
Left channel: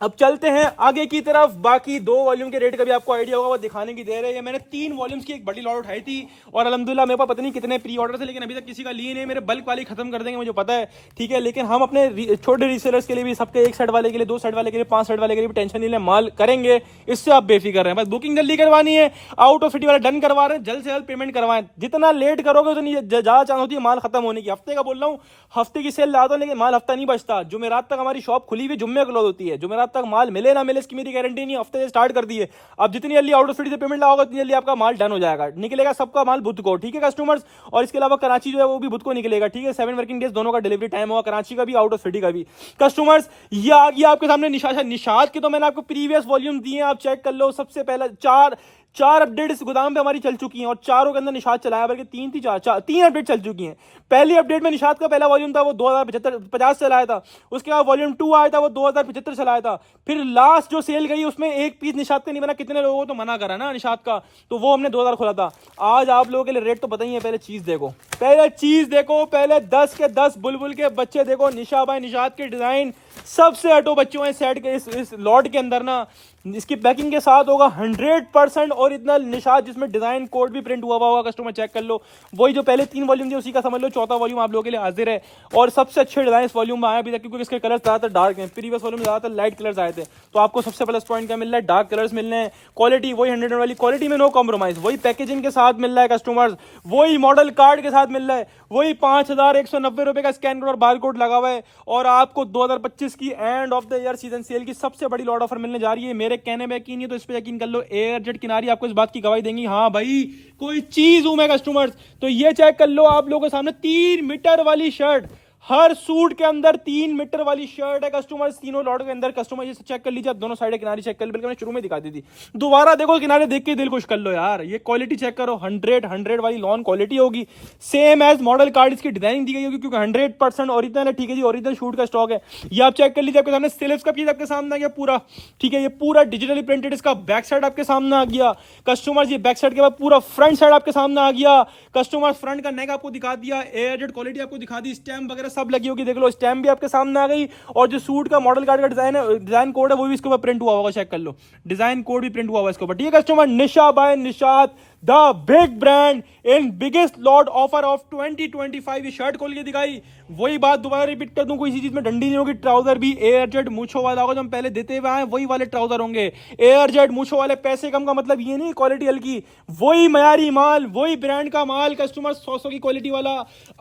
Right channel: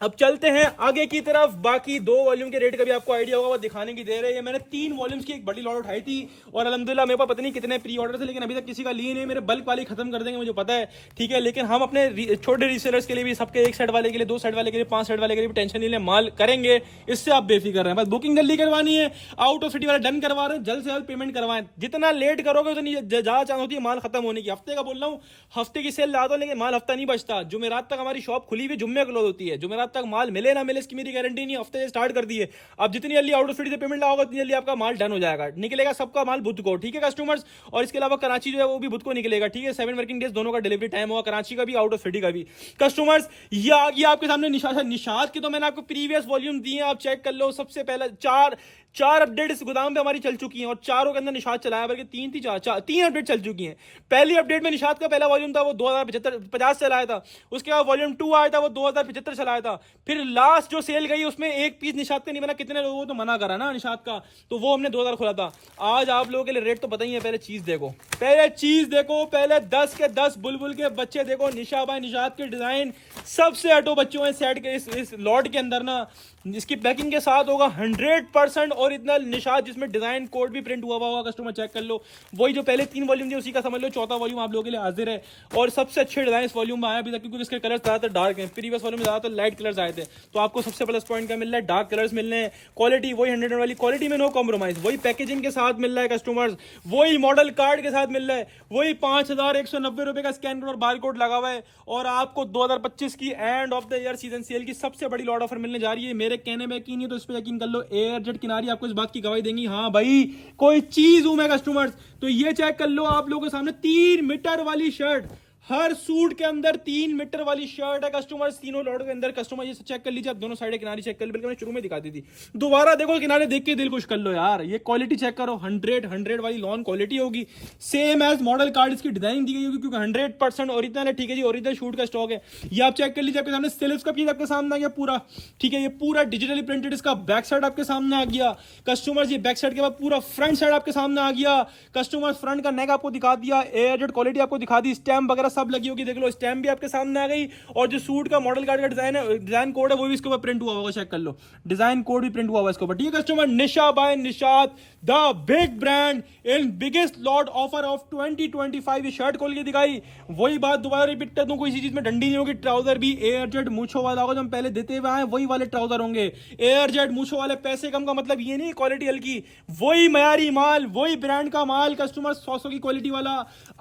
अब चलते हैं आगे की तरफ। बाकी 2 वॉल्यूम के रेट का भी आपको आइडिया होगा, वो दिखाने की दे रहे हैं। मैंने 3 वॉल्यूम्स की एक बड़ी लॉट उठाई थी और अल्हम्दुलिल्लाह मेरे पास पता नहीं कितने प्री ऑर्डर थे, लेकिन अभी तक किसी का लिए नहीं। मेरे बल्क वाले खत्म कर देंगे मुझे पता है, ठीक है। लेकिन हम अपने छोटे रीसेलर्स के लिए भी, सबके 1 सेट वाले के लिए, 2 सेट वाले के लिए, 5 सेट वाले के लिए भी टेंशन नहीं लें, माल करेंगे, इससे आप बेफिक्र रहें। बस बुकिंग जल्दी करवानी है, आउट ऑफ सिटी वाला डन करवा रहे हैं, जल्द से जल्द पेमेंट करवाएं। जितना लेट करोगे उतनी ज्यादा चांस होती है माल खत्म होने की। हफ्ते का बोल रहा हूँ, हफ्ते की सेल ला दो, लेकिन माल हफ्ता नहीं बचता। जुमेरात तक हमारी शॉप खुली हुई, जुम्मे क्लोज होती है। जुमेरात तक माल मिले ना मिले इसकी मेरी गारंटी नहीं, हफ्ते से स्टार्ट कर दी है। अब जितनी जल्दी आउट ऑफ सिटी से पेमेंट लाओगे उतनी जल्दी आपका माल डन हो जाएगा, निकलेगा सबका माल बुध को। ठीक है कस्टमर्स, और इसके अलावा कराची जो है वो भी बुध को निकलेगा। ठीक है, 7 वर्किंग डेज दोनों का डिलीवरी टाइम होगा, कराची का भी आउट ऑफ सिटी का भी। कस्टमर्स, ये आ गया आपके सामने निशाद की, तो मैंने आपको प्रीवियस वॉल्यूम दिए, आप चेक कर लो। सबसे पहला 4 अपडेट इस गोदाम पे हमारी चल चुकी हैं और चारों के अंदर निशात चलाया, बल्कि 3 थी, 3 अपडेट चल चुकी हैं। पहली अपडेट में निशात का पहला वॉल्यूम था वो 2050 चलाया था, उसके बाद वॉल्यूम 2 आया था वो 2075 चलाया था, फिर लास्ट जो सेल गई उसमें एक पीस निशात का नहीं बना, कितने लोगों को तो मना करा ना निशात का, तो वो हमने 2000 खोला था। आज आप लोगों के लिए रेट तो पता ही है, पहले चीज देखो, पहले 10 के 10 बुलबुल के बच्चे देखो, निशा भाई निशात के डिजाइन सबसे हटो बच्चों हैं सेट के इस लॉट के अंदर ना। इसकी पैकिंग के साथ होगा 100% ओरिजिनल निशात, जिसमें डिजाइन कोड भी प्रिंट हुआ होगा, कस्टमर चेक कर लो। वही जो पहले 3 वॉल्यूम थे उसी का समझ लो चौथा वॉल्यूम आप लोगों के लिए हाजिर है। और सबसे अच्छे डिजाइन इस वॉल्यूम में आया अभी तक, क्योंकि इसके कलर ज्यादातर डार्क हैं, प्रीवियस वॉल्यूम में ज्यादातर लाइट कलर्स आए थे, तो आपको सबसे प्लस पॉइंट क्या मिल रहा है, डार्क कलर्स मिल रहे हैं। क्वालिटी वही 100 वाली क्वालिटी में नो कॉम्प्रोमाइज, वही पैकेजिंग के साथ मिल रहा है कस्टमर्स, वही मॉडल कार्ड के साथ मिल रहा है, वही 5190 रुपए का स्कैन कोड और बार कोड लगा हुआ है। और आपको 2025 की and of the year season cell की सबसे बड़ी लॉट ऑफर मिलने जा रही है। मेरे कहने में यकीन नहीं तो इस पे यकीन कर लो, एयरजेट किनारी आपको इस बात की गवाही देंगी, हाँ भाई कोई चीज हूं मैं कस्टमर्स। तो ये चेक कर लो आप लोगों के सामने 3 मीटर वाली शर्ट, हर सूट के अंदर 3 मीटर वाली शर्ट है कस्टमर्स, तीनों लॉट के अंदर। कस्टमर ये चेक कर लीजिए, दोनों साइड किनारे चेक कर ली, बल्कि मैंने शुरू में दिखा दी थी, दोबारा देखो किनारे देख के दिल खुश कर लो यार। ये क्वालिटी चेक करो, 100 वाली लॉन क्वालिटी होगी, सेम एज मॉडल कार्ड इसकी डिजाइनिंग दी गई होगी, क्योंकि 100% ओरिजिनल है। ठीक है जी, ओरिजिनल शूट का स्टॉक है, ये आप चेक कर लीजिए। आपके सामने स्लीव्स का पीस आपके सामने आ गया पूरा, ठीक है, ये पूरा डिजिटली प्रिंटेड, इसका बैक साइड आपके सामने आ गया कस्टमर। ये बैक साइड के बाद पूरा फ्रंट साइड आपके सामने आ गया कस्टमर, फ्रंट का नेक आपको दिखा दिया, एयरजेट क्वालिटी आपको दिखा दी, स्टैम्प वगैरह सब लगी होगी, देख लो स्टैम्प भी आपके सामने आ गई। और जो सूट का मॉडल कार्ड का डिजाइन है, डिजाइन कोड है, वो भी इसके ऊपर प्रिंट हुआ होगा, चेक कर लो, डिजाइन कोड भी प्रिंट हुआ होगा इसके ऊपर। ठीक है customer, Nisha by Nishat the big brand in biggest lot offer of 2025। ये शर्ट खोल के दिखाई, वही बात दोबारा रिपीट कर दूं, कोई इसी चीज में डंडी नहीं होगी। ट्राउजर भी एयरजेट मूछों वाला होगा, जो हम पहले देते हुए आए वही वाले ट्राउजर होंगे, एयरजेट मूछों वाले। पैसे कम का मतलब ये नहीं क्वालिटी हल्की, वही मयारी माल, वही ब्रांड का माल कस्टमर, 100 की क्वालिटी वाला।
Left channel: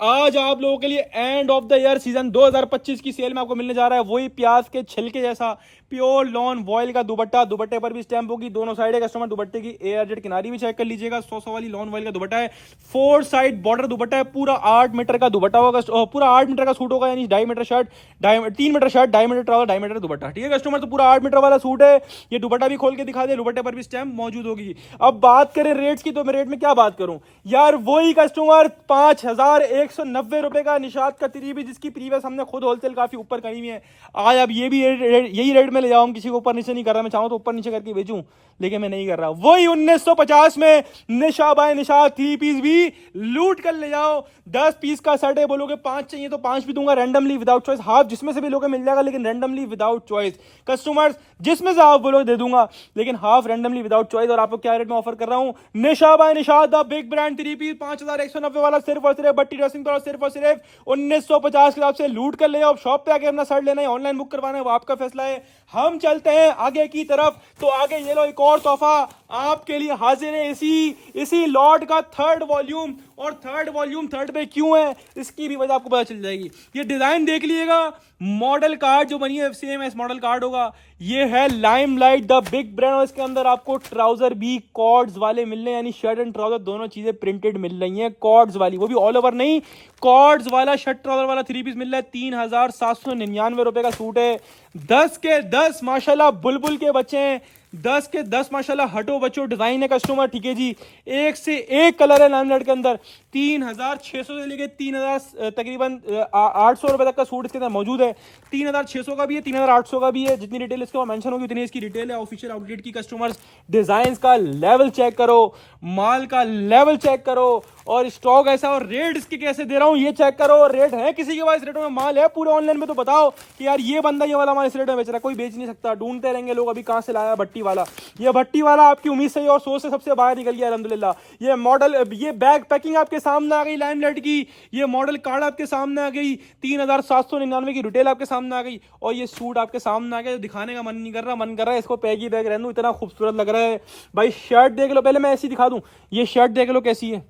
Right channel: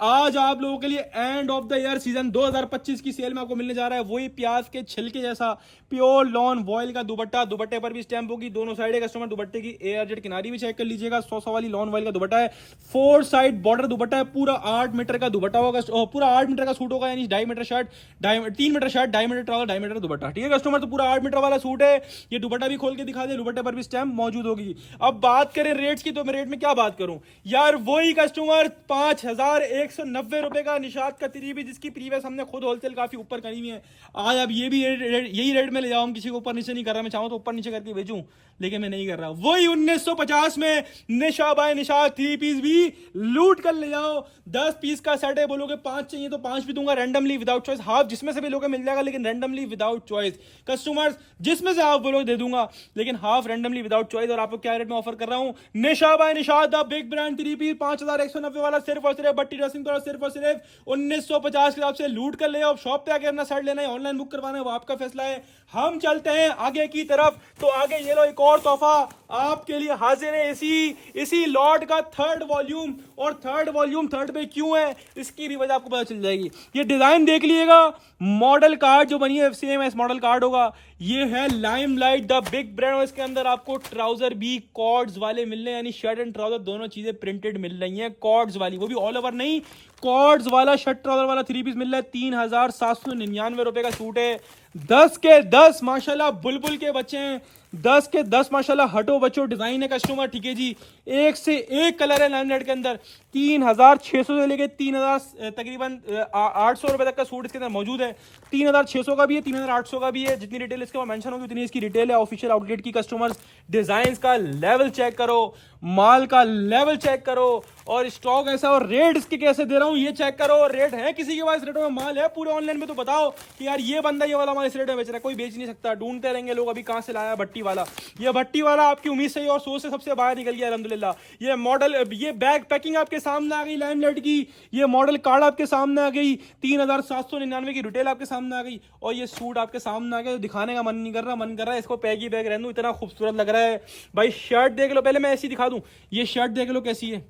आज आप लोगों के लिए and of the year season 2025 की सेल में आपको मिलने जा रहा है वही प्याज के छिलके जैसा प्योर लॉन वॉयल का दुपट्टा, दुपट्टे पर भी स्टैंप होगी, दोनों साइड है कस्टमर। दुपट्टे की एयरजेट किनारी भी चेक कर लीजिएगा, 100 वाली लॉन वॉयल का दुपट्टा है, 4 साइड बॉर्डर दुपट्टा है, पूरा 8 मीटर का दुपट्टा होगा, पूरा 8 मीटर का सूट होगा, यानी 2.5 meter shirt, 3 meter shirt, 2.5 meter trouser, 2.5 meter dupatta. ठीक है कस्टमर, तो पूरा 8 मीटर वाला सूट है। ये दुपट्टा भी खोल के दिखा दे, दुपट्टे पर भी स्टैंप मौजूद होगी। अब बात करें रेट्स की, तो मैं रेट में क्या बात करूं यार, वही कस्टमर 5190 रुपए का निशात का तिरी भी, जिसकी प्रीवियस हमने खुद होलसेल काफी ऊपर करी हुई है। आज अब ये भी यही रेट में ले जाऊं, किसी को ऊपर नीचे नहीं कर रहा, मैं चाहूं तो ऊपर नीचे करके बेचूं, लेकिन मैं नहीं कर रहा। वही 1950 में निशा बाय निशा 3 पीस भी लूट कर ले जाओ। 10 पीस का सेट है, बोलोगे 5 चाहिए तो 5 भी दूंगा, रैंडमली विदाउट चॉइस, हाफ जिसमें से भी लोगे मिल जाएगा, लेकिन रैंडमली विदाउट चॉइस कस्टमर्स, जिसमें से आप बोलोगे दे दूंगा, लेकिन हाफ रैंडमली विदाउट चॉइस। और आपको क्या रेट में ऑफर कर रहा हूं, Nisha by Nisha the big brand 3 piece 5190 वाला, सिर्फ और सिर्फ बट्टी ड्रेसिंग तो सिर्फ और सिर्फ 1950 के हिसाब से लूट कर ले जाओ। शॉप पे आके अपना शर्ट लेना है, ऑनलाइन बुक करवाना है, वो आपका फैसला है। हम चलते हैं आगे की तरफ, तो आगे ये लो एक और तोहफा आपके लिए हाजिर है, इसी लॉट का 3rd वॉल्यूम। और 3rd वॉल्यूम 3rd पे क्यों है, इसकी भी वजह आपको पता चल जाएगी। ये डिजाइन देख लीजिएगा, मॉडल कार्ड जो बनी है सेम एस मॉडल कार्ड होगा। ये है लाइमलाइट द बिग ब्रांड, और इसके अंदर आपको ट्राउजर भी कॉर्ड्स वाले मिल रहे हैं, यानी शर्ट एंड ट्राउजर दोनों चीजें प्रिंटेड मिल रही हैं, कॉर्ड्स वाली, वो भी ऑल ओवर नहीं, कॉर्ड्स वाला शर्ट ट्राउजर वाला 3 पीस मिल रहा है। 3799 रुपए का सूट है। 10 के 10 माशाल्लाह बुलबुल के बच्चे हैं, 10 के 10 माशाल्लाह हटो बच्चों डिजाइन है कस्टमर। ठीक है जी, एक से एक कलर है लाइमलाइट के अंदर। 3600 से लेके 3000 तकरीबन 800 रुपए तक का सूट इसके अंदर मौजूद है। 3600 का भी है, 3800 का भी है, जितनी डिटेल इसके ऊपर मेंशन होगी उतनी इसकी डिटेल है ऑफिशियल आउटलेट की। कस्टमर्स डिजाइन का लेवल चेक करो, माल का लेवल चेक करो, और स्टॉक ऐसा, और रेट इसके कैसे दे रहा हूं ये चेक करो। रेट है किसी के पास रेटों में माल है पूरे ऑनलाइन में, तो बताओ कि यार ये बंदा ये वाला माल इस रेट में बेच रहा है, कोई बेच नहीं सकता। ढूंढते रहेंगे लोग अभी कहां से लाया भट्टी वाला। ये भट्टी वाला आपकी उम्मीद से और सोच से सबसे बाहर निकल गया अल्हम्दुलिल्लाह। ये मॉडल, ये बैग पैकिंग आपके सामने आ गई लाइमलाइट की, ये मॉडल कार्ड आपके सामने आ गई, 3799 की रिटेल आपके सामने आ गई, और ये सूट आपके सामने आ गया। दिखाने का मन नहीं कर रहा, मन कर रहा है इसको पैगी बैग रहने दो, इतना खूबसूरत लग रहा है भाई। शर्ट देख लो, पहले मैं ऐसी दिखा दूं, ये शर्ट देख लो कैसी है,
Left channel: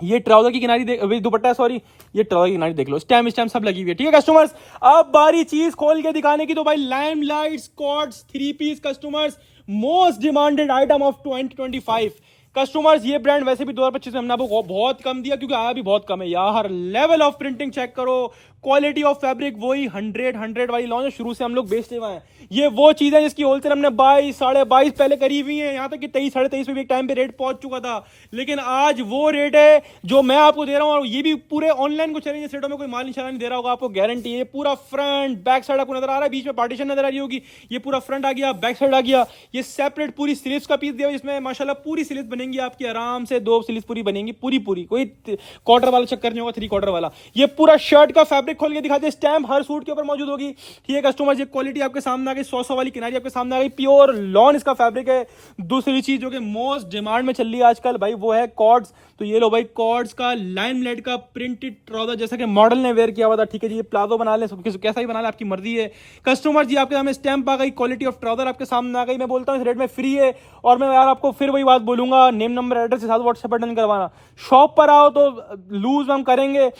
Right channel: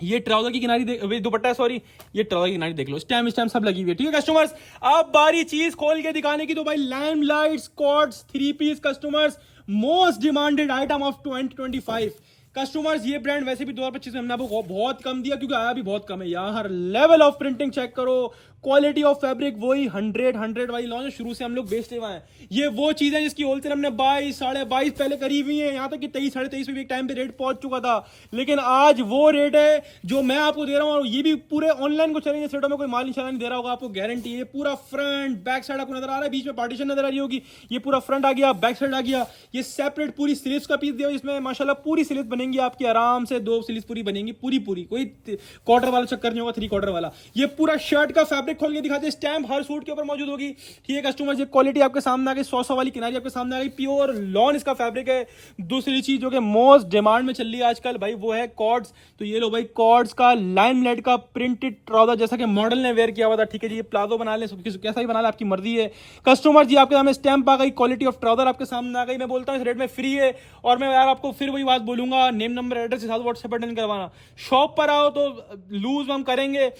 ये ट्राउजर की किनारी दुपट्टा, सॉरी ये ट्राउजर की किनारी देख लो, स्टैम्प सब लगी हुई है। ठीक है कस्टमर्स, अब बारी चीज खोल के दिखाने की, तो भाई लाइमलाइट स्कॉट्स 3 piece customers, most demanded item of 2025 customers. ये ब्रांड वैसे भी 2025 में हमने आपको बहुत कम दिया, क्योंकि आया भी बहुत कम है यार। लेवल ऑफ प्रिंटिंग चेक करो, क्वालिटी ऑफ फैब्रिक वही 100 वाली लॉन्च शुरू से हम लोग बेचते हुए हैं। ये वो चीज है जिसकी होलसेल हमने 22 22.5 पहले करी हुई है, यहाँ तक कि 23 23.5 पे भी एक टाइम पे रेट पहुंच चुका था, लेकिन आज वो रेट है जो मैं आपको दे रहा हूँ। और ये भी पूरे ऑनलाइन को चैलेंज रेटों में कोई माल निशाना नहीं दे रहा होगा, आपको गारंटी है। पूरा फ्रंट बैक साइड आपको नजर आ रहा है, बीच में पार्टीशन नजर आ रही होगी, ये पूरा फ्रंट आ गया, बैक साइड आ गया, ये सेपरेट पूरी स्लीव्स का पीस दिया इसमें माशाल्लाह पूरी स्लीव्स बनेंगी आपकी आराम से, 2 स्लीव्स पूरी बनेंगी पूरी पूरी, कोई क्वार्टर वाला चक्कर नहीं होगा, 3 क्वार्टर वाला। ये पूरा शर्ट का फैब्रिक खोल के दिखाते हैं, स्टैम्प हर सूट के ऊपर मौजूद होगी। ठीक है कस्टमर, ये क्वालिटी आपके सामने आ गई, 100 वाली किनारी आपके सामने आ गई, प्योर लॉन इसका फैब्रिक है। दूसरी चीज जो कि मोस्ट डिमांड में चल रही है आजकल भाई वो है कॉर्ड्स। तो ये लो भाई कॉर्ड्स का लाइमलाइट का प्रिंटेड ट्राउजर, जैसा कि मॉडल ने वेयर किया हुआ था। ठीक है जी, ये प्लाजो बना ले, कैसा ही बना ले, आपकी मर्जी है। कस्टमर जी आपके सामने स्टैम्प आ गई, क्वालिटी ऑफ ट्राउजर आपके सामने आ गई। मैं बोलता हूँ इस रेट में फ्री है। और मैं यार आपको फिर वही बात बोलूंगा, नेम नंबर एड्रेस के साथ व्हाट्सएप पर डन करवाना। शॉप पर आओ तो लूज हम करेंगे,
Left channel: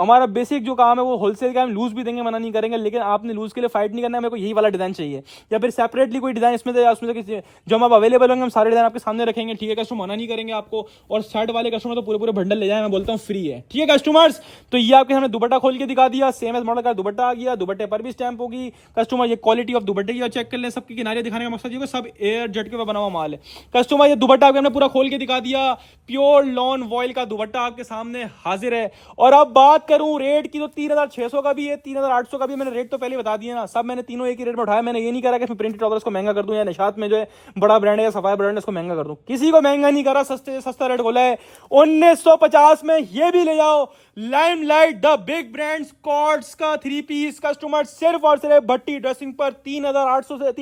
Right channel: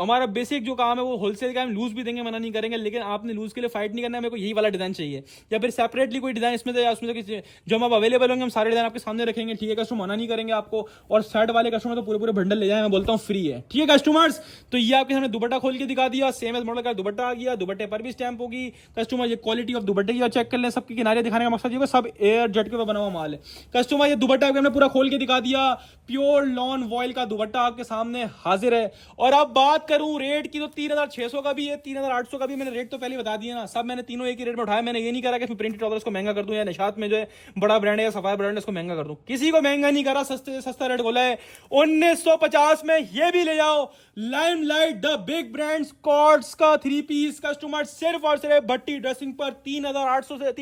हमारा बेसिक जो काम है वो होलसेल का, हम लूज भी देंगे, मना नहीं करेंगे, लेकिन आपने लूज के लिए फाइट नहीं करना है। मेरे को यही वाला डिजाइन चाहिए, या फिर सेपरेटली कोई डिजाइन इसमें जो हम अवेलेबल होंगे हम सारे डिजाइन आपके सामने रखेंगे। ठीक है कस्टमर, मना नहीं करेंगे आपको। और शर्ट वाले कस्टमर तो पूरे पूरे बंडल ले जाए, मैं बोलता हूँ फ्री है। ठीक है कस्टमर्स, तो ये आपके सामने दुपट्टा खोल के दिखा दिया, सेम एज मॉडल का दुपट्टा आ गया, दुपट्टे पर भी स्टैम्प होगी। कस्टमर ये क्वालिटी ऑफ दुपट्टे की चेक कर लें, सबके किनारे दिखाने का मकसद ये सब एयर जेट के ऊपर बना हुआ माल है। कस्टमर ये दुपट्टा आपके हमने पूरा खोल के दिखा दिया, प्योर लॉन वॉयल का दुपट्टा आपके सामने हाजिर है। और अब बात करूं रेट की तो 3600 का भी है, 3800 का भी। मैंने रेट तो पहले बता दिया ना, सब मैंने तीनों एक ही रेट में उठाया। मैंने ये नहीं करा कि इसमें प्रिंटेड ट्राउजर इसको महंगा कर दूं, या निशात में जो है बड़ा ब्रांड है या सफाई ब्रांड है इसको महंगा कर दूं। किसी को महंगा नहीं करा, सस्ते सस्ता रेट बोला है। 1950 में ये भी ले जाओ, Limelight the big brands cords का 3 पीस कस्टमर सिर्फ और सिर्फ भट्टी ड्रेसिंग पर 3800 से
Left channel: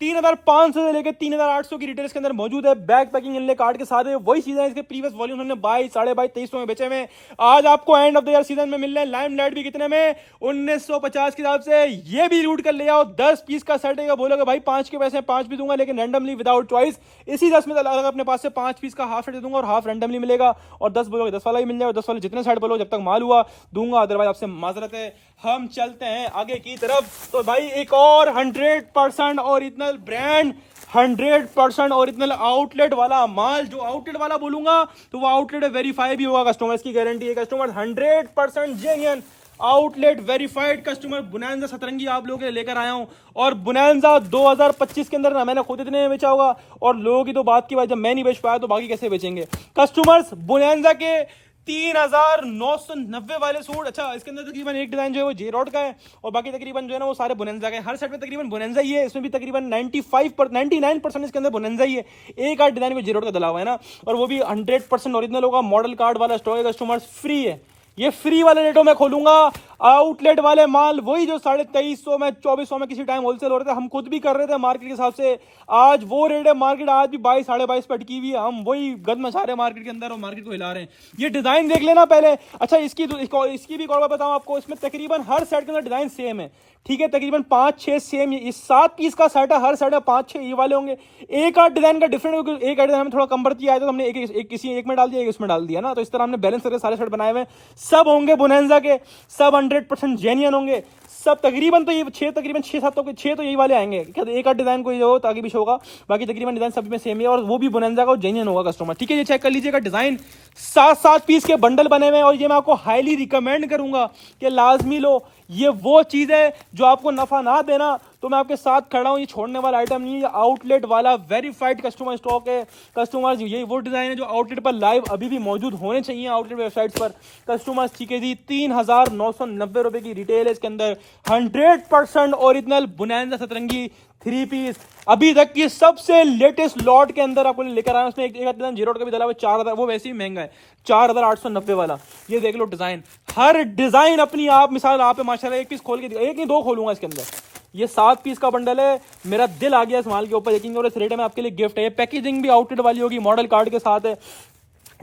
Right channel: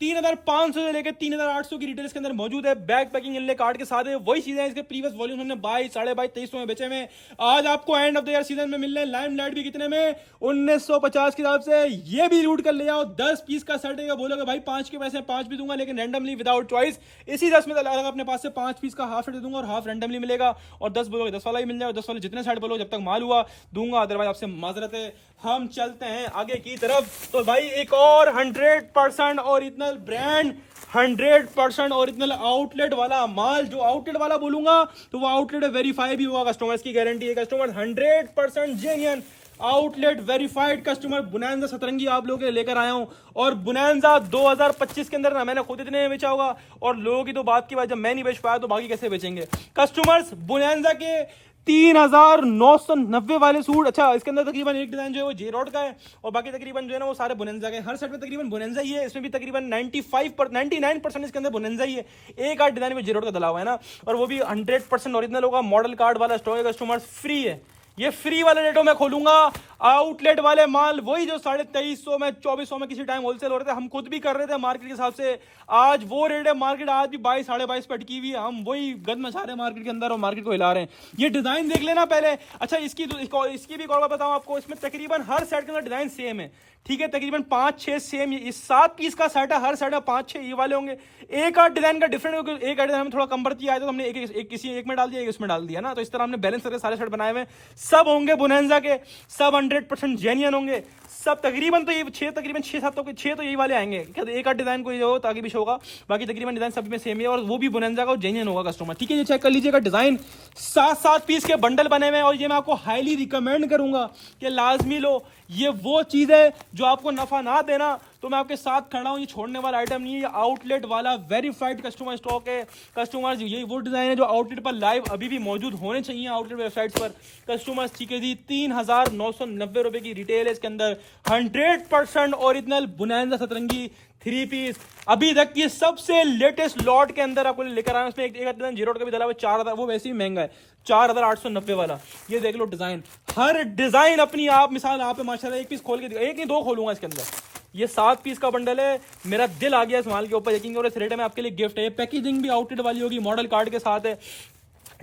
3500 से लेकर 3800 की रिटेल्स के अंदर मौजूद है। बैग पैकिंग इनले कार्ड के साथ है, वही चीजें इसके प्रीवियस वॉल्यूम हमने 22 22.5 2300 में बेचे में, आज आपको and of the year season में मिल रहे हैं। लाइमलाइट भी कितने में, 1950 के हिसाब से। ये भी लूट कर ले आओ, 10 पीस का शर्ट है, बोलोगे भाई 5 के पैसे 5 भी दूंगा, लेकिन रैंडमली विदाउट चॉइस इसी 10 में अलग अपने पास से 5 पीस का हाफ शर्ट दे दूंगा और हाफ रैंडमली मिलेगा। और 10 बोलोगे 10 वाला ही मिल जाएगा, 10 वाले जितने शर्ट बोलो जब तक माल हुआ दूंगा, अदरवाइज आपसे माजरत है। हम चलते हैं आगे की तरफ। तो भाई एक और 100% ओरिजिनल ब्रांड, 100% ओरिजिनल आउटलेट वाला माल। जो आउटलेट वाला बोलूंगा तो वो आउटलेट वेरीफाई भी होगा, कस्टमर्स की गारंटी है। Customer 100% genuine outlet verified customer bonanza सतरंगी आप लोगों के लिए लेकर आया हूं। और बोनांजा 2025 के अंदर ना मैंने खुद इतने में बेचा होगा, और लोगों की तो बात की बात, जब मैं नहीं बेच पाया तो बाकी कैसे बेचेंगे कस्टमर्स। बोनांजा के 3990 वाले सूट, अच्छा इसके अंदर तकरीबन एक डिजाइन जो है वो जे रॉड का है, और बाकी तकरीबन जो है ना वो सारे बोनांजा का है। हर सेट में तकरीबन बोनांजा ही है, इसमें भी तकरीबन 99% इसके अंदर बोनांजा ही है। एक आध डिजाइन में जे रॉड का डला हुआ है ना, और वो भी 100% ओरिजिनल होगा। मॉडल कार्ड वाला स्टॉक है कस्टमर्स, फ्री है। ये फ्री वाले रेटों में खोलूंगा। आउटलेट वाले माल वही जो 2350 में 2400 में किसी टाइम होलसेल हो रहे थे, हम खुद भी कर रहे थे मार्केट के हिसाब से, आज वो रेट है। मार्केट आज भी 22 22.5 पे अटकी हुई है, हम वही गद मचा रहे हैं मार्केट के अंदर और मार्केट को हिला रहे हैं। ये डिजाइन देख लेना पहले। अच्छा इसकी भी और बताऊं आपको, इसमें तकरीबन हर सेट के अंदर डिजाइन सेम है। ठीक है, तकरीबन 5-6 सेम, ये 7 पीस का सेट है, हर सेट है 5-6 ये वाले होंगे। एक आध डिजाइन का डिफरेंट, एक आध डिजाइन में थोड़ा कम बढ़ती आया तो हमने एक किसी एक में डाल दिया, एक इसमें डाल दिया ना, तो इस तरह हमने बैलेंस करके सारे सेट बनाए हुए। सब होंगे बोनांजा के, सब 100% जेन्युइन होंगे सब। तकरीबन तो ये 6-7 तो 6 तो यही वाले आएंगे, एक आध डिजाइन कोई हो ताकि भी होगा, बाकी तकरीबन डिजाइन सब में सेम है, और वो भी बोनांजा का जेन्युइन होगा कस्टमर। ठीक है, ये चेक कर लीजिएगा, डिजाइन 7-7 पीस के बंडल बने हुए हैं, और ये मैं आपको हाईली रिकमेंड करूंगा कि लाजमी लो। ये वो चीज है जो आपको नफा ना देना तो मैं आपके साथ खड़ा हूं, ये छोड़ने वाला आइटम नहीं है। ये आउटलेट वाला वेरीफाइड कस्टमर स्टॉक है कस्टमर्स। ये वो डिजाइन है जो आउटलेट पर लाइव अभी भी मौजूद होने चाहिए आउटलेट वेबसाइट पर कस्टमर्स। ठीक है जी, 3990 रुपए की रिटेल है इसके अंदर। 100% ओरिजिनल बोनांजा सतरंगी 3 पीस, अभी तक की सबसे लेटेस्ट लॉट के अंदर आपको लेकर आया। उसमें एक जीरो का भी डाला हुआ 4000, वो वैसे ही महंगा है 4890 वाला। ये देख लो डिजाइन, हर डिजाइन अपनी आप मिसाल आप माशाल्लाह एक पीस खोल के, एक नहीं 2 खोलूंगा इसके अंदर। ये 7 पीस का बंडल है, मेरा दिल आ गया इस माल के ऊपर यकीन, और इस रेट में आपके लिए गिफ्ट है। पैकेजिंग भी आउटलेट वाली होगी, मॉडल कार्ड के साथ है।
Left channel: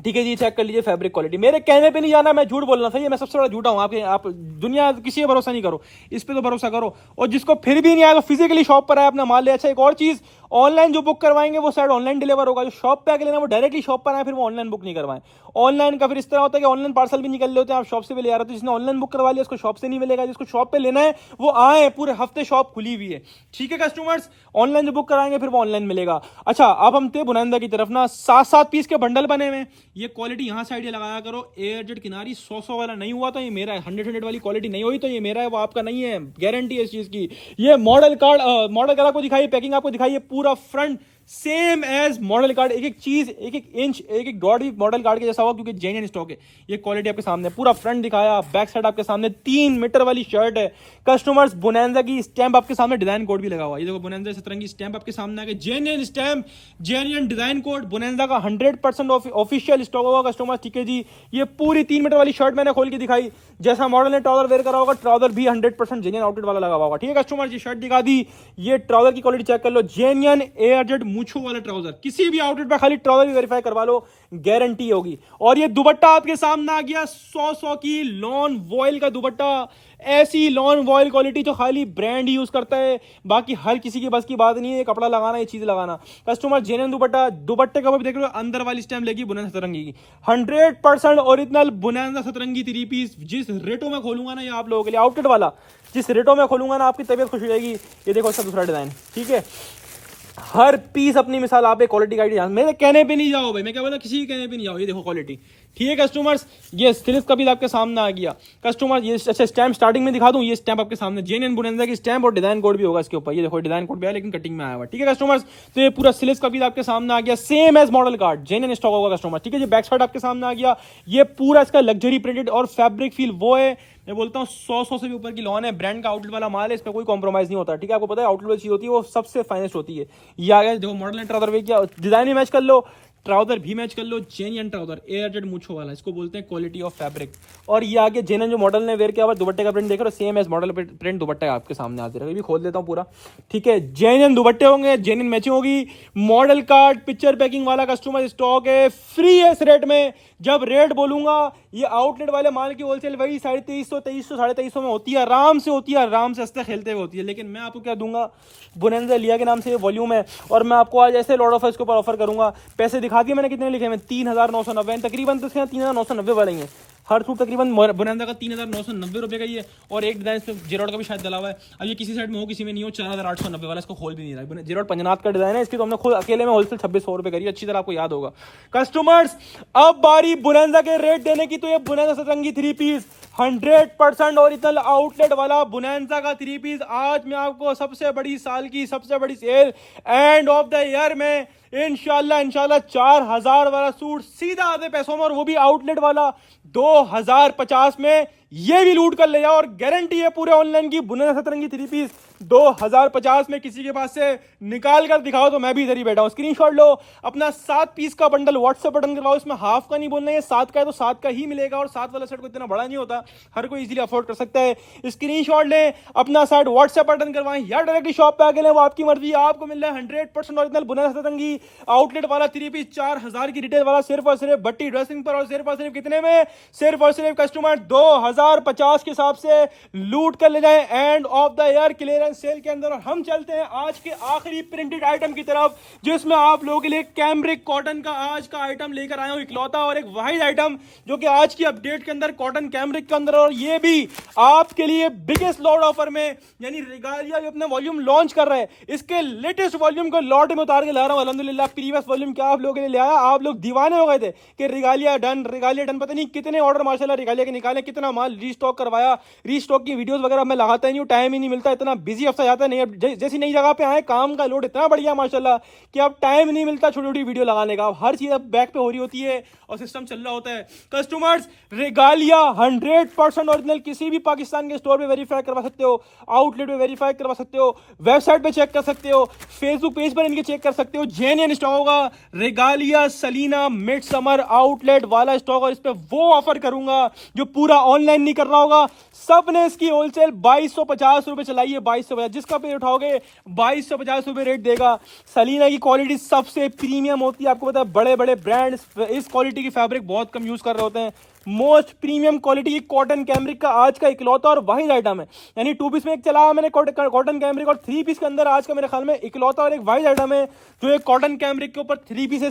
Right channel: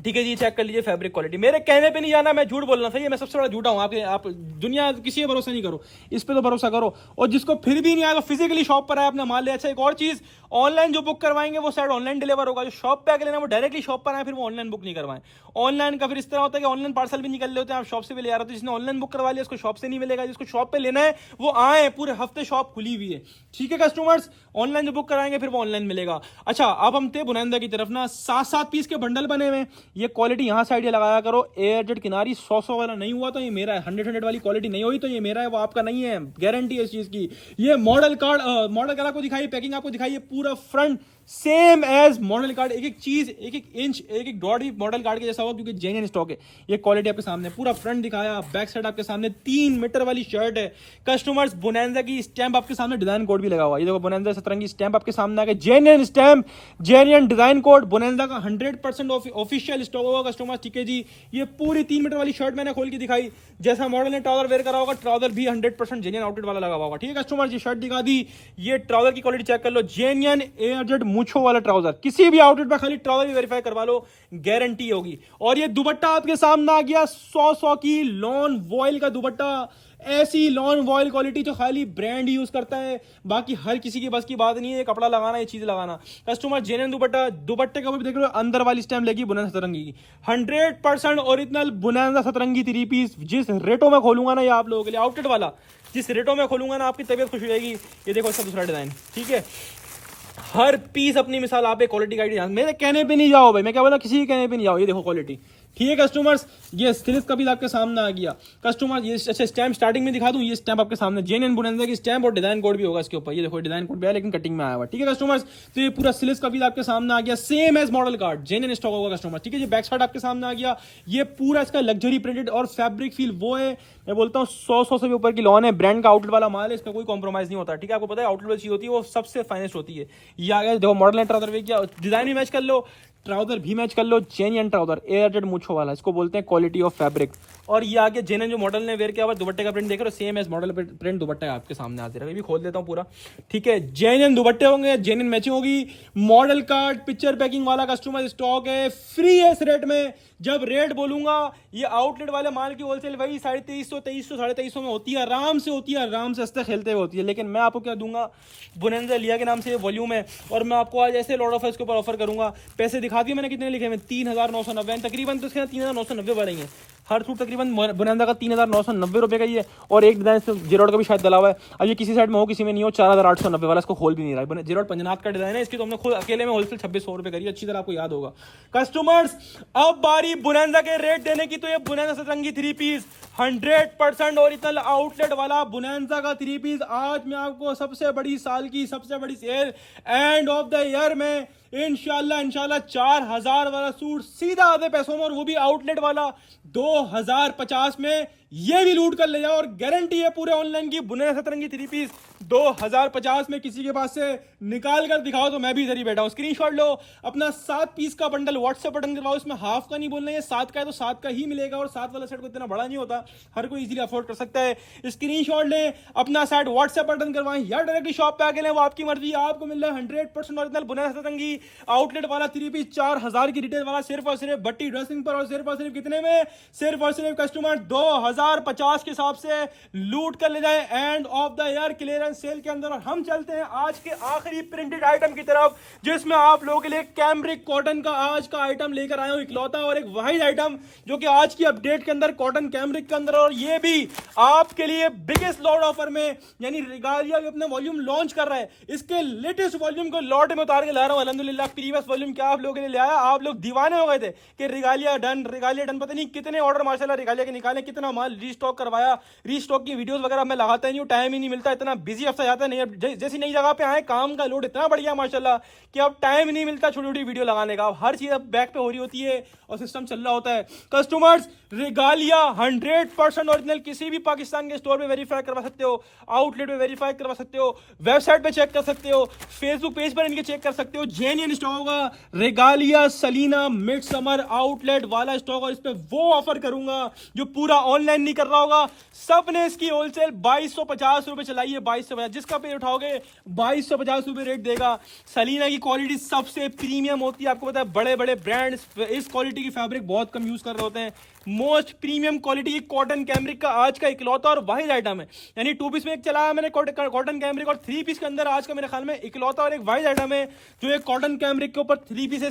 ठीक है जी, चेक कर लीजिए फैब्रिक क्वालिटी। मेरे कहने पे नहीं जाना, मैं झूठ बोलना सही है, मैं सबसे बड़ा झूठा हूं। आप दुनिया किसी पे भरोसा नहीं करो, इस पे तो भरोसा करो। और जिसको फिर भी नहीं आया तो फिजिकली शॉप पर आए, अपना माल ले। अच्छा एक और चीज, ऑनलाइन जो बुक करवाएंगे वो शायद ऑनलाइन डिलीवर होगा, जो शॉप पे आके लेना वो डायरेक्टली शॉप पर आए, फिर वो ऑनलाइन बुक नहीं करवाएं। ऑनलाइन का फिर इस तरह होता है कि ऑनलाइन पार्सल भी निकल लेते हैं, आप शॉप से भी ले आ रहे हो, तो जिसने ऑनलाइन बुक करवा लिया उसको शॉप से नहीं मिलेगा, जिसको शॉप पे लेना है वो आए, पूरे हफ्ते शॉप खुली हुई है। ठीक है कस्टमर्स, ऑनलाइन जो बुक कराएंगे फिर वो ऑनलाइन मिलेगा। अच्छा, अब हम थे बुनंदा की तरफ ना, 7-7 पीस के बंडल बने हुए। ये क्वालिटी यहाँ से आइडिया लगाया करो, एयरजेट किनारी 100 वाला नहीं हुआ तो ये मेरा है, 100 वाली क्वालिटी नहीं हुई तो ये मेरा है, वो आपका नहीं है, गारंटी है इस चीज की। ये मॉडल कार्ड, मॉडल कार्ड आपको दिखाइए, पैकिंग आपको दिखाइए, पूरा front same as model card, एक एक चीज, एक एक इंच, एक एक डॉट भी मॉडल कार्ड के जैसा होगा, क्योंकि जेन्युइन स्टॉक है। ये क्वालिटी आपके सामने, पूरा फ्रंट दिखाया, बैक साइड आपके सामने 3 मीटर वाली शर्ट है कस्टमर्स। बोनांजा की स्टैंप आपके सामने, डिजाइन कोड भी लगा हुआ है, ये देखो बोनांजा सतरंगी स्टैंप आपके सामने आ गया, genuine stamp, genuine design code, bonanza का 100% ऑफिशियल स्टॉक होगा कस्टमर्स। ठीक है जी, ये पूरी 3 मीटर वाली शर्ट मैंने खोल के दिखाई, जैसा मॉडल ने ट्राउजर वेयर करा होगा, ट्राउजर भी 100% जेन्युइन आउटलेट वाला लगा हुआ होगा। ठीक है कस्टमर्स, ये शर्ट दिखा दी, ये ट्राउजर की क्वालिटी चेक कर लो, जेन्युइन एयरजेट मूछो वाला ट्राउजर, किसी भी आउटलेट पर खाली ट्राउजर भी वेरीफाई करवा लो, गारंटी होगी। और ये दुपट्टा आपके सामने आ गया, 100 की लॉन वॉयल का दुपट्टा, ऐसी लॉन वॉयल क्वालिटी जो खाली ब्रांड यूज करता है, बाकी हर किसी की बस की बात नहीं है कपड़ा लगाना, ये चीज लगाना। कस्टमर जेन्युइन दुपट्टा, दुपट्टे का भी देख लो, अंदर वाली स्टैम्प लगी बोनांजा सतरंगी की, 100% ओरिजिनल बोनांजा सतरंगी 3 पीस। जिस रेटों में खोलूंगा ना ये आप लोगों के लिए आउटलेट वाला, जिस रेटों में खोलूंगा ना आपकी तबीयत खुश हो जाएगी। ये देखो इसका दूसरा डिजाइन, ठीक है, हर पीस अपनी मिसाल, आप एक क्वालिटी गाइड, मेरे कहने पे नहीं जाओ भाई, मैं क्या बोला, किसी के कहने पे नहीं जाओ, ये देखो क्वालिटी। ठीक है कस्टमर्स, ये स्टिल्स का भी आपके सामने आ गया कस्टमर। ये अच्छा स्टैम्प स्टार्टिंग में दिखा दूं, ये स्टैम्प आपके सामने जेन्युइन बोनांजा की स्टैम्प, और डिजाइन कोड भी होगा इसके ऊपर, ये देखो डिजाइन कोड भी है लेकिन कटिंग में आया हुआ। ठीक है कस्टमर्स, तो ये पूरा स्टिल्स का भी आपके सामने आ गया, same as model card, genuine stock होगा कस्टमर। ठीक है, ये बैक साइड आपके सामने आ गया, ये पूरा इसका लग्जरी प्रिंटेड और फैब्रिक फील वो है, मैं बोलता हूँ 100 से भी ऊपर की लॉन है, ब्रांड का आउटलेट वाला माल है, इसका कोई कॉम्प्रोमाइज नहीं होता। ठीक है, आपको पता है आउटलेट वाली चीज होती है वो सबसे फाइनेस्ट होती है। ये आ गया देखो मॉडल ट्राउजर, डिजाइन भी मैच कर लो, ट्राउजर भी मैच कर लो, जेन्युइन ट्राउजर एयरजेट मूछो वाला, इसको बोलते हैं क्वालिटी ऑफ फैब्रिक। और ये आगे जेन्युइन जो मॉडल ने वेयर किया हुआ दुपट्टे का प्रिंट देख रहे हो, same as model print dupatta आपके सामने आते रहेगा, ये भी खोल देता हूँ पूरा। ठीक है, जेन्युइन दुपट्टे होंगे, जेन्युइन मैचिंग होगी, मॉडल कार्ड पिक्चर पैकिंग वाला कस्टमर स्टॉक है, फ्री है इस रेट में। जब रेट बोलूंगा, ये आउटलेट वाले माल की होलसेल वही 2350, 2300, 2350 में होती है, आराम से होती है, आराम से हंसते खेलते हुए होती है। लेकिन मैं आपको क्या दूंगा, बोनांजा लिया के नाम से ये वॉल्यूम है, और मैं आपको आज ऐसे लॉट ऑफ इसके ऊपर ऑफर करूंगा। पैसे दिखा दिए मैंने कितने लिखे हैं, 3990 तकरीबन, तो इसके 3990 वाले हैं हर सूट, तकरीबन बोनांजा का 3990 रुपए का ही है, और एक डिजाइन से जेरोड का भी शायद डला हुआ है। अब ये किसी साइड में हो किसी में नहीं हो, 4890 वाला, इसको खोल भी नहीं रहा है। जेरोड पंजनाथ का डिजाइन है, इसकी तो हमने खुद अकेले में होलसेल 2600 रुपए करी, अच्छी तरह आपको याद होगा कस्टमर्स। अब बारी बोनांजा के रेट देने की, तो ये बोनांजा सतरंगी 3 पीस 100% ओरिजिनल आउटलेट वाला बोनांजा का 3 पीस, आज मैं आपको सबसे बड़ी साल की सबसे बड़ी sale end of the year में इंशाल्लाह 4000 वाला सूट सीधा आधे पैसों में, और वो भी आउटलेट वाला 2050 में, ये भी लूट कर ले जाओ। और गारंटी है पूरे ऑनलाइन की, बोनांजा सतरंगी 3 पीस 2050 में किसी के पास से निकाल कर दिखाओ तो मैं भी इधर ही बैठा हूं। स्क्रीनशॉट लो, अपना 7 पीस का बंडल व्हाट्सएप बटन करवाओ, इसमें हाफ का नहीं बोलना है, 7 का है तो 7 का ही मिलेगा, और 7 वाला सेट को इतना बड़ा नहीं होता, हर कोई इजीली अफोर्ड कर सकता है। स्क्रीनशॉट लें, अपना सेट व्हाट्सएप बटन करवाएं या डायरेक्टली शॉप पे आके लें, वो आपकी मर्जी। आपको मिल रहा है 100% ओरिजिनल बोनांजा सतरंगी आउटलेट वाला 3 पीस 4000 की रिटेल वाला, सिर्फ और सिर्फ भट्टी ड्रेसिंग पर, और सिर्फ और सिर्फ कितने में, सिर्फ और सिर्फ कस्टमर 2050 के हिसाब से लूट कर ले जाए end of the year clearance sale के अंदर। और हम चलते हैं आज के आखिरी प्रिंटेड आइटम की तरफ, जिसमें आप लोगों के लिए कैमरिक कॉटन का आज का आइटम लेकर आया हूं, इकलौता और एक वाहिद आइटम जो कि आज की अपडेट के अंदर कॉटन कैमरिक के अंदर, और ये भी आपके लिए बिगेस्ट लॉट ऑफर में, यानी रिगालिया भी अपना वॉल्यूम लॉन्च कर रहे हैं, इसके लेटेस्ट वॉल्यूम को लॉट में उतार के ला रहा हूं अल्हम्दुलिल्लाह। प्रीवियस वॉल्यूम क्या आप लोगों के लिए ले आया, आप लोग दीवाने हो गए थे कि रिगालिया डन, रिगालिया डन, पता नहीं कितने ऑर्डर माशाल्लाह रिगालिया के निकाले, कितना माल रीस्टॉक करवाया, रीस्टॉक की वीडियोस वगैरह मैं लगाता ही नहीं हूं, टाइम ही नहीं मिलता, इतना बिजी हफ्ता जाता नहीं। अब जैसी नई जगह पे आए, काम का लोड इतना बढ़िया माशाल्लाह कि अब टाइम नहीं मिलता छोटी छोटी वीडियो लगाने का, हर चीज अब बैक पे हो रही होती है और सिस्टम चल रहा होता है। कस्टमर्स, रिगालिया 100% ओरिजिनल, किसी भी पाकिस्तान के स्टोर पे वेरीफाई करवा सकते हो, आउटलेट पे वेरीफाई करवा सकते हो, वेबसाइट पे चेक कर सकते हो, फेसबुक पेज पर इनके चेक कर सकते हो, जेन्युइन स्टॉक होगा। रिगालिया सलीना मिड समर आउटलेट वाला स्टॉक, और इस पे वो ऑफर करूंगा जो पूरा ऑनलाइन नहीं कर रहा होगा। सबने इसकी होलसेल 2250 रुपए चलाई है, 2250, जिसका पे उठाओगे 2250 रुपए रेट देगा। सलीना की क्वालिटी सबसे प्रीमियम होती है, आपको पता है बड़े बड़े ब्रांड्स इस क्वालिटी की फैब्रिक बहुत कम यूज कर रहे होते हैं, मोस्ट प्रीमियम क्वालिटी की कॉटन कैमरिक का आज का इकलौता और वाहिद आइटम है। यानी 2 पीस में एक चलाया मैंने कॉटन कैमरिक, और 3 पीस के अंदर आज का मेरे ख्याल में इकलौता और एक वाहिद आइटम है जो एक कॉटन कैमरिक के ऊपर 3 पीस है।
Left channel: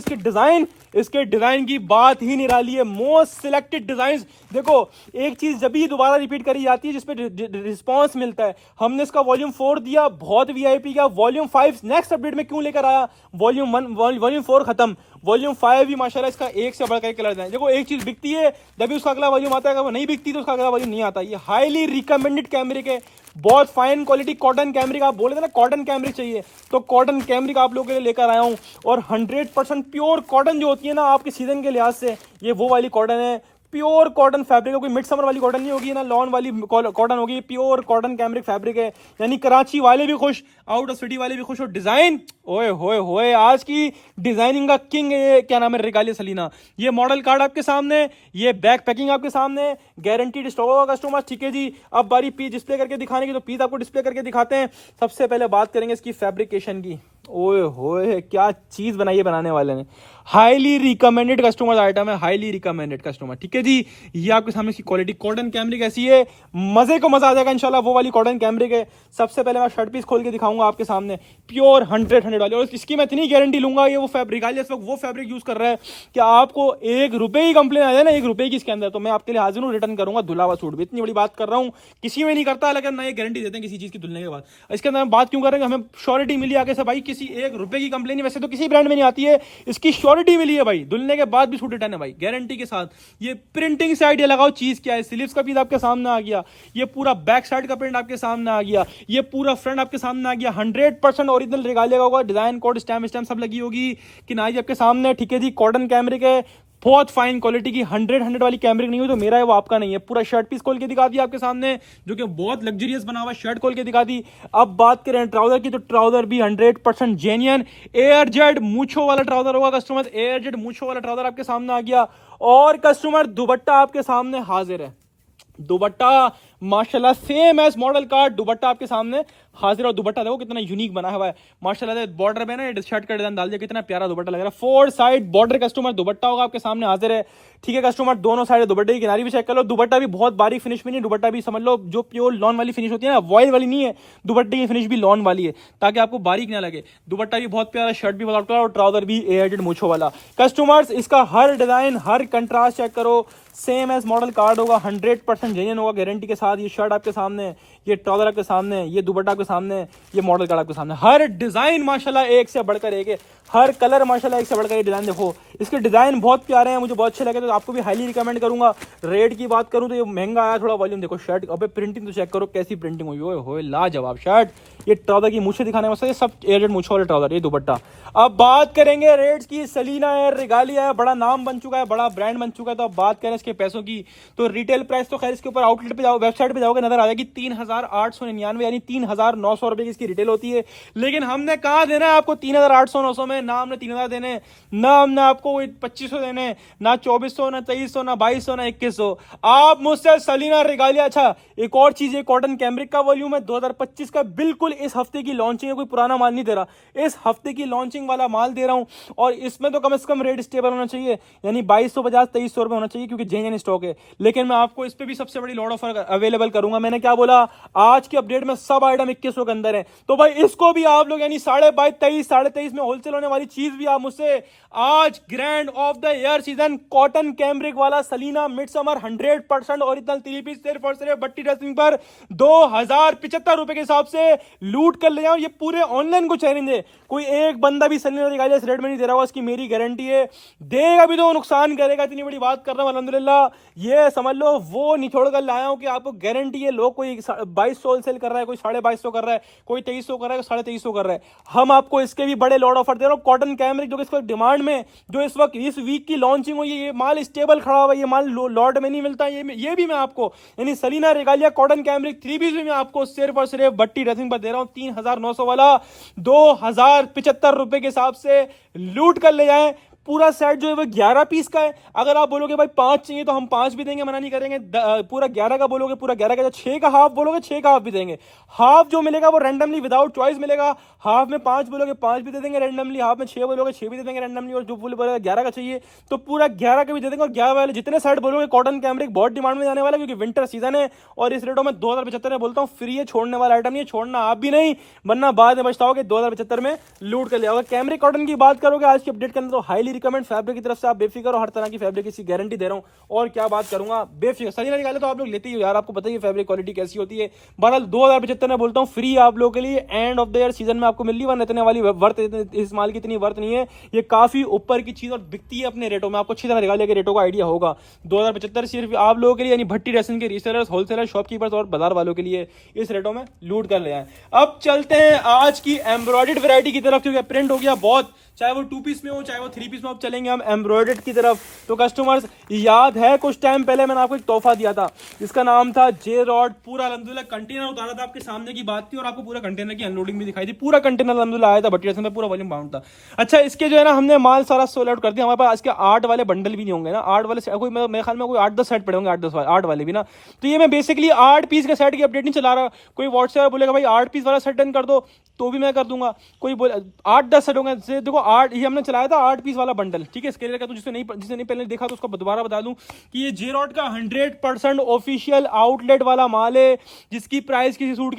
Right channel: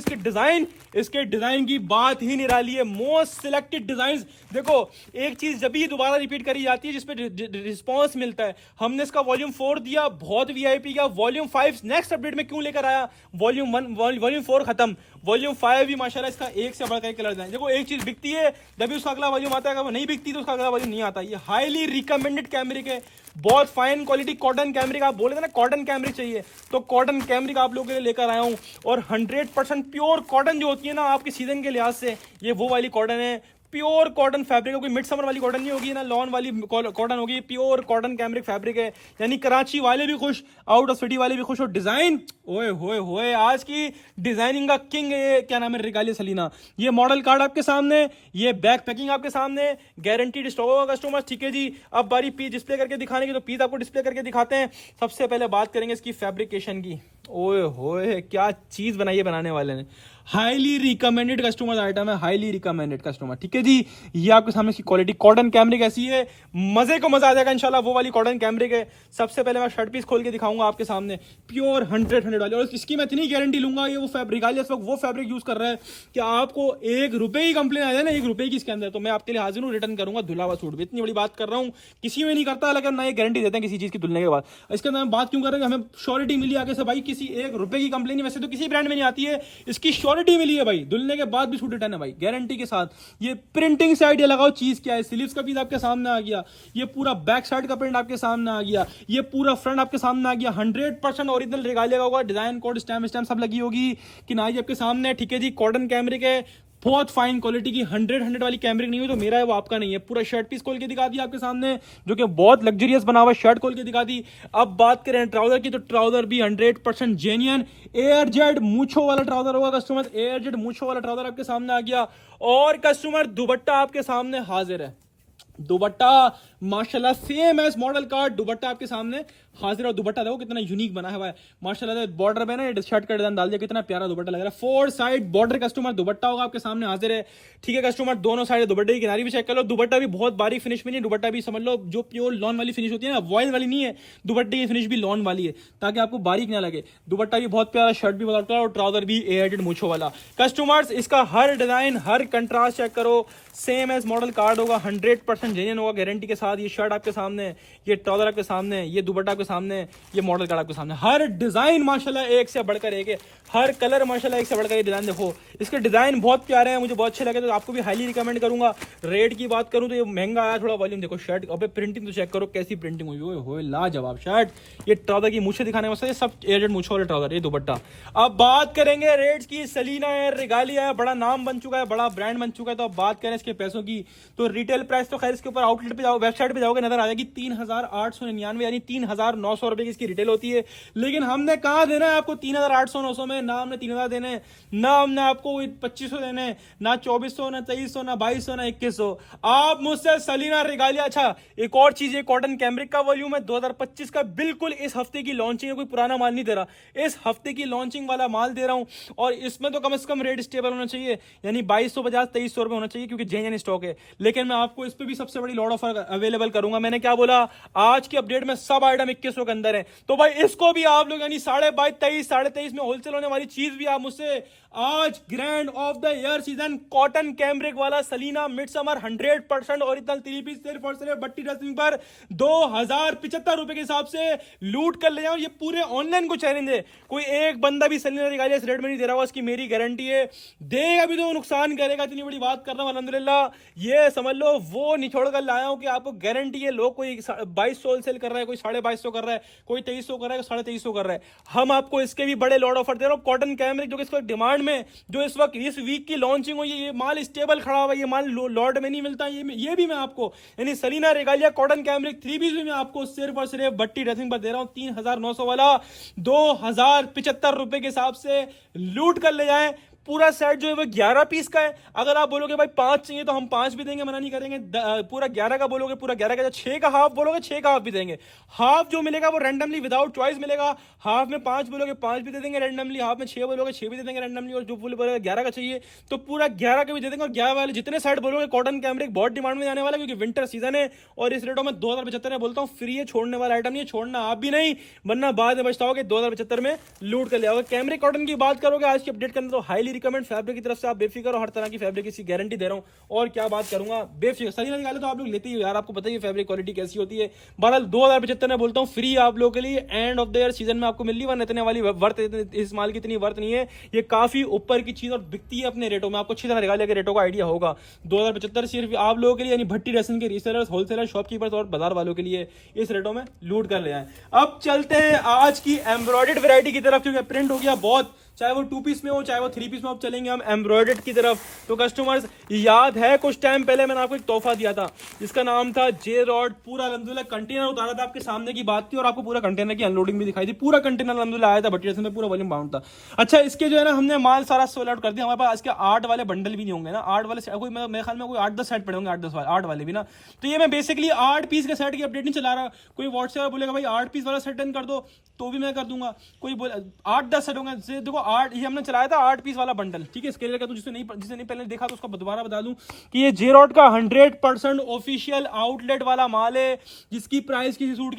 इसके डिजाइन की बात ही निराली है। Most selected design. देखो, एक चीज जब भी दोबारा रिपीट करी जाती है जिसपे रिस्पॉन्स मिलता है। हमने इसका वॉल्यूम 4 दिया, बहुत वीआईपी का। वॉल्यूम 5 नेक्स्ट अपडेट में क्यों लेकर आया? वॉल्यूम 4 खत्म, वॉल्यूम 5 भी माशाल्लाह इसका एक से बढ़कर कलर है। देखो, एक चीज बिकती है तभी उसका अगला वॉल्यूम आता है, अगर वो नहीं बिकती तो उसका अगला वॉल्यूम नहीं आता। ये हाईली रिकमेंडेड कैमरिक है, बहुत फाइन क्वालिटी कॉटन कैमरिक। आप बोले थे ना कॉटन कैमरिक चाहिए, तो कॉटन कैमरिक आप लोगों के लिए लेकर आया हूं। और 100% प्योर कॉटन जो होती है ना आपके सीजन के लिहाज से, ये वो वाली कॉटन है। प्योर कॉटन फैब्रिक है, कोई मिड समर वाली कॉटन नहीं होगी ना, लॉन वाली कॉटन होगी। प्योर कॉटन कैमरिक फैब्रिक है, यानी कराची वाले भी खुश, आउट ऑफ सिटी वाले भी खुश। और डिजाइन, ओए होए होए, आज की डिजाइनिंग का किंग है ये, क्या नाम है, रिगालिया सलीना। ये मॉडल कार्ड आपके सामने, ये बैक पैकिंग आपके सामने, गारंटीड स्टॉक होगा कस्टमर। ठीक है जी, अब बारी पीस डिस्प्ले करके दिखाने की, तो पीस आपको डिस्प्ले करके दिखाते हैं। सबसे पहले बात करेंगे इसकी फैब्रिकेशन की। ओए होए, क्या चीज बनाई है बनाने वाले ने। हाईली रिकमेंडेड कस्टमर आइटम है, हाईली रिकमेंडेड कस्टमर। ठीक है जी, ये आपके सामने इसकी क्वालिटी कॉटन कैमरिक ऐसी है, मजे को मजा आ जाएगा इंशाल्लाह। वो वाली कॉटन कैमरिक है। सबसे पहले मैं शर्ट पीस खोल के दिखाऊंगा आपके सामने, प्योर 100 वाली। और इसकी मैं इतनी गारंटी लूंगा, ये वो फैब्रिक इस वक्त वो फैब्रिक यूज कर रहा है कि आपको 1 रुपए की कंप्लेन आ जाए ना, 1 रुपए की इसके अंदर, तो मैं आपके लिए हाजिर हूँ, रिटर्न करूंगा धुला हुआ सूट भी। इतनी बड़ी बात कर रहा हूँ, किसी में नहीं करता, लेकिन ना ये गारंटी देते हैं किसी चीज की धुलने के बाद। इसके अंदर हम बात क्यों कर रहे हैं, हमें श्योरिटी मिली आगे से भाई, किसी 1 रुपए की कंप्लेन, वैसे तो किसी ब्रांड में नहीं आती है, इसकी श्योरिटी मिली है भाई, धुलने के बाद भी सूट रिटर्न है भाई, गारंटी के साथ। ये प्रिंटिंग साइड, ये लगाओ चीज क्या है, स्लीव्स का पीस आपके सामने आ गया, ये पूरा बैक साइड का प्रिंट आपके सामने आ गया, ये पूरा फ्रंट आपके सामने आ गया। 100% ओरिजिनल रिगालिया होगा, डिजाइन कोड स्टैम्प सब लगी होगी कि ना, आपके सामने। ठीक है जी, कॉटन कैमरिक है, बहुत फाइन क्वालिटी की। 100 वाली कैमरिक नहीं हो, तो मेरा है वो आपका नहीं है। पूरा शर्ट पीस खोल के दिखा दिया आपके सामने, जो कि बहुत लग्जरियस बना हुआ है, शर्ट खोल के दिखा दी। अब बात करें ट्राउजर की, तो ट्राउजर भी 100% जेन्युइन एयर जेड मूछो वाला ट्राउजर होगा कस्टमर। एयर जेड मूछो वाला ट्राउजर आपके सामने आ गया। और कस्टमर दुपट्टा आपके सामने हाजिर है। दुपट्टा माशाल्लाह सेम एज मॉडल का दुपट्टा आपके सामने हाजिर। और दुपट्टा देखो कितना यूनिक बना हुआ है माशाल्लाह। बॉर्डर में ना शर्ट का डिजाइन डाल दिया, कितना प्यारा दुपट्टा लग रहा है। 4 साइड बॉर्डर कस्टमर दुपट्टा होगा आपके सामने हाजिर है। ठीक है कस्टमर, दोनों साइड दुपट्टे की किनारी भी चेक कर लो। दुपट्टा भी बहुत बारीक फिनिश में नहीं, दुपट्टा भी समझ लो जो प्योर लॉन वाली फिनिश होती है ना, वॉयल वाली नहीं है, दुपट्टे की फिनिश भी लॉन वाली है, ताकि आपको बारीक ना लगे। दुपट्टा भी बहुत प्यारा, शर्ट भी बहुत प्यारा, और ट्राउजर भी एयरटेड मूछो वाला। कस्टमर्स, इसका हर डिजाइन, हर कंट्रास्ट चेक करो, सेम एज मॉडल कार्ड होगा, 100% जेन्युइन होगा गारंटी के साथ। ये शर्ट आपके सामने, ये ट्राउजर आपके सामने, ये दुपट्टा आपके सामने, ये मॉडल कार्ड आपके सामने। हर डिजाइन माशाल्लाह एक से बढ़कर एक है, हर कलर माशाल्लाह एक से बढ़कर एक डिजाइन। देखो इसके डिजाइन बहुत प्यारे हैं, मुझे बहुत अच्छे लगे, तो आपको भी हाईली रिकमेंड करूंगा। रेट की बात करूं तो ये महंगा आया थोड़ा। वॉल्यूम देखो, शर्ट अबे प्रिंटिंग तो चेक करो कैसी प्रिंटिंग हुई है, ओए लाजवाब शर्ट। ये ट्राउजर की मूछें दिखाने वास्ते सब एयरटेड मूछों वाले ट्राउजर, ये दुपट्टा। अब बात करेंगे रेट्स की। सलीना है, रिगालिया है, बड़ा नाम बन चुका है, बड़ा ब्रांड बन चुका है। तो अब बात करें इसके पैसों की, तो रिटेल प्राइस तो खैर इसके ऊपर आउटलेट पे जाओ, वेबसाइट पे जाओगे नजर आ जाएगी 3899, यानी 3900 रुपए की इसकी रिटेल होती है। लेकिन हमने कहा देना है आपको 3800-900 में, ना हमने 3000 देने, ना हमने आपको 2500 देने, ना 2400, ना 2300, ना 2200, ना 2100। आप मुझसे सलीना रिगालिया। अच्छा एक और चीज, ये कॉटन कैमरिक का वॉल्यूम है 2025 का, बिल्कुल इस हफ्ते की लॉन्चिंग है, कोई पुराना माल नहीं दे रहा, इस हफ्ते की लॉन्चिंग वाला माल दे रहा हूं। और इसमें तो कम से कम रेट स्टेबल होना चाहिए, यानी 2250-2300 रुपए होना चाहिए, क्योंकि जेन्युइन स्टॉक है। लेकिन मैं आपको इस पे भी सबसे बड़ी लॉट ऑफर अवेलेबल करूंगा। मैंने क्या बोला, आज की अपडेट में सब आइटम 2100 के अंदर है, तो भाई इसको भी आप लोग यानी 22,500-23,500 में होलसेल होने वाली चीज भी आप मुझसे आज grand of the year season cotton cambric वाला सलीना मिड समर 100% ओरिजिनल 3 पीस सिर्फ और सिर्फ बट्टी ड्रेसिंग पर 2075 रुपए के हिसाब से लूट कर ले जाओ। ये पूरे ऑनलाइन को चैलेंज है, कोई एक बंदा भी सलीना रिगालिया इस रेट में नहीं दे रहा होगा, इसकी मेरी गारंटी है। देगा भी तो नुकसान करेगा, इतनी बड़ी बात कर रहा हूं अल्हम्दुलिल्लाह। ये समझ लो वो निचोड़ कर लाया हूं कि आपको गारंटी है। लोग कोई 2200 होलसेल कर रहा है, कोई 2250 कर रहा है, कोई 2300 कर रहा है, 2350 कर रहा है। हम आपको इसके भी बड़े लॉट ऑफर दे रहा हूं। कॉटन कैमरिक जो कि इसको डिमांड में, जो इस वक्त इस वीक की लॉन्चिंग हुई है, ये माल स्टेबल खड़ा हुआ है, ये माल लॉट में नहीं मिलता। ये भी मैं आपको यानी सलीना रिगालिया कॉटन कैमरिक 3 पीस भी मैं आपको सिर्फ और सिर्फ बट्टी ड्रेसिंग पर दे रहा हूं 3900 वाला, 2075 रुपए के हिसाब से लूट कर ले जाएं। पूरा सेट जो है वो 11 पीस का है। अगर आप बोलोगे भाई 5 चाहिए तो हम 5 भी देंगे, मना नहीं करेंगे। पूरा 11 का बोलोगे पूरा 11 का, 6 का हाफ बोलोगे 6 का हाफ भी देंगे। हाफ जो मिलेगा वो रैंडमली विदाउट चॉइस मिलेगा। हाफ में 5 बोलोगे 5 भी दे देंगे रैंडमली, हाफ में 6 बोलोगे 6 भी दे देंगे रैंडमली, और जो फुल बोलेगा 11 का चाहिए तो पूरा 11 का भी दे देंगे। और 11 वाले जितने सेट बोलोगे कॉटन कैमरिक बहुत डिमांड में जाने वाला है, क्योंकि विंटर सीजन है। और इस रेटों में 2075 में बोलता हूँ फ्री है, छोड़ने वाला आइटम नहीं है, छोड़ना आप भी नहीं, वरना बाद में पछताओगे। 2075 में लूट कर ले आओगे। कैमरिक कॉटन की बात करोगे आज की अपडेट करने तो हाईली रिकमेंड फैब्रिक की तरफ से, आप बेफिक्र हो, हर तरह की फैब्रिक की गारंटी दे रहा हूँ। और क्या बात करूंगा, बेफिक्र सही निकाले तो आप लोग लेते ही हो यार, आपको पता ही है फैब्रिक क्वालिटी कैसी होती है। बहरहाल 2075 में बोलता हूँ फ्री आप लोगों के लिए, and of the year season में आपको मिल रही, वरना इतने वाली वर्थ, इस माल की इतनी वर्थ नहीं है। ये काफी ऊपर की चीज और बिकती है अपने रेटों में, आपको अच्छी तरह रिगालिया के रेटों का आइडिया होगा। 2075 सिर्फ आप लोगों के लिए, यानी भट्टी ड्रेसिंग के रीसेलर्स, होलसेलर, शॉपकीपर्स और बाजार वालों के लिए इस रेटों में लूट कर ले आए। अब चलते हैं आज की एम्ब्रॉयडर्ड वैरायटी की तरफ, क्योंकि प्रिंट हो गया बहुत, चाहे वो 2 पीस में हो चाहे वो 3 पीस में। अब चलेंगे हम एम्ब्रॉयडर्ड की तरफ। तो कस्टमर्स याद है कुछ टाइम पहले मैंने आपको एक तोहफा दिया था जिसका नाम था जे रॉड। पूरा अल्हम्दुलिल्लाह कंटेनर उतारा था, आपके सामने की बात थी, और आपको पूरा कंटेनर की अनलोडिंग भी दिखाई थी। पूरा कंटेनर अल्हम्दुलिल्लाह आया था, भट्टी ड्रेसिंग में पूरा वॉल्यूम बाउंड था। अच्छा, इसके जो है ना हमने माल सारा सोल्ड आउट कर दिया। हमारे पास इसके 8 वाले बंडल भी नहीं होंगे ना, 8 वाले कोई, मेरे ख्याल में कोई 8-10 सेट पड़े होंगे, 8 वाले भी ना। तो ये मैं बेसिकली 8 पीस के सेट की अपडेट नहीं चला रहा। कोई व्हाट्सएप बोलेगा भाई 8 पीस वाला सेट डन कर दो तो भी मैं कर दूंगा। कोई बोले 8-10 सेट होंगे, देखो 8 ये हमने चलाया था 8 पीस वाला बंडल, ठीक है। स्केलर का तो जिसने नहीं पहले देखा तो उसको दोबारा बता दूं कि ये जे रॉड का 100% ऑफिशियल आउटलेट वाला माल है, जिसकी प्राइस किसी सूट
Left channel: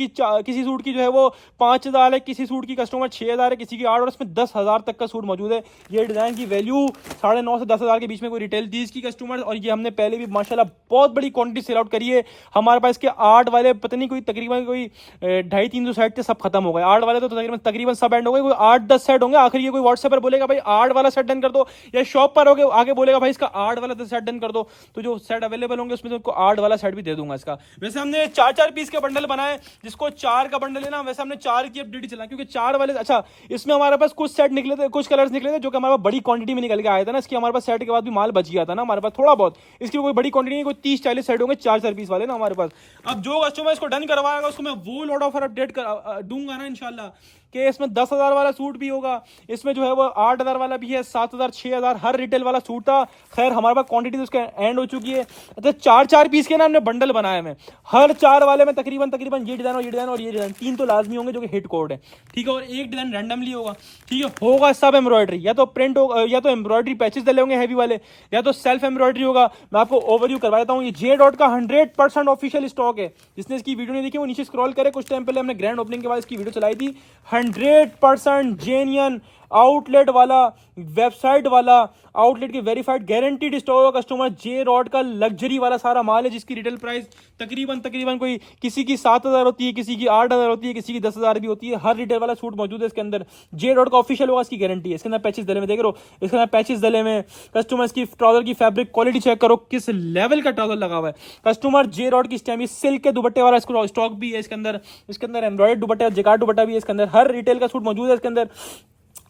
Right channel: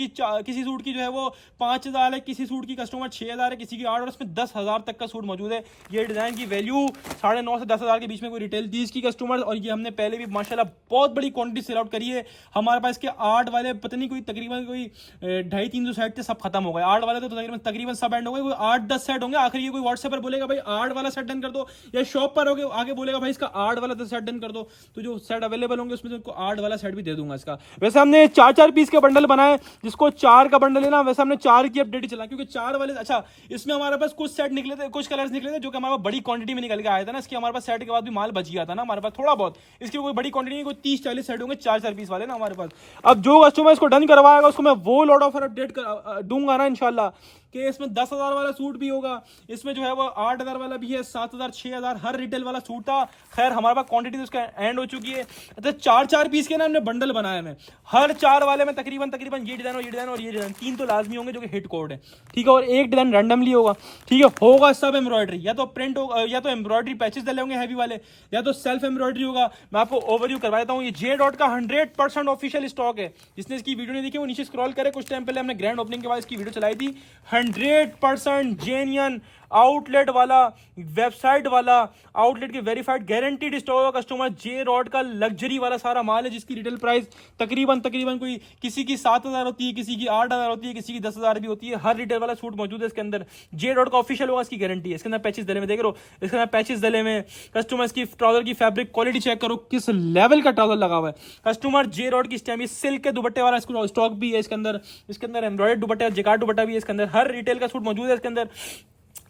की जो है वो 5000 है, किसी सूट की कस्टमर 6000 है, किसी की 8, और इसमें 10,000 तक का सूट मौजूद है। ये डिजाइन की वैल्यू 9.5 से 10,000 के बीच में कोई रिटेल दी इसकी कस्टमर। और ये हमने पहले भी माशाल्लाह बहुत बड़ी क्वांटिटी सेल आउट करी है। हमारे पास के 8 वाले पता नहीं कोई तकरीबन कोई 250-300 सेट थे, सब खत्म हो गए। 8 वाले तो तकरीबन सब एंड हो गए, कोई 8-10 सेट होंगे। आखिर ये कोई व्हाट्सएप पर बोलेगा भाई 8 वाला सेट डन कर दो, या शॉप पर होगे आगे बोलेगा भाई इसका 8 वाला तो सेट डन कर दो, तो जो सेट अवेलेबल होंगे उसमें तो 8 वाला सेट भी दे दूंगा इसका। वैसे हमने 4-4 पीस के बंडल बनाए, जिसको 4 का बंडल है ना, वैसे हमने 4 की अपडेट चला, क्योंकि 4 वाले अच्छा इसमें हमारे पास कुछ सेट निकले थे, कुछ कलर्स निकले थे जो कि हमारे पास बड़ी क्वांटिटी में निकल के आया था ना। इसकी हमारे पास सेट के बाद भी माल बच गया था ना हमारे पास थोड़ा बहुत, इसकी कोई बड़ी क्वांटिटी नहीं, कोई 30-40 सेट होंगे 4-4 पीस वाले ना हमारे पास। अब जो कस्टमर इसको डन करवाएगा उसको मैं वो लॉट ऑफर अपडेट दूंगा ना इंशाल्लाह, कि इसमें 10,000 वाला सूट भी होगा, इसमें जो है वो 8,000 वाला भी है, 7,000, 6,000 हर रिटेल वाला सूट था। खैर हमारे पास क्वांटिटी तो उसके एंड हो चुकी है। अच्छा 4-4 पीस के ना हमने बंडल बनाए हैं, हर 4 वाले में तकरीबन ये डिजाइन और ये डिजाइन और ये डिजाइन 3 तो लाजमी होंगे जो कि हिट कोड है, ठीक है, और एक डिजाइन रैंडमली होगा, ठीक है। होगा सब एम्ब्रॉयडरी, या तो प्रिंट होगा, या तो एम्ब्रॉयडरी पैचेस डले होंगे हैवी वाले, या तो सेल्फ एम्ब्रॉयडरी होगा। मैं आपको ओवरव्यू करवा देता हूँ। ये जे डॉट का 100% ऑफिशियल स्टॉक है। जिसने इसकी वीडियो नहीं देखी वो नीचे स्क्रॉल करे, कुछ टाइम पहले हमने ग्रैंड ओपनिंग के बाद इसकी वीडियो चलाई थी। 100% जेन्युइन आउटलेट वाला, वेबसाइट वाला, आउटलेट की वेरीफाइड गारंटीड स्टॉक का कस्टमर, जे रॉड का लग्जरी वाला सारा माल है, जिसकी रिटेल प्राइस तकरीबन कोई किसी की 7,000 होती है, किसी की 8,000 होती है, किसी की 10,000 भी होती है। हर रिटेल वाला सूट मौजूद है इसके अंदर। जे रॉड का ऑफिशियल होगा, इसकी गारंटी है। इसके अंदर पैचेस डले में देख रहे हो, इसके अंदर पैचेस डले में। कस्टमर्स की ट्राउजर की फैब्रिक क्वालिटी चेक करो, किस लेवल का ट्राउजर लगा हुआ है। कस्टमर जे रॉड की स्टैम्प, सिल्क के दुपट्टे वाला स्टॉक भी है इसके अंदर। इसके अंदर एम्ब्रॉयडर्ड दुपट्टा, जेकार्ड दुपट्टा भी है इसके अंदर। हर रिटेल का सूट मौजूद है इसके अंदर,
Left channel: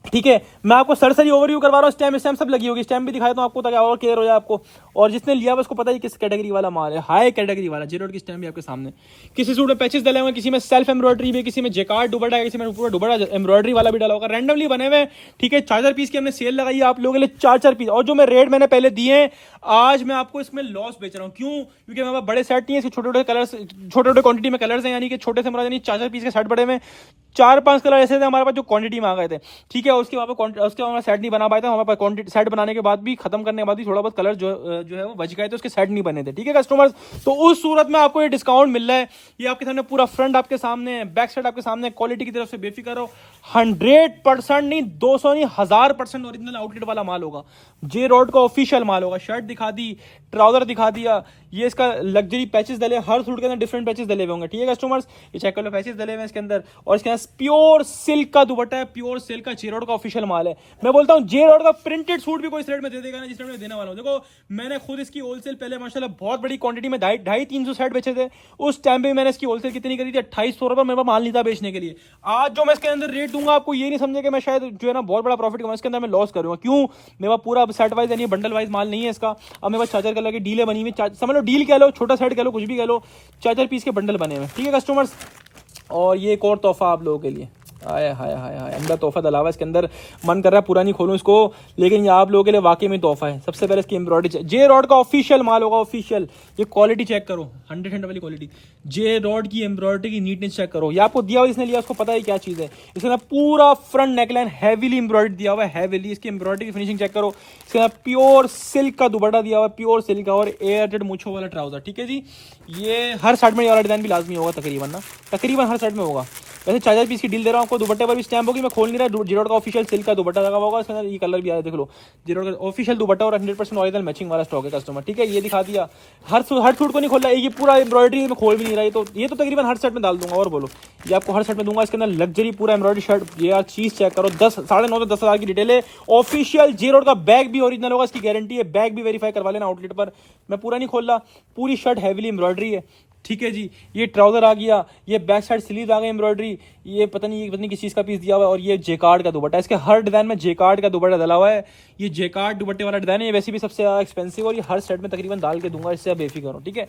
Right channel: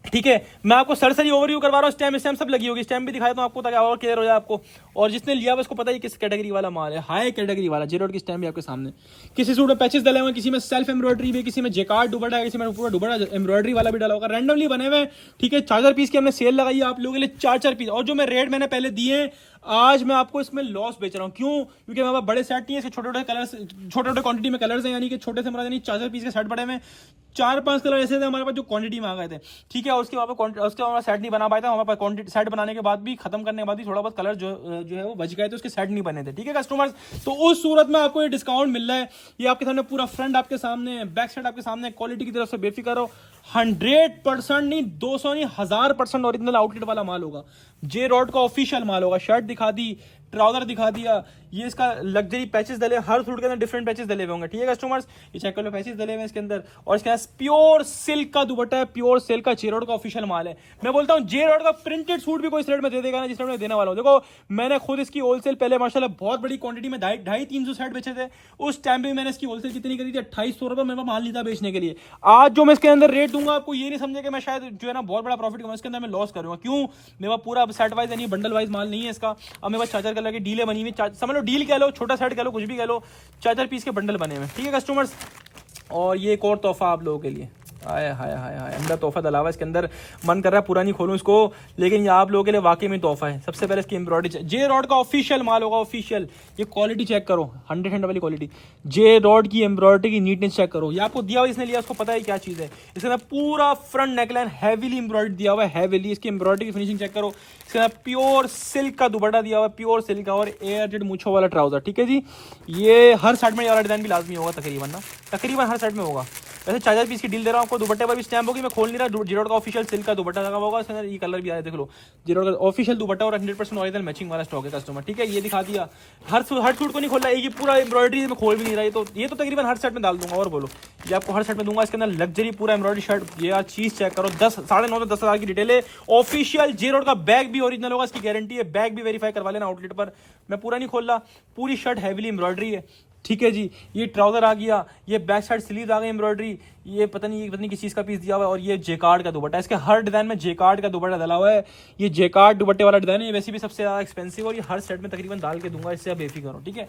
ठीक है। मैं आपको सरसरी ओवरव्यू करवा रहा हूँ। स्टैम्प सब लगी होगी, स्टैम्प भी दिखाया तो आपको ताकि और क्लियर हो जाए आपको। और जिसने लिया उसको पता ही किस कैटेगरी वाला माल है, हाई कैटेगरी वाला। जे रॉड की स्टैम्प भी आपके सामने। किसी सूट में पैचेस डले हुए, किसी में सेल्फ एम्ब्रॉयडरी भी, किसी में जेकार्ड दुपट्टा है, किसी में पूरा दुपट्टा एम्ब्रॉयडरी वाला भी डाला होगा, रैंडमली बने हुए, ठीक है। 4-4 पीस की हमने सेल लगाई है आप लोगों के लिए, 4-4 पीस। और जो मैं रेट मैंने पहले दिए हैं, आज मैं आपको इसमें लॉस बेच रहा हूँ। क्यों? क्योंकि हमारे बड़े सेट नहीं है, इसके छोटे-छोटे कलर्स, छोटे-छोटे क्वांटिटी में कलर्स हैं, यानी कि छोटे से यानी 4-4 पीस के सेट बड़े में 4-5 कलर ऐसे थे हमारे पास जो क्वांटिटी में आ गए थे, ठीक है। उसके हमारा सेट नहीं बना पाए थे हमारे पास। क्वांटिटी सेट बनाने के बाद भी, खत्म करने के बाद भी थोड़ा बहुत कलर जो है वो बच गए थे, उसके सेट नहीं बने थे, ठीक है कस्टमर्स। तो उस सूरत में आपको ये डिस्काउंट मिल रहा है। ये आपके सामने पूरा फ्रंट आपके सामने है, बैक साइड आपके सामने। क्वालिटी की तरफ से बेफिक्र हो, 100% नहीं, 200 नहीं, 1000% ओरिजिनल आउटलेट वाला माल होगा। जे रॉड का ऑफिशियल माल होगा। शर्ट दिखा दी, ट्राउजर दिखा दिया, ये इसका लग्जरी पैचेस डले, हर सूट के अंदर डिफरेंट पैचेस डले हुए होंगे, ठीक है कस्टमर्स। ये चेक कर लो, पैचेस डले हुए इसके अंदर। और इसके अंदर प्योर सिल्क का दुपट्टा है, प्योर सिल्क का जे रॉड का ऑफिशियल माल है। मैं बोलता हूँ जे रॉड का प्रिंटेड सूट भी कोई इस रेट में दे देगा ना जिस रेट में देने वाला हूँ। देखो मैंने खुद इसकी होलसेल पहले माशाल्लाह बहुत बड़ी क्वांटिटी में 250-300 सेट बेचे थे। उस टाइम पे मैंने इसकी होलसेल कितनी करी थी? 2800 रुपये मेरे पास माल नहीं था बेचने के लिए। आज जो मैं इसके अंदर रेट दूंगा आपको ये नहीं समझे कि मैं शायद जो है ना बहुत बड़ा प्रॉफिट कमाऊंगा, इसके अंदर मैं लॉस करूंगा। क्यों? मेरे पास पूरा सेट वाइज यानी बंडल वाइज माल नहीं है इसका। अब मेरे पास 4-4 कलर की डीलें बनी हुई, समझ लो डील कह लो, छोटा सेट कह लो, कुछ भी कह लो, 4-4 पीस के बंडल बने हुए, ठीक है कस्टमर्स। और ये एक और तोहफा आप लोगों के लिए, हाय हाय हाय हाय, अंदर तोहफा डला हुआ है इसके अंदर। मन कर रहा है पूरा नहीं खोलूं इसको, लेकिन ये आप लोगों के लिए वाकई में तोहफा है। सबसे पहले इसकी एम्ब्रॉयडरी, जे रॉड का ऑफिशियल माल होगा, ऑफिशियल। ये क्वालिटी चेक करो, 100% वाली क्वालिटी। जे रॉड की एम्ब्रॉयडरी की नीटनेस चेक करो। ये आपको दिया हुआ, इसने लिया, उसको पता है क्या चीज़ है। इसके अंदर पूरा फ्रंट नेकलाइन हैवीली एम्ब्रॉयडरी दिया हुआ है, हैवीली। इसकी एम्ब्रॉयडरी की फिनिशिंग चेक करो। इसके अंदर प्योर सिल्क का दुपट्टा दिया हुआ है, प्योर सिल्क का, और एयरजेट मूंछों वाला ट्राउजर। ठीक है जी, ये हर शर्ट में ये वाला डिजाइन भी लाजमी होगा तकरीबन ना, तकरीबन हर शर्ट में होगा। वैसे 4000 पीस की डील दे रहा हूँ आपको, दुपट्टे पर भी स्टैम्प होगी, मैं खोल नहीं रहा। जीरोड का ऑफिशियल सिल्क का दुपट्टा लगा होगा, इसके अंदर ये कलर भी आया देख लो। जीरोड का ऑफिशियल दुपट्टा और 100% ओरिजिनल मैचिंग वाला स्टॉक है कस्टमर। ठीक है, ये दिखा दिया। हर सूट को नहीं खोल रहा, ये पूरा एम्ब्रॉयडरी में खोल भी नहीं रहा। ये तो तकरीबन हर सेट में डाल दूंगा। और बोलो, ये आपको हर सेट में दूंगा। इसके अंदर लग्जरी पूरा एम्ब्रॉयडरी शर्ट। ये चीज चेक करो, 9.5 से 10,000 की डिटेल है। ऑफिशियल जीरोड का बैग भी ओरिजिनल होगा, इसकी गारंटी है। बैग भी वेरीफाई करवा लेना आउटलेट पर। मैं पूरा नहीं खोल रहा, पूरी शर्ट हैवीली एम्ब्रॉयडरी है। ठीक है जी, ये ट्राउजर आ गया, ये बैक साइड स्लीव आ गई एम्ब्रॉयडरी। ये पता नहीं किस चीज का पीस दिया हुआ है। और ये जेकार्ड का दुपट्टा, इसके हर डिजाइन में जेकार्ड का दुपट्टा डाला हुआ है। ये जेकार्ड दुपट्टे वाला डिजाइन है, ये वैसे भी सबसे ज्यादा एक्सपेंसिव, और ये हर सेट में तकरीबन डाल के दूंगा, इससे आप बेफिक्र हो। ठीक है,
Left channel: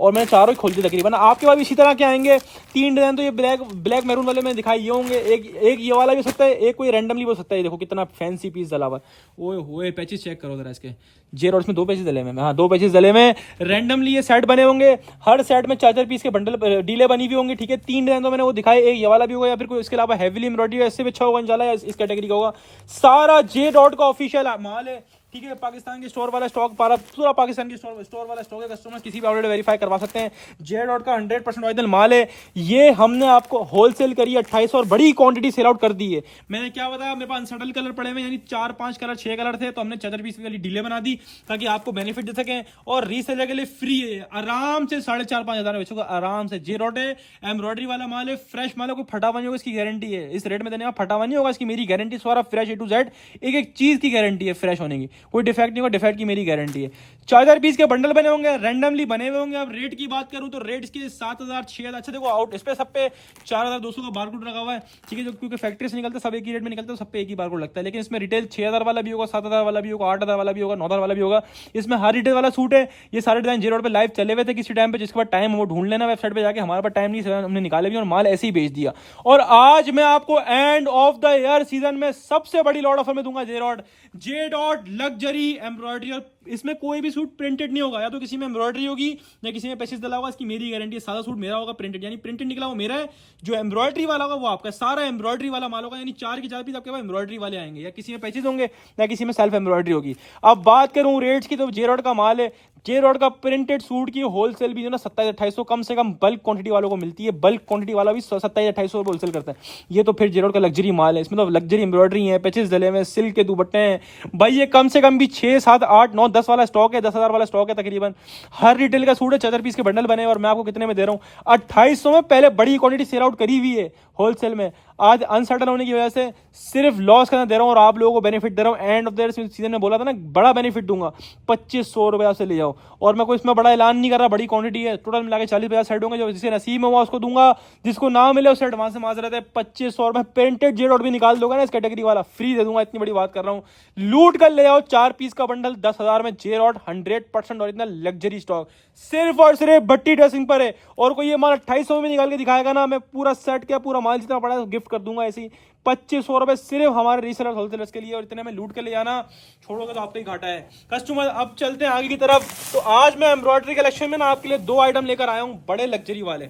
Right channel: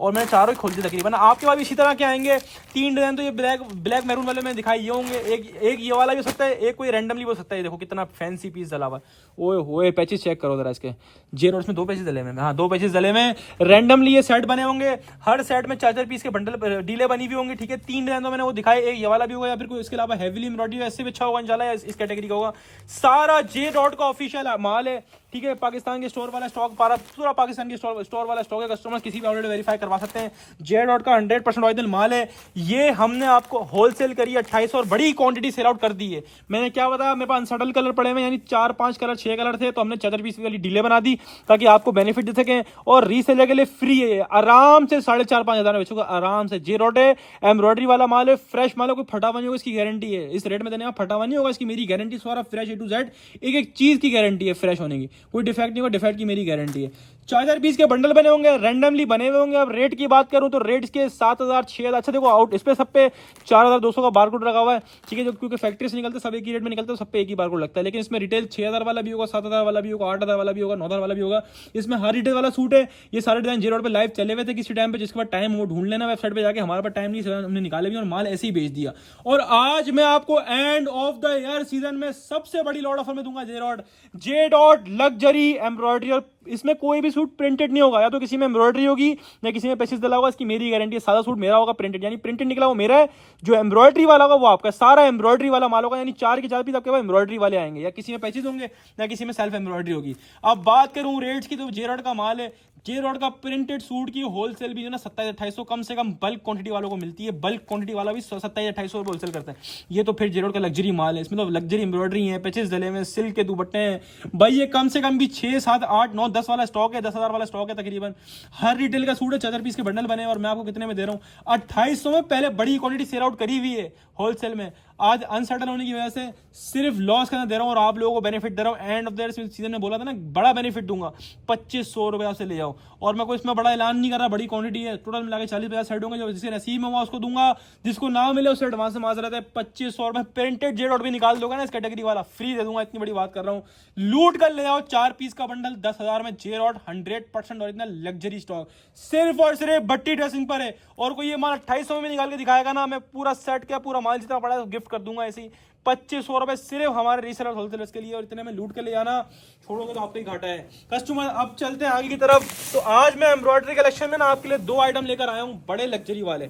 और मैंने चारों ही खोल दिए तकरीबन। आपके पास इसी तरह के आएंगे 3 डिजाइन। तो ये ब्लैक मैरून वाले में दिखाई ये होंगे। एक ये वाला भी हो सकता है, एक कोई रैंडमली हो सकता है। देखो कितना फैंसी पीस डला हुआ। ओए होए, पैचेस चेक करो जरा इसके। जे रोड्स में 2 पैचेस डले में, हाँ 2 पैचेस डले में। रैंडमली ये सेट बने होंगे। हर सेट में 4 पीस के बंडल डीले बनी हुई होंगी। ठीक है, 3 डिजाइन तो मैंने वो दिखाए। एक ये वाला भी होगा, या फिर कोई इसके अलावा हैवीली एम्ब्रॉयडरी इससे भी अच्छा होगा इंशाल्लाह, इस कैटेगरी का होगा। सारा जे डॉट का ऑफिशियल माल है। ठीक है, पाकिस्तान के स्टोर वाला स्टॉक, पूरा पाकिस्तान के स्टोर वाला स्टॉक है। कस्टमर किसी भी आउटलेट वेरीफाई करवा सकते हैं। जे डॉट का 100% ओरिजिनल माल है। ये हमने आपको होलसेल करी 2800 और बड़ी क्वांटिटी सेल आउट कर दी है। मैंने क्या बताया, मेरे पास अनसटल कलर पड़े हुए, यानी 4-5 कलर 6 कलर थे, तो हमने 4 पीस वाली डीले बना दी ताकि आपको बेनिफिट दे सकें। और रीसेलर के लिए फ्री है, आराम से 4,500-5 हजार में बेचोगे आराम से। जे डॉट है, एम्ब्रॉयडरी वाला माल है, फ्रेश माल है, कोई फटा हुआ नहीं होगा, इसकी गारंटी है। इस रेट में देने का फटा हुआ नहीं होगा, इसकी मेरी गारंटी। सारा फ्रेश A to Z, एक चीज की गारंटी है फ्रेश होने की, कोई डिफेक्ट नहीं होगा। डिफेक्ट की मेरी गारंटी है। 4,000 पीस के बंडल बने होंगे, रैंडमली बने हुए होंगे। अब रेट की बात करूं तो रेट के 7,000, 6,000। अच्छा देखो, आउट इस पे सब पे 4,200 का बारकोड लगा हुआ है। ठीक है, जो क्योंकि फैक्ट्री से निकलते सब एक ही रेट में निकलते, सब पे एक ही बारकोड लगता है। लेकिन इसमें रिटेल 6,000 वाला भी होगा, 7,000 वाला भी होगा, 8,000 वाला भी होगा, 9,000 वाला भी होगा। इसमें हर रिटेल वाला सूट है। ये सारे डिजाइन जे रोड पे लाइव चले हुए थे किसी टाइम पे, जिसके बाद टाइम वो ढूंढ लेना वेबसाइट पे जाके। हमारे पास टाइम नहीं, हमने निकाले भी और माल ऐसे ही बेच दिया। और आज मैं आपको and of the year season में सबसे बड़ी लॉट ऑफर में दूंगा। जे डॉट लग्जरी एम्ब्रॉयडरी, और इसमें कोई भी सूट प्रिंटेड नहीं होगा, या तो किसी में एम्ब्रॉयडरी होगी या किसी में पैचेस डला होगा। इसकी मेरी गारंटी है। सादा सूट मेरा होगा प्रिंटेड, यानी प्रिंटेड निकला वो मेरा है। जो एम्ब्रॉयडरी वाला होगा वो आपका, सारा एम्ब्रॉयडरी वाला माल होगा। यानी 4 के 4 पीस आपके पास एम्ब्रॉयडरी वाले आएंगे, या किसी में पैचेस होंगे या किसी में सेल्फ एम्ब्रॉयडरी होगी। अब बात करूं रेट्स की, तो जे रोड का माल है। जे रोड का प्रिंटेड सूट की होलसेल भी जो ना 27-2800 कम से कम बल्क क्वांटिटी वालों को मिलती है। बल्क क्वांटिटी वाला भी 27-2800 होलसेल करता है। ये तो फिर जे रोड का लग्जरी माल है। इसमें तो लग्जरी एम्ब्रॉयडरी है, पैचेस डले में, सिल्क के दुपट्टे हैं भाई। ये कम से कम भी 6, 7, 8, 9, 10 वाला स्टॉक है, 10,000 वाला स्टॉक है तकरीबन। हर रिटेल का सूट है, 4 पीस के बंडल बने, और मैं आपको कितने में दे रहा हूँ 2800 में। पहले बड़ी क्वांटिटी सेल आउट करी हुई है होलसेल में। आज अनसर्टन होने की वजह से सिर्फ लॉस करना दे रहा हूँ, और आप लोगों को बेनिफिट दे रहा हूँ। एंड ऑफ द सीजन में बोला था ना, बड़ा बेनिफिट दूंगा। 2,500 रुपया से ले जाओ, और मैं कोई इसमें बड़ा ऐलान नहीं कर रहा। बड़ी क्वांटिटी है, टोटल मिला के 40-50 सेट होंगे। जो जिसे नसीब में हुआ उसको दूंगा, जिसको ना मिले उसे एडवांस से माजरत है। 2,500 रुपये प्रिंटेड जे डॉट भी निकाल दोगे ना इस कैटेगरी वाला, फ्री दे दूंगा। इतनी बड़ी बात कर रहा हूँ। लूट कर ले आओ 4 पीस का बंडल 10,000 में। J dot 100% original luxury stock, सिर्फ और सिर्फ भट्टी ड्रेसिंग पर है। और कोई ये माल 2,800 में निकाल के दिखाएगा ना, मैं पूरा सेट क्या पूरा माल जितना पड़ा है गिफ्ट कर दूंगा। ऐसी 2,500 रुपए सिर्फ हमारे रीसेलर होलसेलर्स के लिए, और इतने में लूट के ले जाना छोड़ोगे तो आपको ही घाटा है कस्टमर। अब चलते हैं आगे की तरफ। तो आज मैं एम्ब्रॉयडरी कलेक्शन में ना आपके लिए 2 आइटम लेकर आया हूँ, बड़े लग्जरी वाले,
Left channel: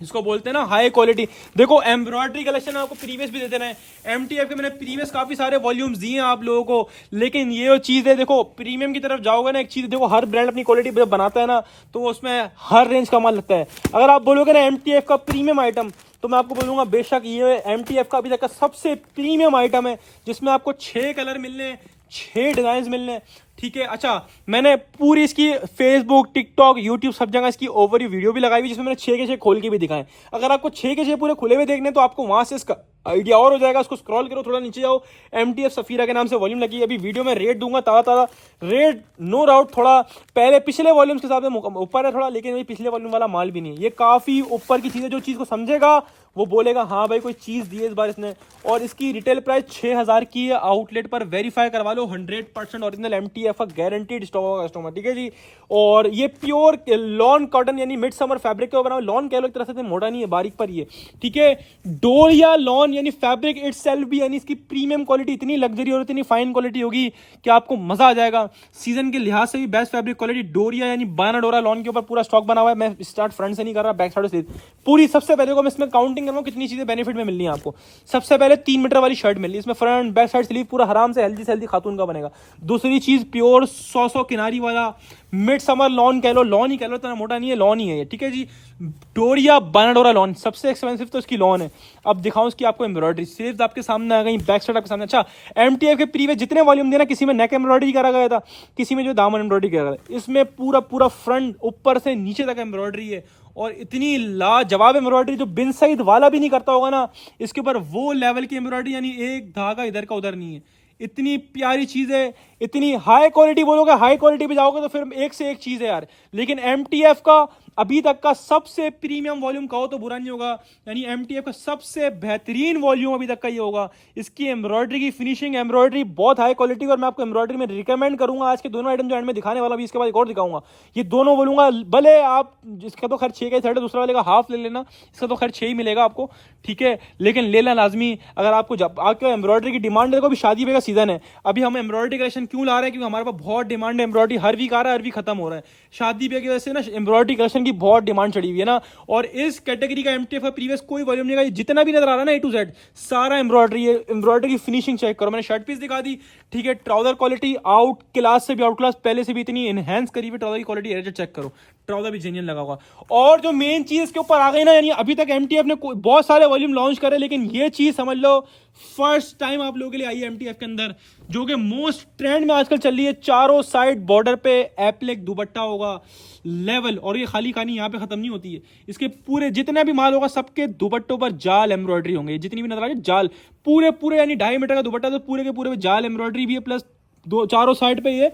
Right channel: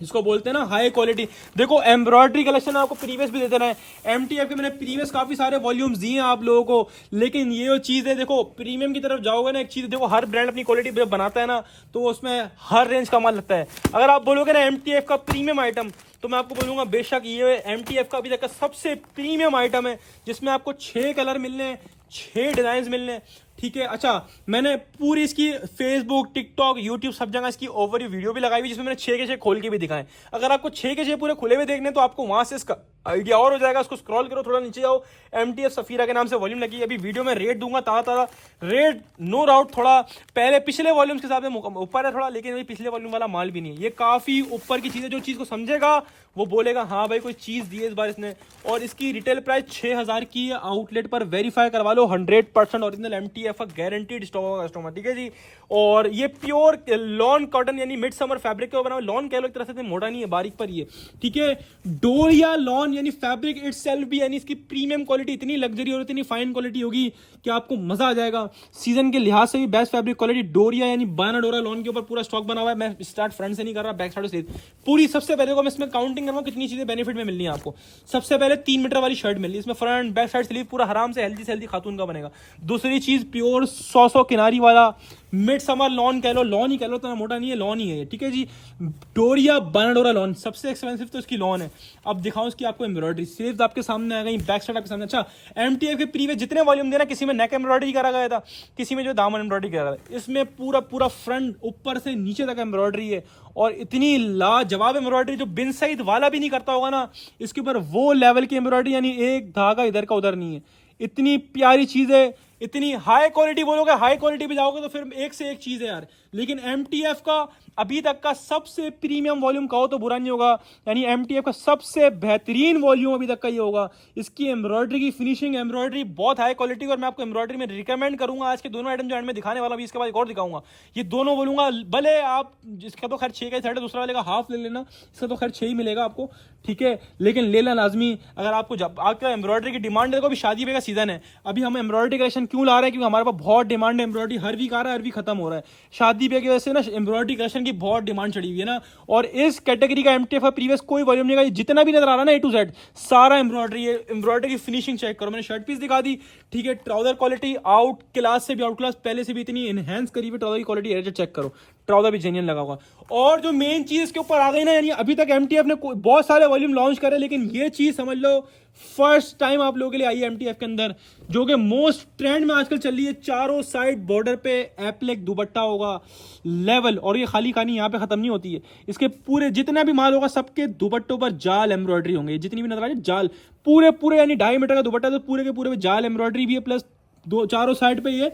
जिसको बोलते हैं ना हाई क्वालिटी। देखो एम्ब्रॉयडरी कलेक्शन आपको प्रीवियस भी दे देना है। एमटीएफ के मैंने प्रीवियस काफी सारे वॉल्यूम्स दिए हैं आप लोगों को, लेकिन ये जो चीज है, देखो प्रीमियम की तरफ जाओगे ना, एक चीज देखो, हर ब्रांड अपनी क्वालिटी बनाता है ना, तो उसमें हर रेंज का माल लगता है। अगर आप बोलोगे ना एमटीएफ का प्रीमियम आइटम, तो मैं आपको बोलूंगा बेशक ये एमटीएफ का अभी तक का सबसे प्रीमियम आइटम है, जिसमें आपको 6 कलर मिलने, 6 डिजाइन मिलने। ठीक है, अच्छा मैंने पूरी इसकी फेसबुक, टिकटॉक, यूट्यूब सब जगह इसकी ओवरव्यू वीडियो भी लगाई हुई, जिसमें मैंने 6 के 6 खोल के भी दिखाए। अगर आपको 6 के 6 पूरे खुले हुए देखने, तो आपको वहां से इसका आइडिया और हो जाएगा। उसको स्क्रॉल करो, थोड़ा नीचे जाओ, एमटीएफ सफीरा के नाम से वॉल्यूम लगी है। अभी वीडियो में रेट दूंगा ताजा रेट, नो डाउट थोड़ा पहले पिछले वॉल्यूम्स के हिसाब से ऊपर है थोड़ा, लेकिन अभी पिछले वॉल्यूम वाला माल भी नहीं है। ये काफी ऊपर की चीज है। जो चीज को समझेगा वो बोलेगा हाँ भाई कोई चीज दी है इस बार इसने। और इसकी रिटेल प्राइस 6,000 की है। आउटलेट पर वेरीफाई करवा लो, 100% ओरिजिनल एमटीएफ गारंटीड स्टॉक होगा कस्टमर। ठीक है जी, और ये प्योर लॉन कॉटन यानी मिड समर फैब्रिक का बना हुआ। लॉन कह लो एक तरह से, मोटा नहीं है, बारीक पर ही है। ठीक है, डोरिया लॉन यानी फैब्रिक इटसेल्फ भी यानी इसकी प्रीमियम क्वालिटी इतनी लग्जरी और इतनी फाइन क्वालिटी होगी कि आपको मजा आ जाएगा। सीजन के लिहाज से भी बेस्ट फैब्रिक क्वालिटी। डोरिया यानी बाना डोरा लॉन के ऊपर पूरा स्टॉक बना हुआ है। मैं स्टार्ट फ्रंट से नहीं कर रहा, बैक साइड से पूरी। सबसे पहले को मैं इसमें काउंटिंग कर रहा हूँ कितनी चीजें बेनिफिट में मिलनी है आपको। सबसे पहले 3 मीटर वाली शर्ट मिल रही है इसमें, फ्रंट बैक साइड स्लीव पूरा आराम से हेल्दी खातून का बनेगा। दूसरी चीज प्योर 100 किनारी वाला मिड समर लॉन कह लो, लॉन ही कह लो, इतना मोटा नहीं है, लॉन ही है ये, ठीक है जी। डोरिया बाना डोरा लॉन, सबसे एक्सपेंसिव तो इसकी लॉन है। अब दिखाऊं इसकी आपको एम्ब्रॉयडरी, स्लीव्स आपके सामने आ गई, बैक साइड आपके सामने। अच्छा, एमटीएफ के प्रीवियस जितने वॉल्यूम दिए ना, किसी में नेक एम्ब्रॉयडरी करा गया था, किसी में जो दामन एम्ब्रॉयडरी करा गया, इसमें पूरा फ्रंट ऊपर से नीचे तक एम्ब्रॉयडरी है। और इतनी लाजवाब एम्ब्रॉयडरी जो बिन सईद वाला भी नहीं करता होगा ना, इसके ऊपर वो लेवल की एम्ब्रॉयडरी, यानी एक धागा इधर का उधर नहीं है। इतनी प्यारी चीज है, इतनी हाई क्वालिटी। बोलोगे हाई क्वालिटी पे जाओगे तो फिर एक से एक चीज है यार। लेकिन एमटीएफ का अभी तक का सबसे प्रीमियम वॉल्यूम कहो तो बुरा नहीं होगा, यानी एमटीएफ का सबसे बेहतरीन वॉल्यूम अभी तक का ये होगा। इसकी एम्ब्रॉयडरी की फिनिशिंग, एम्ब्रॉयडरी बहुत हाई क्वालिटी। और मैं आपको एम्ब्रॉयडरी में रिकमेंड करूंगा आज के दोनों आइटम जो एंड में दिखाने वाला भी, इसके बाद एक और दिखाऊंगा, ये दोनों बोलूंगा। भले आप इसका तो खैर 6 का सेट है, दूसरा वाले का हाफ ले लेना, इसका तो खैर 6 ही मिलेगा आपको, ठीक है, लेकिन लेना लाजमी। अगर आपको जब आपका एम्ब्रॉयडरी की डिमांड है, अभी शादी का सीजन है, अभी हम एम्ब्रॉयडरी कलेक्शन क्यों ला रहे हैं, क्योंकि हमारे पास बहुत डिमांड है। एम्ब्रॉयडरी हर वीक आ रहा है, हर वीक खत्म हो रहा है। शादी पे की वजह से ना एम्ब्रॉयडरी कलेक्शन की बहुत डिमांड चढ़ी हुई है ना। और इस कैटेगरी का एमटीएफ प्रीवियस कोई वॉल्यूम नहीं है, जितना भी नजर आ रहा है ना ए टू जेड सारा एम्ब्रॉयडरी है। एम्ब्रॉयडरी की फिनिशिंग चेक करो, मैंने शर्ट पीस दिखा दी, ठीक है। ट्राउजर क्वालिटी आउट क्लास से भी, आउट क्लास पहले से भी इतनी एनहेंस करी हुई ट्राउजर की क्वालिटी, चेक करो, ट्राउजर भी जेन्युइन लगा होगा। और जो मेन चीज इसके ऊपर आ गई ना, यानी अभी तक एमटीएफ ने बहुत सारे वॉल्यूम लॉन्च करे, लेकिन ये चीज समझ लो फर्स्ट टाइम आप लोगों के लिए आई है एमटीएफ के अंदर, जो कि मोस्ट ट्रेंड में आजकल चल रही है। चारों साइड बॉर्डर पे एप्लिक दुपट्टा होगा लेवल, और ये खाली कहानी यहाँ पे खत्म नहीं होती है। इसके पूरे जितना भी माल होगा सबके दुपट्टों पर जाल एम्ब्रॉयडरी होंगे, जितनी भी नजर आ रही है जाल, पूरे यानी 2.5 मीटर का दुपट्टा, तो पूरे के पूरे जाल एम्ब्रॉयडरी भी है, प्लस चारों साइड पे ये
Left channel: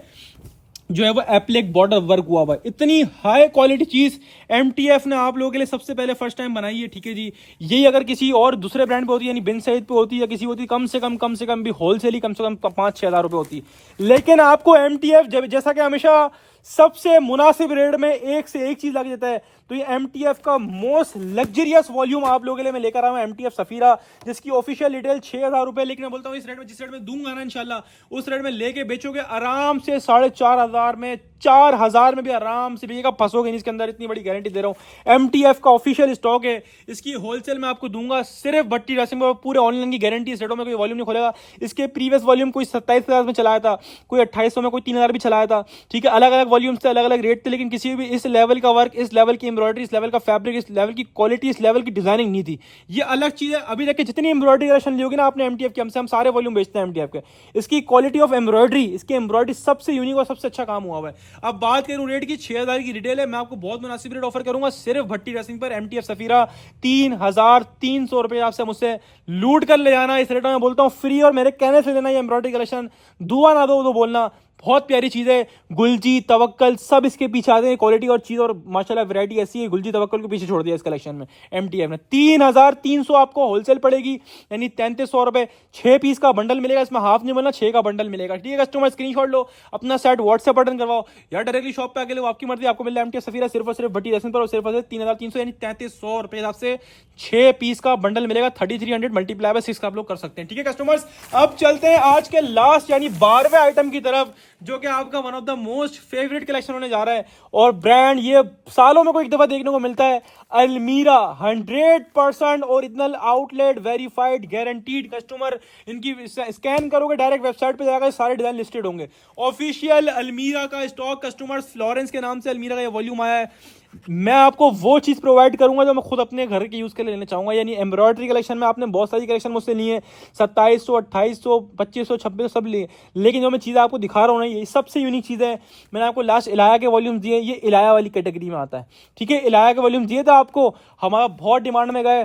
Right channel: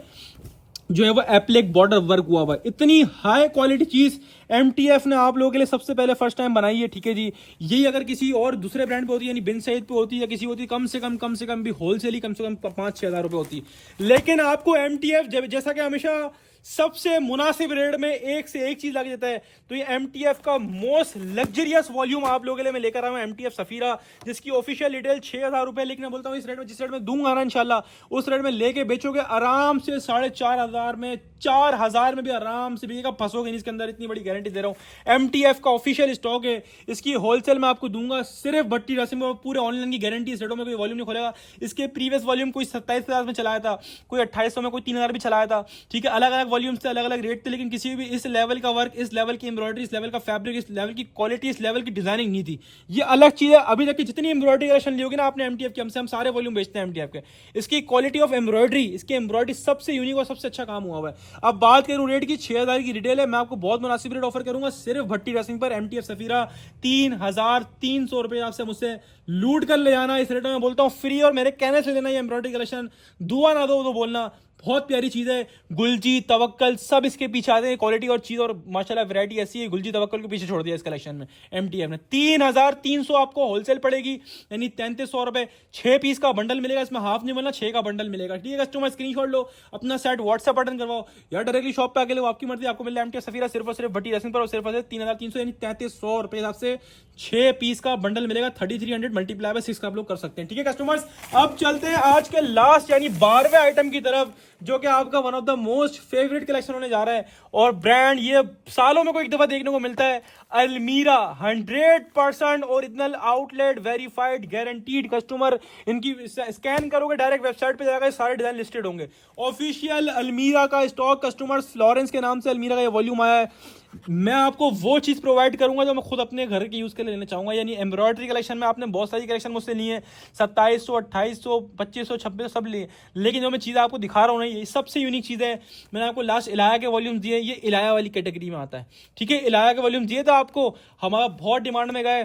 जो है वो एप्लिक बॉर्डर वर्क हुआ हुआ है। इतनी हाई क्वालिटी चीज एमटीएफ ने आप लोगों के लिए सबसे पहले फर्स्ट टाइम बनाई है, ठीक है जी। यही अगर किसी और दूसरे ब्रांड पे होती, यानी बिन सईद पे होती या किसी होती, कम से कम भी होलसेल ही कम से कम 5-6 हज़ार रुपए होती। लेकिन आपको एमटीएफ जैसा कि हमेशा सबसे मुनासिब रेट में एक से एक चीज लग जाता है, तो ये एमटीएफ का मोस्ट लग्जरियस वॉल्यूम आप लोगों के लिए मैं लेकर आया हूं, एमटीएफ सफीरा, जिसकी ऑफिशियल रिटेल 6,000 रुपए। लेकिन मैं बोलता हूं इस रेट में, जिस रेट में दूंगा ना इंशाल्लाह, उस रेट में लेके बेचोगे आराम से 4,500 में, 4,000 में भी आराम से बेचेगा, फंसोगे नहीं इसके अंदर, इतनी बड़ी गारंटी दे रहा हूं। एमटीएफ का ऑफिशियल स्टॉक है, इसकी होलसेल में आपको दूंगा सिर्फ भट्टी ड्रेसिंग में, पूरे ऑनलाइन की गारंटी। इस रेटों में कोई वॉल्यूम नहीं खोलेगा। इसके प्रीवियस वॉल्यूम कोई 27,000 में चलाया था, कोई 2800 में, कोई 3,000 भी चलाया था, ठीक है। अलग अलग वॉल्यूम से अलग अलग रेट थे, लेकिन किसी भी इस लेवल का वर्क, इस लेवल की एम्ब्रॉयडरी, इस लेवल का फैब्रिक, इस लेवल की क्वालिटी, इस लेवल की डिजाइनिंग नहीं थी। ये अलग चीज है। अभी तक जितनी एम्ब्रॉयडरी कलेक्शन ली होगी ना आपने एमटीएफ की, हमसे हम सारे वॉल्यूम बेचते हैं एमटीएफ के, इसकी क्वालिटी ऑफ एम्ब्रॉयडरी, इसकी एम्ब्रॉयडरी सबसे यूनिक और सबसे अच्छा काम हुआ हुआ है। अब बात करूं रेट की, 6,000 की रिटेल है, मैं आपको बहुत मुनासिब रेट ऑफर करूंगा सिर्फ भट्टी ड्रेसिंग पर। एमटीएफ सफीरा 3,300 रुपए आपसे मुझसे लूट कर ले जाना। इस रेट में बोलता हूं फ्री, और मेरे कहने से देना ये एम्ब्रॉयडरी कलेक्शन, दुआ ना दो तो बोलना। बहुत प्यारी चीज है। गुलजी तवक्कल सब इसके पीछे आते हैं, क्वालिटी और चीज, और माशाल्लाह वैरायटी ऐसी है, गुलजी तवक्कल को पीछे छोड़ दिया इस कलेक्शन में एमटीएफ में। 3,300 आपको होलसेल पड़ेगी, यानी 3,300 रुपए। 6 पीस का बंडल मिलेगा, इसमें हाफ नहीं बोलना, 6 का बंडल मिलेगा, ठीक है। कस्टमर स्क्रीनशॉट लो, अपना सेट व्हाट्सएप बटन करवाओ, या डायरेक्टली शॉप पे आके लो, आपकी मर्जी। आपको मिल रहा है एमटीएफ सफीरा सिर्फ और सिर्फ भट्टी ड्रेसिंग पर, और सिर्फ और सिर्फ 3,300 यानी 3,300 रुपए हिसाब से 6 पीस का बंडल मिलेगा। 3300 मल्टीप्लाई बाय 6 का आप लोग कर सकते हैं, ठीक है कस्टमर्स। अब चलते हैं आज के लास्ट यानी 12वें आइटम की तरफ, जो कि आपका one of the most favourite collection होने जा रहा है। और ब्रांड ये सालों में कोई एक दफा देखने को मिलता है, अलमीरा 100% original outlet verified guaranteed customer. इनकी स्कैन करोगे डायरेक्ट वेबसाइट पे जाकर सारे डिजाइन लिस्टेड होंगे। ऑफिशियल अलमीरा का स्टॉक कस्टमर्स, फ्लोरेंस के नाम से अलमीरा का ये वॉल्यूम आया है। मैं आपको वो चीज प्रोवाइड करूंगा जो मैं खुद अपने घर के यूज के लिए लेना चाहूंगा, यानी एम्ब्रॉयडरी कलेक्शन में आपने बहुत सारी कलेक्शन मुझसे ली है, 2700, 2800, 2500, 2600 सब लिए, लेकिन जो मैं चीज़ आपको दिखा रहा हूँ ना, ये सबसे यूनिक चीज़ है। मैंने आपको लास्ट इलाया के वॉल्यूम दिए, ये इलाया वाली कैटेगरी में आता है, ठीक है। इलाया के वॉल्यूम दिए था आपको, हमारा बहुत डिमांड में गए,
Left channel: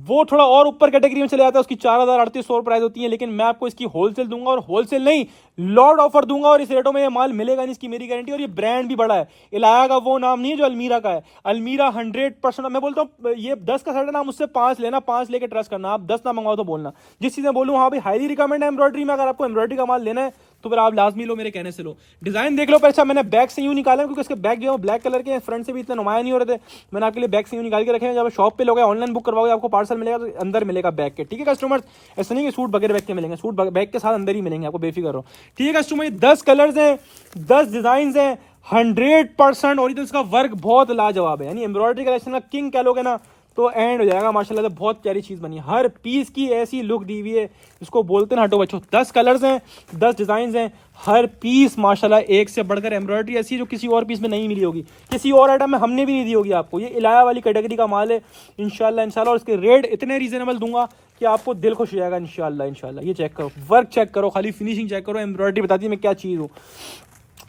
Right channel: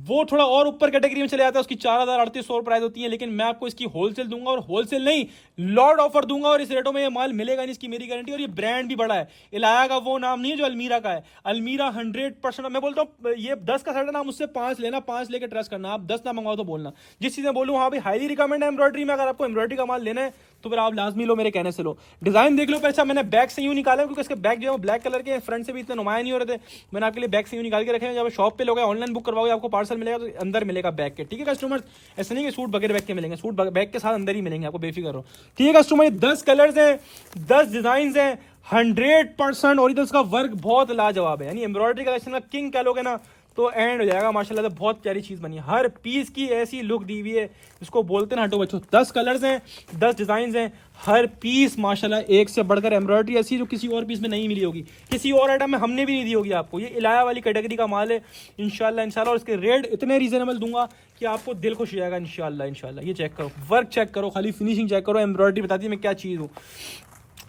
वो थोड़ा और ऊपर कैटेगरी में चले जाता है, उसकी 4,3800 प्राइस होती है, लेकिन मैं आपको इसकी होलसेल दूंगा, और होलसेल नहीं लॉर्ड ऑफर दूंगा, और इस रेटों में ये माल मिलेगा नहीं, इसकी मेरी गारंटी। और ये ब्रांड भी बड़ा है, इलाया का वो नाम नहीं है जो अलमीरा का है। अलमीरा 100%, मैं बोलता हूँ ये 10 का सेट है ना, मुझसे 5 लेना, 5 लेके ट्रस्ट करना, आप 10 ना मंगवाओ तो बोलना। जिस चीज़ में बोलूँ हाँ भाई हाईली रिकमेंड है एम्ब्रॉयडरी में, अगर आपको एम्ब्रॉयडरी का माल लेना है तो फिर आप लाजमी लो, मेरे कहने से लो। डिज़ाइन देख लो। पर अच्छा मैंने बैक से यूँ निकाला क्योंकि इसके बैक जो है ब्लैक कलर के, फ्रंट से भी इतने नुमाया नहीं हो रहे थे, मैंने आपके लिए बैक से यूँ निकाल के रखे हैं। जब आप शॉप पे लोगे, ऑनलाइन बुक करवाओगे, आपको पार्सल मिलेगा तो अंदर मिलेगा बैग के, ठीक है कस्टमर। ऐसे नहीं कि सूट बगैर बैग के मिलेंगे, सूट बैग के साथ अंदर ही मिलेंगे, आपको बेफिक्र हो, ठीक है कस्टमर। 10 कलर्स हैं, 10 डिज़ाइन हैं, 100% ओरिजिनल का वर्क बहुत लाजवाब है, यानी एम्ब्रॉयडरी कलेक्शन का किंग कह लोगे ना तो एंड हो जाएगा माशाल्लाह से। बहुत प्यारी चीज़ बनी है, हर पीस की ऐसी लुक दी हुई है, इसको बोलते हैं हटो बच्चों। 10 कलर्स हैं, 10 डिज़ाइन हैं, हर पीस माशाल्लाह एक से बढ़कर एम्ब्रॉयडरी ऐसी है जो किसी और पीस में नहीं मिली होगी, किसी और आइटम में हमने भी नहीं दी होगी आपको। ये इलाया वाली कैटेगरी का माल है इंशाल्लाह। और इसके रेट इतने रीजनेबल दूंगा कि आपको दिल खुश हो जाएगा इंशाल्लाह। ये चेक करो, वर्क चेक करो, खाली फिनिशिंग चेक करो, एम्ब्रॉयडरी बताती है मैं क्या चीज़ हूँ।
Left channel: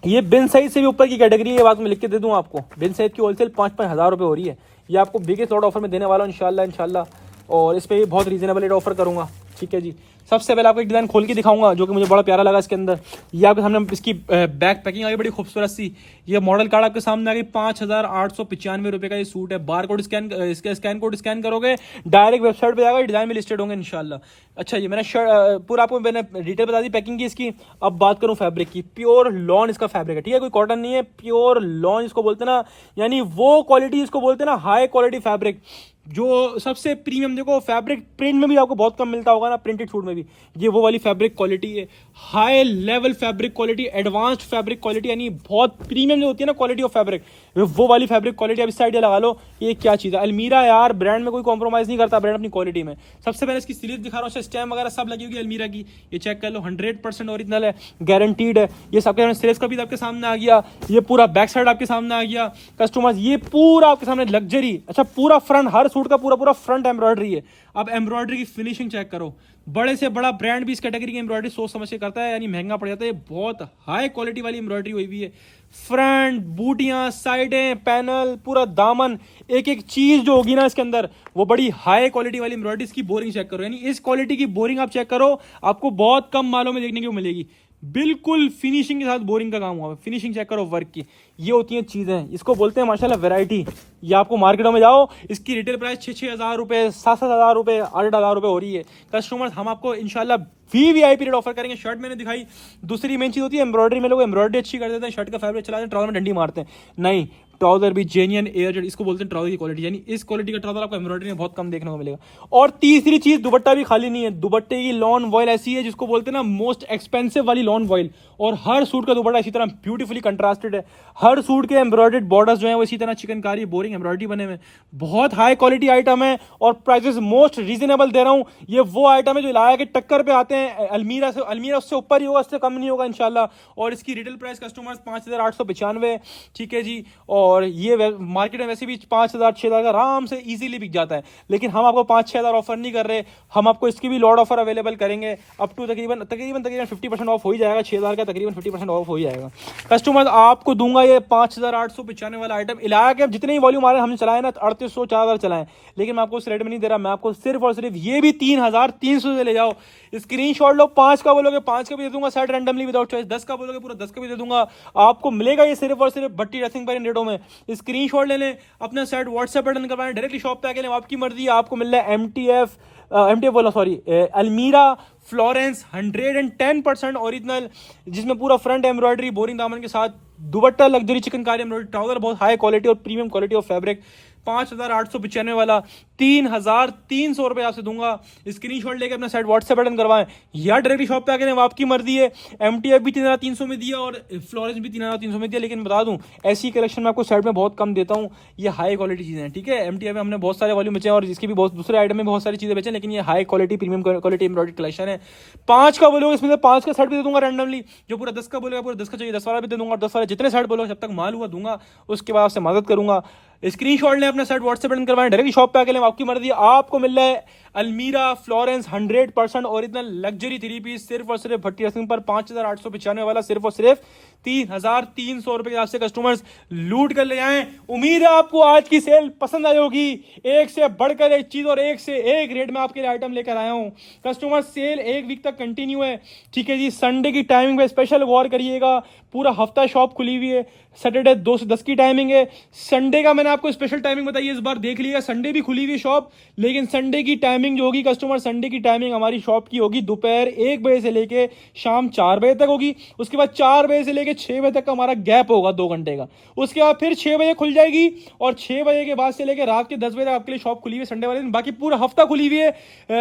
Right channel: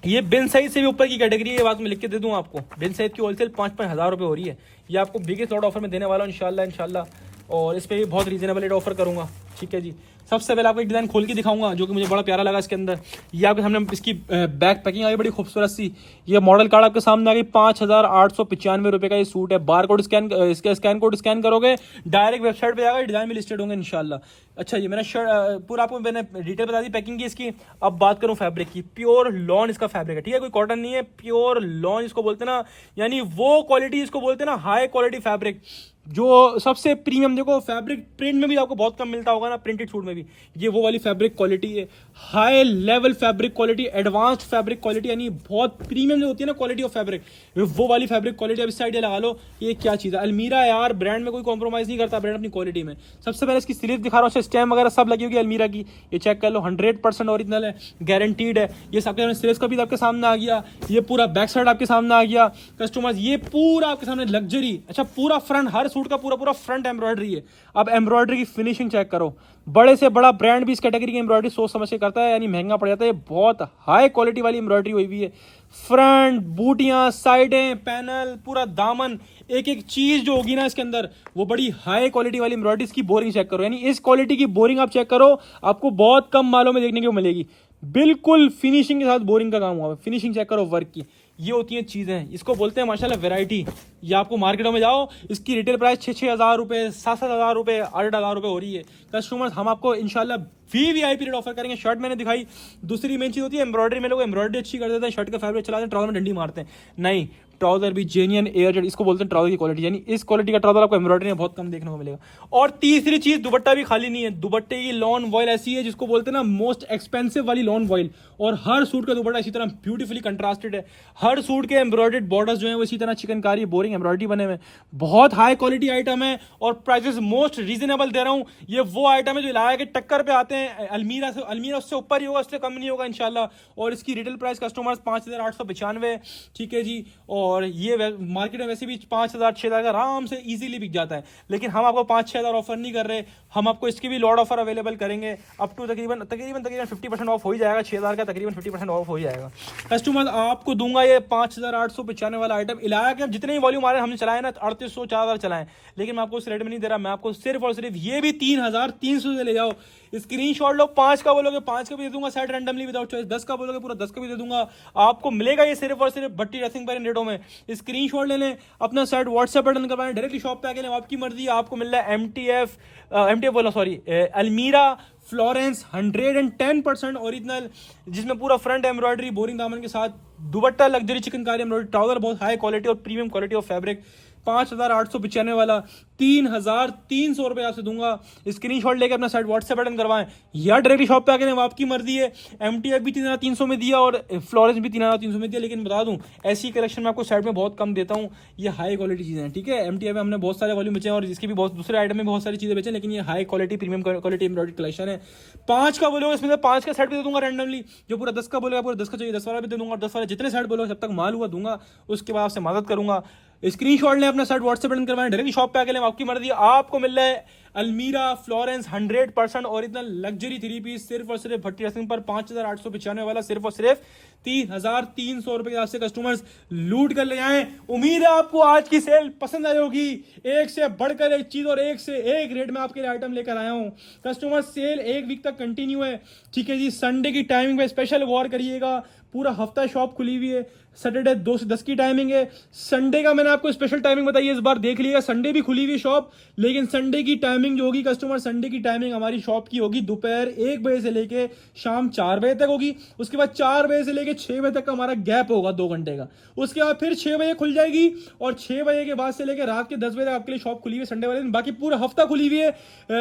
ये बिन साइज से भी ऊपर की कैटेगरी है, बात मैं लिख के दे दूं आपको। बिन साइज की होलसेल 5-5 हज़ार रुपये हो रही है। ये आपको बिगेस्ट लॉट ऑफर में देने वाला हूँ इंशाल्लाह। और इस पर भी बहुत रीजनेबल रेट ऑफर करूँगा, ठीक है जी। सबसे पहले आपको एक डिज़ाइन खोल के दिखाऊंगा जो कि मुझे बड़ा प्यारा लगा इसके अंदर। ये आपके सामने इसकी बैक पैकिंग आई बड़ी खूबसूरत सी। ये मॉडल कार्ड आपके सामने आ गई, 5,895 रुपये का ये सूट है। बार कोड स्कैन, इसका स्कैन कोड स्कैन करोगे डायरेक्ट वेबसाइट पे जाएगा, डिज़ाइन भी लिस्टेड होंगे इंशाल्लाह। अच्छा ये मैंने शर्ट पूरा आपको मैंने डिटेल बता दी पैकिंग की इसकी। अब बात करूँ फैब्रिक की, प्योर लॉन इसका फैब्रिक है, ठीक है, कोई कॉटन नहीं है, प्योर लॉन इसको बोलते हैं ना, यानी वो क्वालिटी इसको बोलते हैं ना, हाई क्वालिटी फैब्रिक जो सबसे प्रीमियम। देखो फैब्रिक प्रिंट में भी आपको बहुत कम मिलता होगा ना, प्रिंटेड सूट में भी, ये वो वाली फैब्रिक क्वालिटी है, high level fabric quality, advanced fabric quality, यानी बहुत प्रीमियम जो होती है ना क्वालिटी ऑफ फैब्रिक, वो वाली फैब्रिक क्वालिटी। अब इस साइड लगा लो, ये क्या चीज़ है। अलमीरा यार ब्रांड में कोई कॉम्प्रोमाइज़ नहीं करता, ब्रांड अपनी क्वालिटी में। सबसे पहले इसकी स्लीव दिखा रहा हूँ, स्टैम्प वगैरह सब लगी होगी अलमीरा की, ये चेक कर लो, 100% ओरिजिनल है, गारंटीड है। ये सबके स्लीव्स का भी आपके सामने आ गया, ये पूरा बैक साइड आपके सामने आ गया कस्टमर्स, ये पूरा आपके सामने लग्जरी। अच्छा पूरा फ्रंट, हर सूट का पूरा फ्रंट एम्ब्रॉयडरी है। अब एम्ब्रॉयडरी की फिनिशिंग चेक करो, बड़े से बड़ा ब्रांड भी इस कैटेगरी की एम्ब्रॉयडरी सोच समझ के करता है, यानी महंगा पड़ जाता है। बहुत हाई क्वालिटी वाली एम्ब्रॉयडरी हुई हुई है, फ्रंट, बूटियां, साइडें, पैनल, पूरा दामन, एक एक चीज जो होगी ना इसके अंदर वो बड़ी हाई क्वालिटी वाली एम्ब्रॉयडरी। इसकी बोरिंग चेक करो, यानी इस क्वालिटी की बोरिंग आप चेक करो, आपको बहुत कम मालों में देखने को मिलेगी। बिल्कुल फिनिशिंग के साथ बोरिंग का काम हुआ है। फिनिशिंग चेक करो वर्क की, ये होती हैं चीज़ें, इसको बोलते हैं माशाल्लाह वैरायटी। ये आपको मार्केटों में जाओ, इसकी रिटेल प्राइस 6-6 हज़ार रुपये, 7-7 हज़ार रुपये, 8 हज़ार रुपये हो रही है। कस्टमर्स हम आपको इंशाल्लाह VIP रेट ऑफर करेंगे। शर्ट मैंने दिखाई, दूसरी मेन चीज़ होती है एम्ब्रॉयडरी में, लोग एम्ब्रॉयडरी अच्छी कर देते हैं, शर्ट का फैब्रिक चलाते हैं, ट्राउजर में डंडी मारते हैं। नहीं, ट्राउजर भी जेन्युइन एयर, इसको बोलते हैं ट्राउजर की क्वालिटी, यानी इस क्वालिटी का ट्राउजर आपको एम्ब्रॉयडरी में बहुत कम देखने को मिलेगा। और तीसरी चीज, दुपट्टा भी खाली नहीं है, दुपट्टे की लॉन वॉयल ऐसी है जिसको बोलते हैं ना मोस्ट एक्सपेंसिव वाली लॉन वॉयल। और हर सूट का दुपट्टा इसी तरह ब्यूटीफुली कंट्रास्टेड है, हर सूट के एम्ब्रॉयडर्ड बॉर्डर्स जो है वो इसी तरह चिकनकारी बोरिंग एम्ब्रॉयडरी बने हुए। बहुत हाई क्वालिटी आइटम है और प्राइसेस मोस्ट रीजनेबल दे रहा हूँ। ये वो आइटम है जो लाया के टक्कर पे आते हैं अलमीरा से, अलमीरा उससे ऊपर ही होगा, उससे कम नहीं होगा इंशाल्लाह। और इसकी रिटेल प्राइस कस्टमर्स 5,895, ठीक है जी। और ये मार्केट में वैसे भी 5,000-6,000 का आराम से इजीली बिक जाता है, लेकिन हम आपको 5-6 हज़ार ऑफर नहीं कर रहे, हम आपको इसकी भी लॉट ऑफर अवेलेबल करेंगे अप टू तकरीबन 50% ऑफ हो ही जाएगा। 6,000 का तकरीबन 50% ऑफ हो ही जाएगा। कस्टमर आपको दूंगा ये 5,895 वाला आइटम। इलाका के जितने ही वॉल्यूम आ रहे हैं हमने चलाए ना, 3800 4,000 चलाए, लेकिन मैं आपको उस रेट में नहीं दे रहा। मैं आपको सिर्फ और सिर्फ ये भी 3,300 से ले जाओ, स्क्रीनशॉट लो। 5 का बोलोगे 5 का भी दे दूंगा सेट रैंडमली विदाउट चॉइस, 10 का बोलोगे पूरा 10 का भी दे दूंगा। आपको मिलेगा ये सिर्फ और सिर्फ भट्टी ड्रेसिंग पर इन रेटों में। स्क्रीनशॉट ले लें, अपना सेट व्हाट्सएप पर डन करवाएं, डायरेक्टली शॉप पे आके लें, आपकी मर्जी। आपको मिल रहा है MTF बोला सॉरी अलमीरा फ्लोरेंस 110% ओरिजिनल, जिसमें पूरा फ्रंट एम्ब्रॉयडरी बोरिंग दामन के साथ, दुपट्टा लग्जरी चिकनकारी एम्ब्रॉयडरी, ट्राउजर बहुत हाई क्वालिटी और प्रीमियम क्वालिटी ऑफ फैब्रिक। 5,895 वाला 3,300 रुपये आपसे दूंगा। स्क्रीनशॉट लेके अपना साइट व्हाट्सएप बटन करवाएं या डायरेक्टली शॉप पे आके लें, आपकी मर्जी है। MTF भी 3,300 में दिया और फ्लोरेंस भी 3,300 में दिया, लेकिन बता दूं ऐसी कलेक्शन में आपको साइड में बहुत कम देता हूं। ये हाई क्वालिटी चीज़ें हैं, ठीक है। MTF में हमने बहुत सारे वॉल्यूम बेचे और इसके भी बहुत दूसरे आइटम में बहुत सारी चीज़ें बेचे, लेकिन ये high quality premium quality embroidery collection है। 5 का बोलोगे इसमें से 5 का सेट भी दे दूंगा रैंडमली। जो पूरा 10 का बोलेगा पूरा 10 का चाहिए 10 वाला भी दे दूंगा, और 10 वाले जितने सेट बोलो जब तक माल हुआ दूंगा, उसके बाद आपसे मदद करूंगा। स्क्रीनशॉट लें, अपना सेट व्हाट्सएप बटन करवाएं, डायरेक्ट शॉप पे आके लें, आपकी मर्जी। आपको मिल रहा है अलमीरा फ्लोरेंस 100% ओरिजिनल लग्जरी 3 पीस सिर्फ और सिर्फ भट्टी ड्रेसिंग पर 5,895 वाला सिर्फ और सिर्फ 3,300 रुपए के आपसे कस्टमर्स लूट कर ले आए। उम्मीद है आपको आज की सेल पसंद आई होगी। एक से बढ़कर एक चीज और एक से एक रेट में आपके लिए आइटम लेकर आया हूं। कस्टमर सेल 1 वीक तक कंटिन्यू है, ठीक है जी। संडे की टाइमिंग पे स्पेशल गौर करिएगा, पूरा हफ्ता शॉप खुली हुई है। सैटरडे 2 से 10 की टाइमिंग है। संडे का मैंने आपको स्पेशल टाइमिंग बताई है, इस बार देख लीजिएगा। संडे भी खुली हुई है शॉप, लेकिन संडे की टाइमिंग टाइमिंग जो होगी कस्टमर, संडे की टाइमिंग हमारी शॉप की होगी दोपहर 1 बजे से लेके शाम 4 बजे तक होगी। उसके बाद 4 बजे से लेके 6 बजे तक का हमारा गैप होगा 2 घंटे का। उसके बाद फिर 6 बजे खुल जाएगी और 6 बजे के बाद से लेकर रात के 10 बजे तक आपके लिए शॉप खुली हुई है संडे वाले दिन। बाकी पूरा हफ्ता खुली हुई है।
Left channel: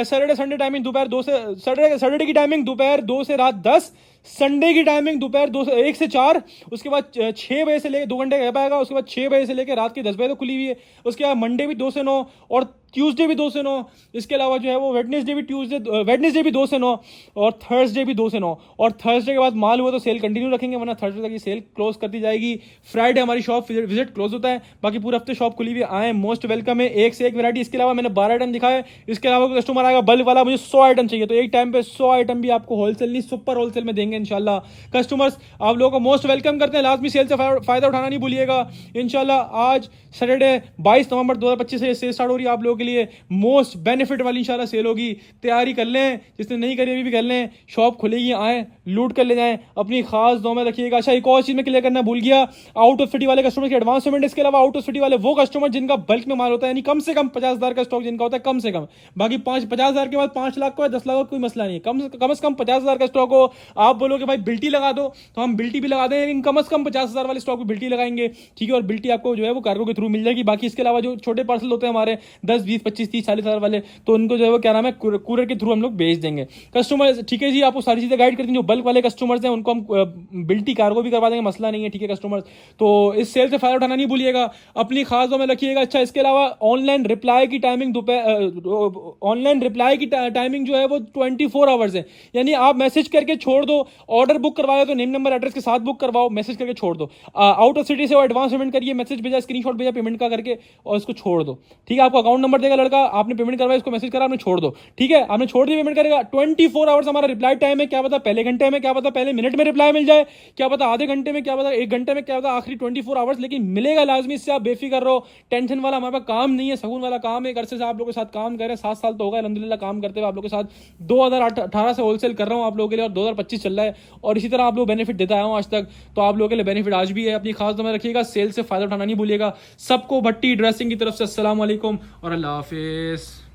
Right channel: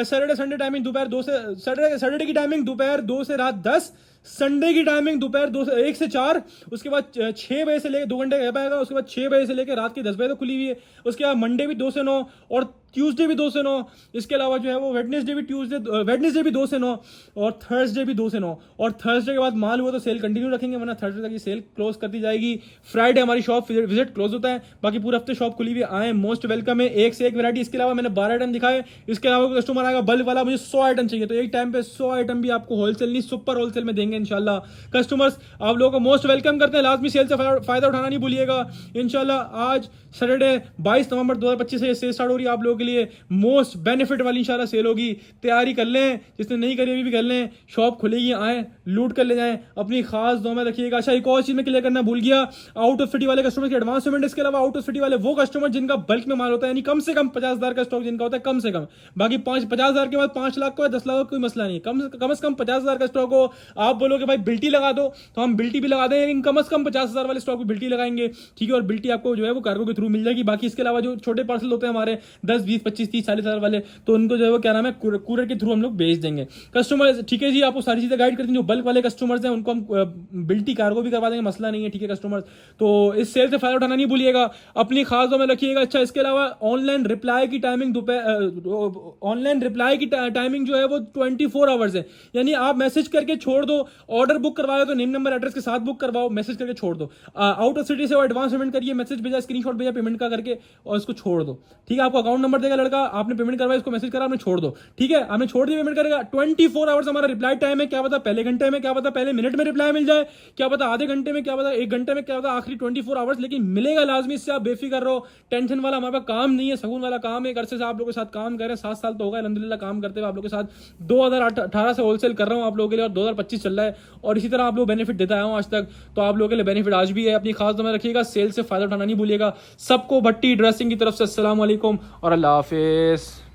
सैटरडे संडे टाइमिंग दोपहर 2 से, सैटरडे की टाइमिंग दोपहर 2 से रात 10, संडे की टाइमिंग दोपहर 2 से 1 से 4, उसके बाद 6 बजे से लेकर 2 घंटे गैप आएगा। उसके बाद 6 बजे से लेकर रात के 10 बजे तक खुली हुई है। उसके बाद मंडे भी 2 से 9 और ट्यूसडे भी 2 से 9। इसके अलावा जो है वो वेडनेसडे भी 2 से 9 और थर्सडे भी 2 से 9। और थर्सडे के बाद माल हुआ तो सेल कंटिन्यू रखेंगे, वरना थर्सडे तक ये सेल क्लोज कर दी जाएगी। फ्राइडे हमारी शॉप विजिट क्लोज होता है। बाकी पूरे हफ्ते शॉप खुली हुई आए, मोस्ट वेलकम है। एक से एक वैरायटी। इसके अलावा मैंने 12 आइटम दिखाए। इसके अलावा कस्टमर आएगा बल्क वाला, मुझे 100 आइटम चाहिए, तो एक टाइम पे 100 आइटम भी आपको होलसेल नहीं सुपर होलसेल में देंगे इंशाल्लाह। कस्टमर्स आप लोगों को मोस्ट वेलकम करते हैं। लाजमी सेल से फायदा उठाना नहीं भूलिएगा इंशाल्लाह। आज सैटरडे 22 नवंबर 2025 से सेल स्टार्ट हो रही है आप लोगों के लिए। मोस्ट बेनिफिट वाली इंशाल्लाह सेल होगी। तैयारी कर लें, जिसने नहीं करी अभी भी कर लें। शॉप खुलेगी, आए लूट कर ले जाएं। अपनी खास दुआ में रखिएगा। अच्छा, एक और चीज में क्लियर करना भूल गया, आउट ऑफ सिटी वाले कस्टमर की एडवांस पेमेंट। इसके अलावा आउट ऑफ सिटी वाले वो कस्टमर जिनका बल्क में माल होता है, यानी कम से कम 50,000 का स्टॉक जिनका होता है, कम से कम। बाकी 50,000 के बाद 5 लाख का 10 लाख का कोई मसला नहीं है। कम से कम 50,000 का स्टॉक हो। आप बोलोगे भाई बिल्टी लगा दो, तो हम बिल्टी भी लगा दें, लेकिन कम से कम 50,000 वाले स्टॉक में बिल्टी लगाएंगे, ठीक है। और बिल्टी आपको जो है वो कार्गो के थ्रू मिल जाएगी। बाकी इसके अलावा जो छोटे पार्सल होते हैं हमारे 10, 20, 25, 30, 40,000 वाले, तो उनको जो है वो क्या नाम है कुरियर के थ्रू हम लोग भेज देंगे कस्टमर, ठीक है जी। आपको सारी चीजें गाइड कर देंगे। जो बल्क वाले कस्टमर्स हैं उनको हम बिल्टी कार्गो भी करवा देंगे, मसला नहीं है, ठीक है कस्टमर्स। तो इस सेल से फायदा उठाना नहीं भूलिएगा, अपनी खास में रखिएगा। अच्छा, इसके अलावा ऑनलाइन रिप्लाई की टाइमिंग जो है वो 24 आवर्स है, यानी आप मैसेज करके छोड़ दो। ऑर्डर बुक करवाया तो नेम नंबर एड्रेस के साथ बुक करवाओ, मैसेज करके छोड़ दो। आउट ऑफ सिटी से एडवांस पेमेंट करिए, मैसेज भेजा, स्क्रीनशॉट भेजा पेमेंट का करके, और इसको छोड़ दो, ठीक है। आपको अकाउंट नंबर देगा लड़का, आपने पेमेंट करवाया, इसको मैसेज करा, आपने छोड़ दो, ठीक है। आपने छोड़ दिया, पेमेंट करेगा। 24 आवर्स हमारा रिप्लाई टाइम है। क्या पता पहले घंटे में, क्या पता पहले मिनट में रिप्लाई मिल जाए, क्या पता आधे घंटे में, क्या पता 1 घंटे में, क्या पता आखिरी 24 आवर्स, लेकिन मिलेगा लाजमी। इससे आप बेफिक्र रहो। टेंशन वाला हमारे पास काम नहीं है, सकून वाला काम है। एक अरसे से आप लोगों के साथ काम कर रहे हैं, 7 साल तो होगा अल्हम्दुलिल्लाह काम करते हुए आप लोगों के साथ। 2018 से होलसेल कर रहा हूं आप लोगों के लिए, और 2025 चल रहा है, और इसी तरह आप लोग बेनिफिट देता आया हूं आज तक। तो आप लोगों के लिए बेनिफिट आज भी है। अपनी खास दुआ में रखिएगा, सेल से फायदा उठाना नहीं भूलिएगा। सबको भट्टी ड्रेसिंग की तरफ से अस्सलाम वालेकुम और अल्लाह हाफिज।